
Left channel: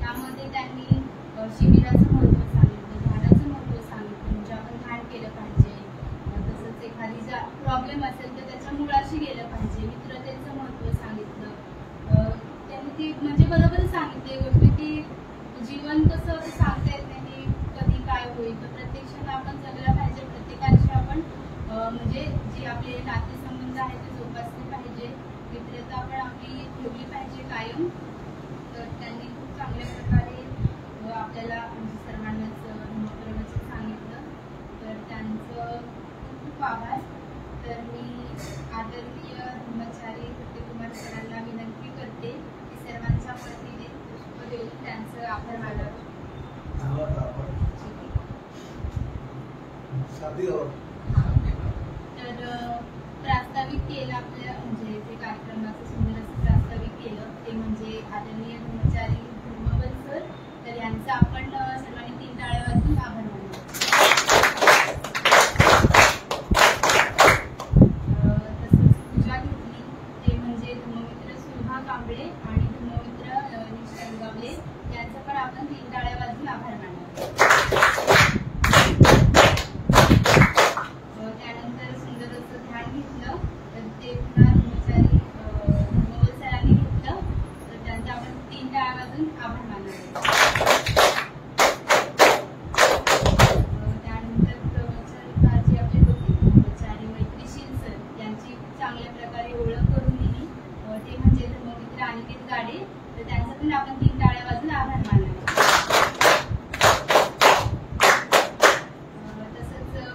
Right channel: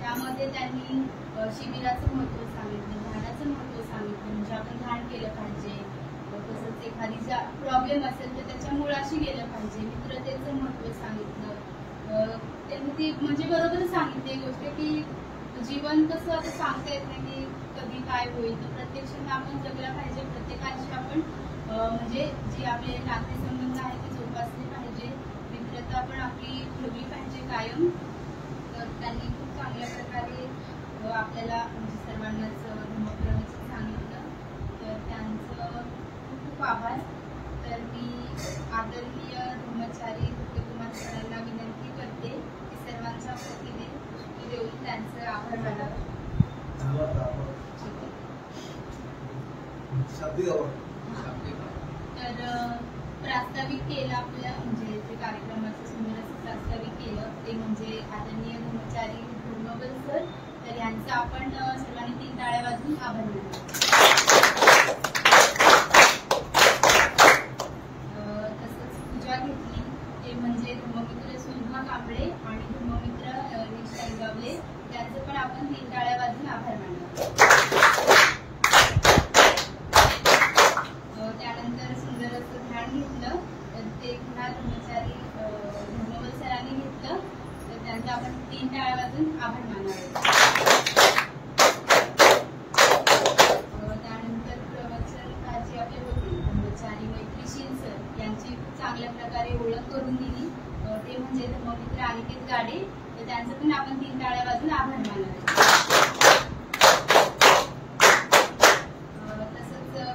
त्यामध्ये त्यांनी शिबिराचं महत्त्व सांगितलं, ध्यानाचं महत्त्व सांगितलं म्हणजे आपण ध्यान केलं पाहिजे. तसंच एखादी जर प्रॉब्लेम असेल तर त्याच्या मुळाशी गेलं पाहिजे. मित्रतेचं महत्त्व सांगितलं. त्यांनी ती म्हणजे बरोबर सांगितली गोष्ट की जीवन कसं सांगता येत नाही की कधी काय होईल. तर प्रत्यक्षात आपण जगला पाहिजे. प्रत्येकाची आपण म्हणजे जी आपले नातेसंबंध आहेत ते जोपासले पाहिजे. मित्रता पण आपली ठेवली पाहिजे कायम. तर त्यांनी खूप चांगल्या प्रकारे आपल्याला म्हणजे सर्वांनाच प्रवचन सांगितलं. तर त्यांचं आदरणीय धर्मचारी फतेकुमार सरांना विनंती करते की सर्वांच्या वतीने पुष्प देऊन त्यांचं आभार मानावं. तर प्रास्ताविक केलं आपल्या म्हणजे जे कार्यक्रमाचं सुंदर असं प्रास्ताविक केलं ते म्हणजे आदरणीय धर्मचारी धर्मबल सर. तर यांचा आपण सर्वांनी 3 टाळ्या वाजवून आभार मानावे. तसंच पूजा घेतली ते म्हणजे धर्ममित्र सुहा कांबळे आणि धर्ममित्र निष्कांगावले यांचं पण आपण 3 टाळ्या वाजवून आभार मानावे. त्यानंतर सुंदर असं ध्यान घेतलं तर ते पुन्हा धर्मचारी धर्मबल सरांनी घेतलं तर त्यांचा आपण 3 टाळ्या वाजून आभार मानावे. त्यानंतर प्रवचनकार जे आपले होते धर्मचारी मैत्रीशील सर यांची खूप चांगल्या प्रकारे ओळख करून दिली ते म्हणजे धर्ममित्र अनिकेत गाडे. तर त्यांचं पण आपण 3 टाळ्या वाजून आभार मानावे.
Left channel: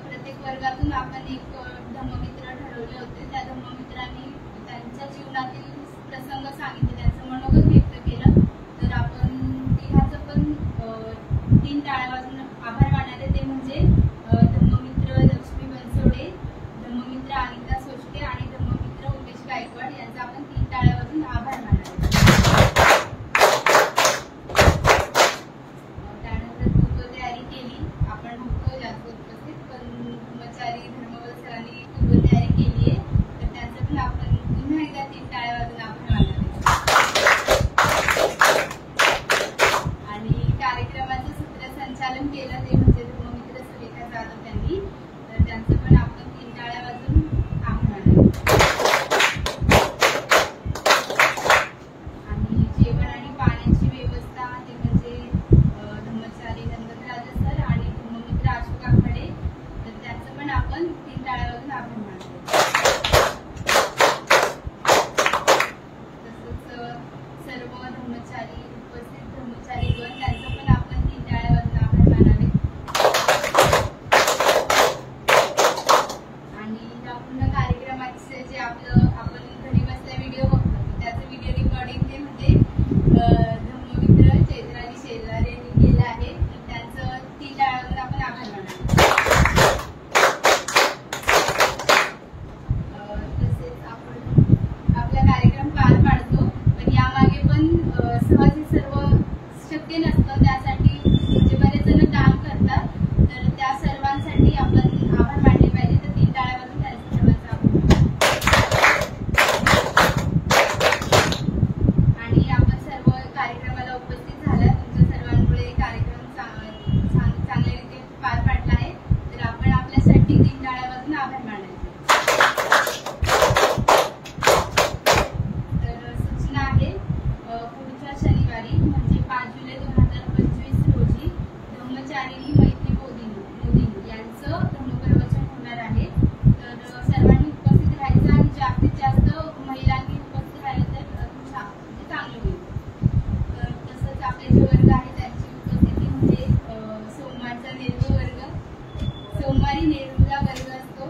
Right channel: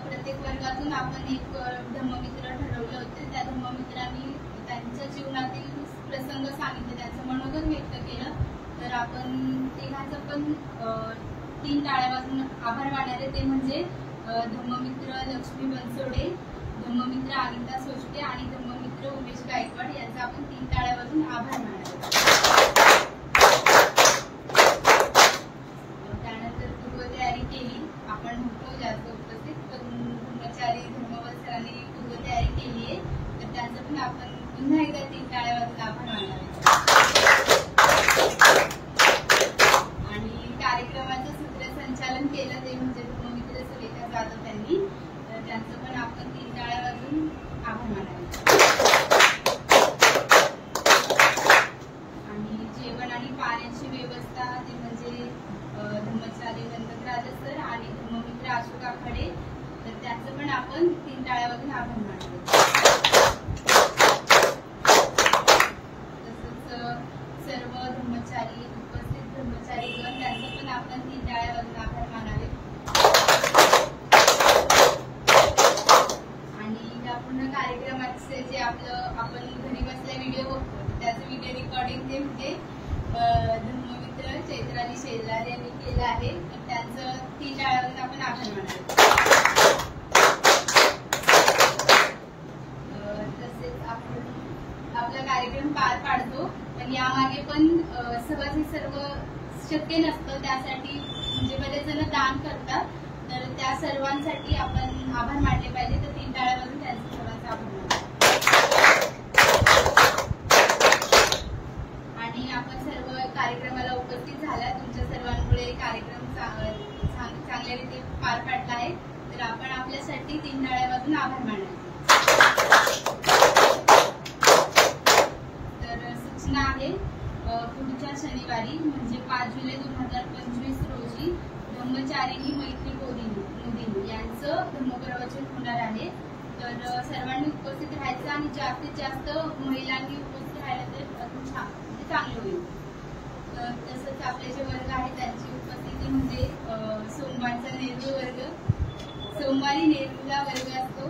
प्रत्येक वर्गातून आपण एक धम्ममित्र ठरवले होते. त्या धम्ममित्रांनी त्यांच्या जीवनातील प्रसंग सांगितले, त्यांचं मनोगत व्यक्त केलं. तर आपण तिघांचं पण 3 टाळ्या वाजून आभार मानणारे ते म्हणजे धम्ममित्र लक्ष्मी बनसोडे, धम्ममित्र अनिता सोष्टे आणि धम्ममित्र उमेश गायकवाड यांचा आपण 3 टाळ्या वाजून आभार मानावे. त्यानंतर पूर्वतयारी केली. आपण होतो जास्त उपस्थित पण धर्मचारी धर्मबल सरांनी पूर्वतयारी केली आहे तर त्यांचं पण आपण पुन्हा एकदा 3 टाळ्या वाजून आभार मानावे. आणि कार्यक्रमाचं सूत्रसंचालन केलं ते म्हणजे धर्ममित्र सुरेखा जाधव त्यांनी. तर त्यांचं पण आपण 3 टाळ्या वाजून आभार मानावे. आणि जेवण आणि पाण्याची व्यवस्था ते म्हणजे धर्मचारी गणपतराज सर आणि धर्ममित्र अशोक आखाडे. तर त्यांचं पण आपण 3 टाळ्या वाजून आभार मानतो. तसंच सर्व धर्मचारी उपस्थित धर्मचारीगण त्यांचं पण आपण 3 टाळ्या वाजून आभार मानावे. आणि या पूर्ण कार्यक्रमाचे जे आपलं आपण घरी बसल्या व्हिडिओ बघतो त्याचं व्हिडिओ रेकॉर्डिंग जे म्हणजे धर्ममित्र चैत्राली शेलार यांनी केलं आहे. त्यांचं 3 टाळ्या वाजून आपण आभार मानावे. तसेच आपण आपला कार्यक्रम पार पाडतो पण यामागे पण सहज हे सर्व शक्य नसतं. त्यासाठी म्हणजे बरेच जण दान करतात तर त्या सर्वांसाठी आपण आभार मानले पाहिजे. तर 3 टाळ्या वाजून त्यांचा सर्वांचा आभार मानावे. आणि आपण सर्व कार्यक्रमाला उपस्थित झाला. तुमच्या सर्वांमुळे कार्यक्रम चांगल्यारीते पार पाडला आहे. तर आपण आपल्यासाठी 3 टाळ्या वाजून आभार मानायचे. तर सूचना आहे पुढच्या शनिवारी म्हणजे 5 जुलै 2025 रोजी धम्मचारिणी मैत्री मोदीनी यांचं धम्मप्रवचन होणार आहे. तर सर्वांनी उपस्थित राहायचं आणि जास्तीत जास्त महिलांनी उपस्थित राहिलं तर म्हणजे चांगलं होईल. तर तसंच आपले जे वर्ग आहेत त्यांची उपस्थिती म्हणजे सोमवारचा नेहरू वर्ग, सोमवारी नेहरूला वर्ग असतो.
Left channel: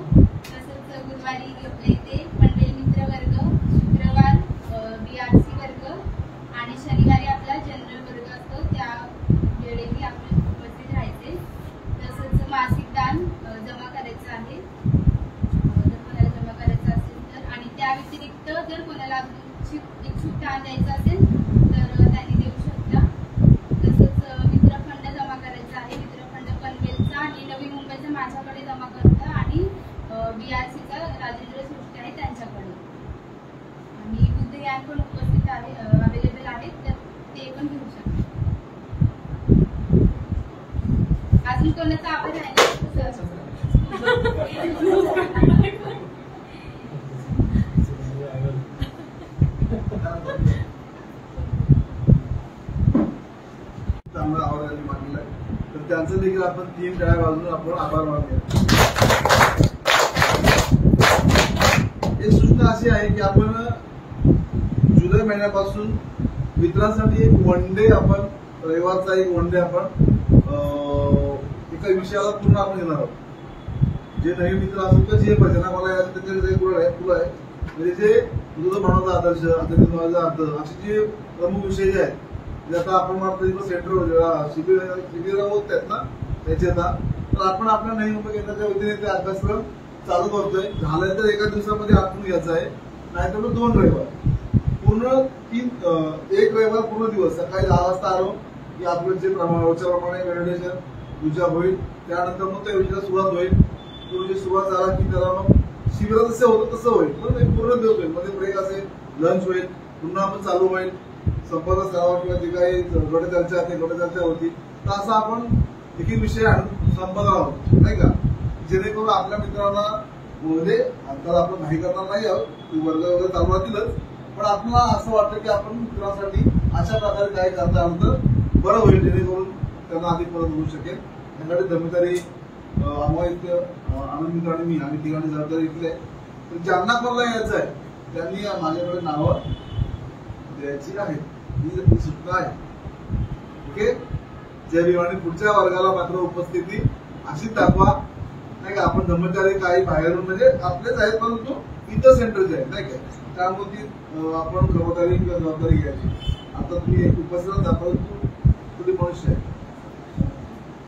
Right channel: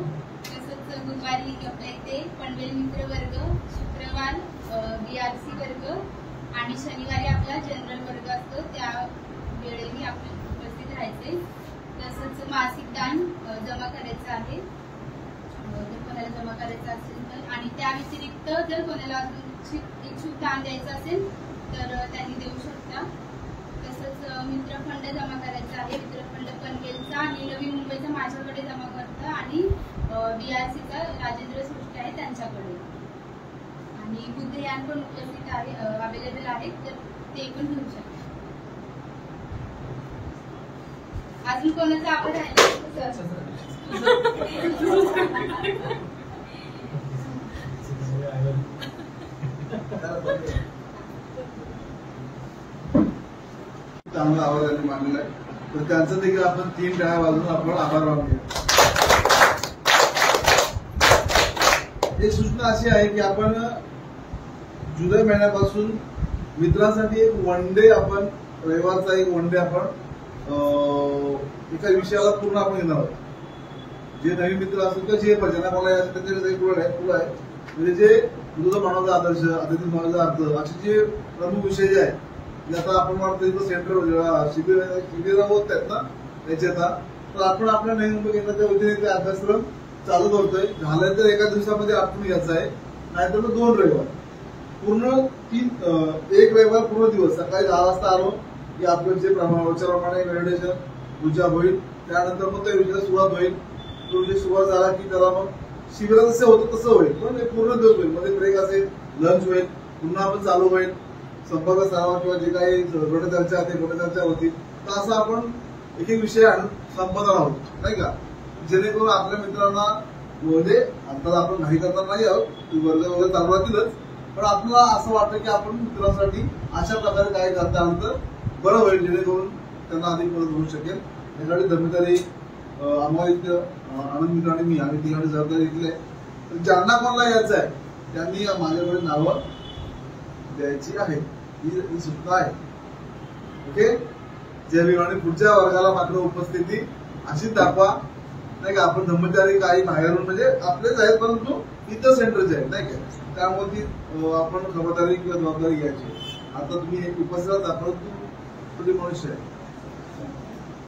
तसंच गुरुवारी आपल्या इथे पनवेल मित्र वर्ग, शुक्रवार BRC वर्ग आणि शनिवारी आपला जनरल वर्ग असतो. त्या वेळेही आपण उपस्थित राहायचे. तसंच मासिक दान जमा करायचं आहे जर कोणाला जमा करायचं असेल तर. आणि त्या व्यतिरिक्त जर कोणाला इच्छुक दान द्यायचं असेल तर त्यांनी देऊ शकता. तसंच मित्रफंड जमा करायचा आहे. मित्रफंड पनवेलचा आणि नवी मुंबईचा माझ्याकडे जमा करता आणि BRCचा राजेंद्र सृष्टी आहे त्यांच्याकडे. आणि बुद्धयान पण उपस्थित आहे अवेलेबल आहेत तर ते पण घेऊ शकता. अजून कोणाचा आभार राहिला? चांगला आवाज त्यांनी मांडलेला आहे तर त्यांचं देखील आपण 3 टाळ्या वाजून आपण आभार मानूया. एक सूचना अशी आहे की आपण जुलै महिन्यापासून मित्रांसाठी एक 1 डे आपण रविवारचा एक 1 डे आपण एका विषयाला पूर्ण आपण घेणार आहोत. जे नवीन मित्र असतील तर जे भजना मला त्यांच्याकडे फुलं आहे म्हणजे जे तुझं मानवता आदर्श आता माझा अर्थ असे जे प्रमुख विषय जे आहेत जे आता आपण म्हणतो सेंटर शिबिर होत आहेत ना त्याचे आता तर आपण आपल्या नवी मुंबई केंद्राच्या वतीने ते अभ्यासक्रम चालू करतोय. झालंय तर एका दिवसामध्ये आपण घ्यायचा आहे नाहीतर मग 2 रविवार पूर्ण 1 रविवार पूर्ण दिवस सकाळी 10 वाजता आलो की आपलं जे रोजच्याप्रमाणे मेडिटेशन पूजा होईल त्यानंतर मग त्या योजनेला सुरुवात होईल. तुझी सुरुवात झाला की त्याला मग शिबिरात जसं होतं तसं होईल पण एक पूर्ण दिवस होईल मध्ये ब्रेक असेल लंच होईल पुन्हा आपण चालू होईल संपर्क सराव किंवा जे काही गट चर्चा ते गट चर्चा होती तर असं आपण एक विषय संपणार आहोत नाही का जेणेकरून आपल्या मित्रांना म्हणजे आता आपण नाही करणार नाही आहोत वर्ग वगैरे चालू राहतीलच पण आपल्याला असं वाटतं की आपण मित्रांसाठी अशा प्रकारे काय करता आलं तर बरं होईल जेणेकरून त्यांना अधिक मदत होऊ शकेल. त्यासाठी जबाबदारी आम्हाला आनंद मित्र आणि मी आम्ही तिघांनी जबाबदारी घेतली आहे. तर ज्यांना कोणाला यायचं आहे त्यांनी माझ्याकडे नावं द्यायची आहे ही सूचना आहे. ओके जय भीम. आणि पुढच्या वर्गाला मात्र उपस्थिती अशीच दाखवा नाही का. आपण ब्रह्मचारी काही बाहेरून म्हणजे आपलेच आहेत परंतु इतर सेंटरचे आहेत नाही का त्यामुळे ती आपण खबरदारी किंवा जबाबदारी घ्यायची. आता तुम्ही उपस्थित परंतु तुम्ही मनुष्य आहे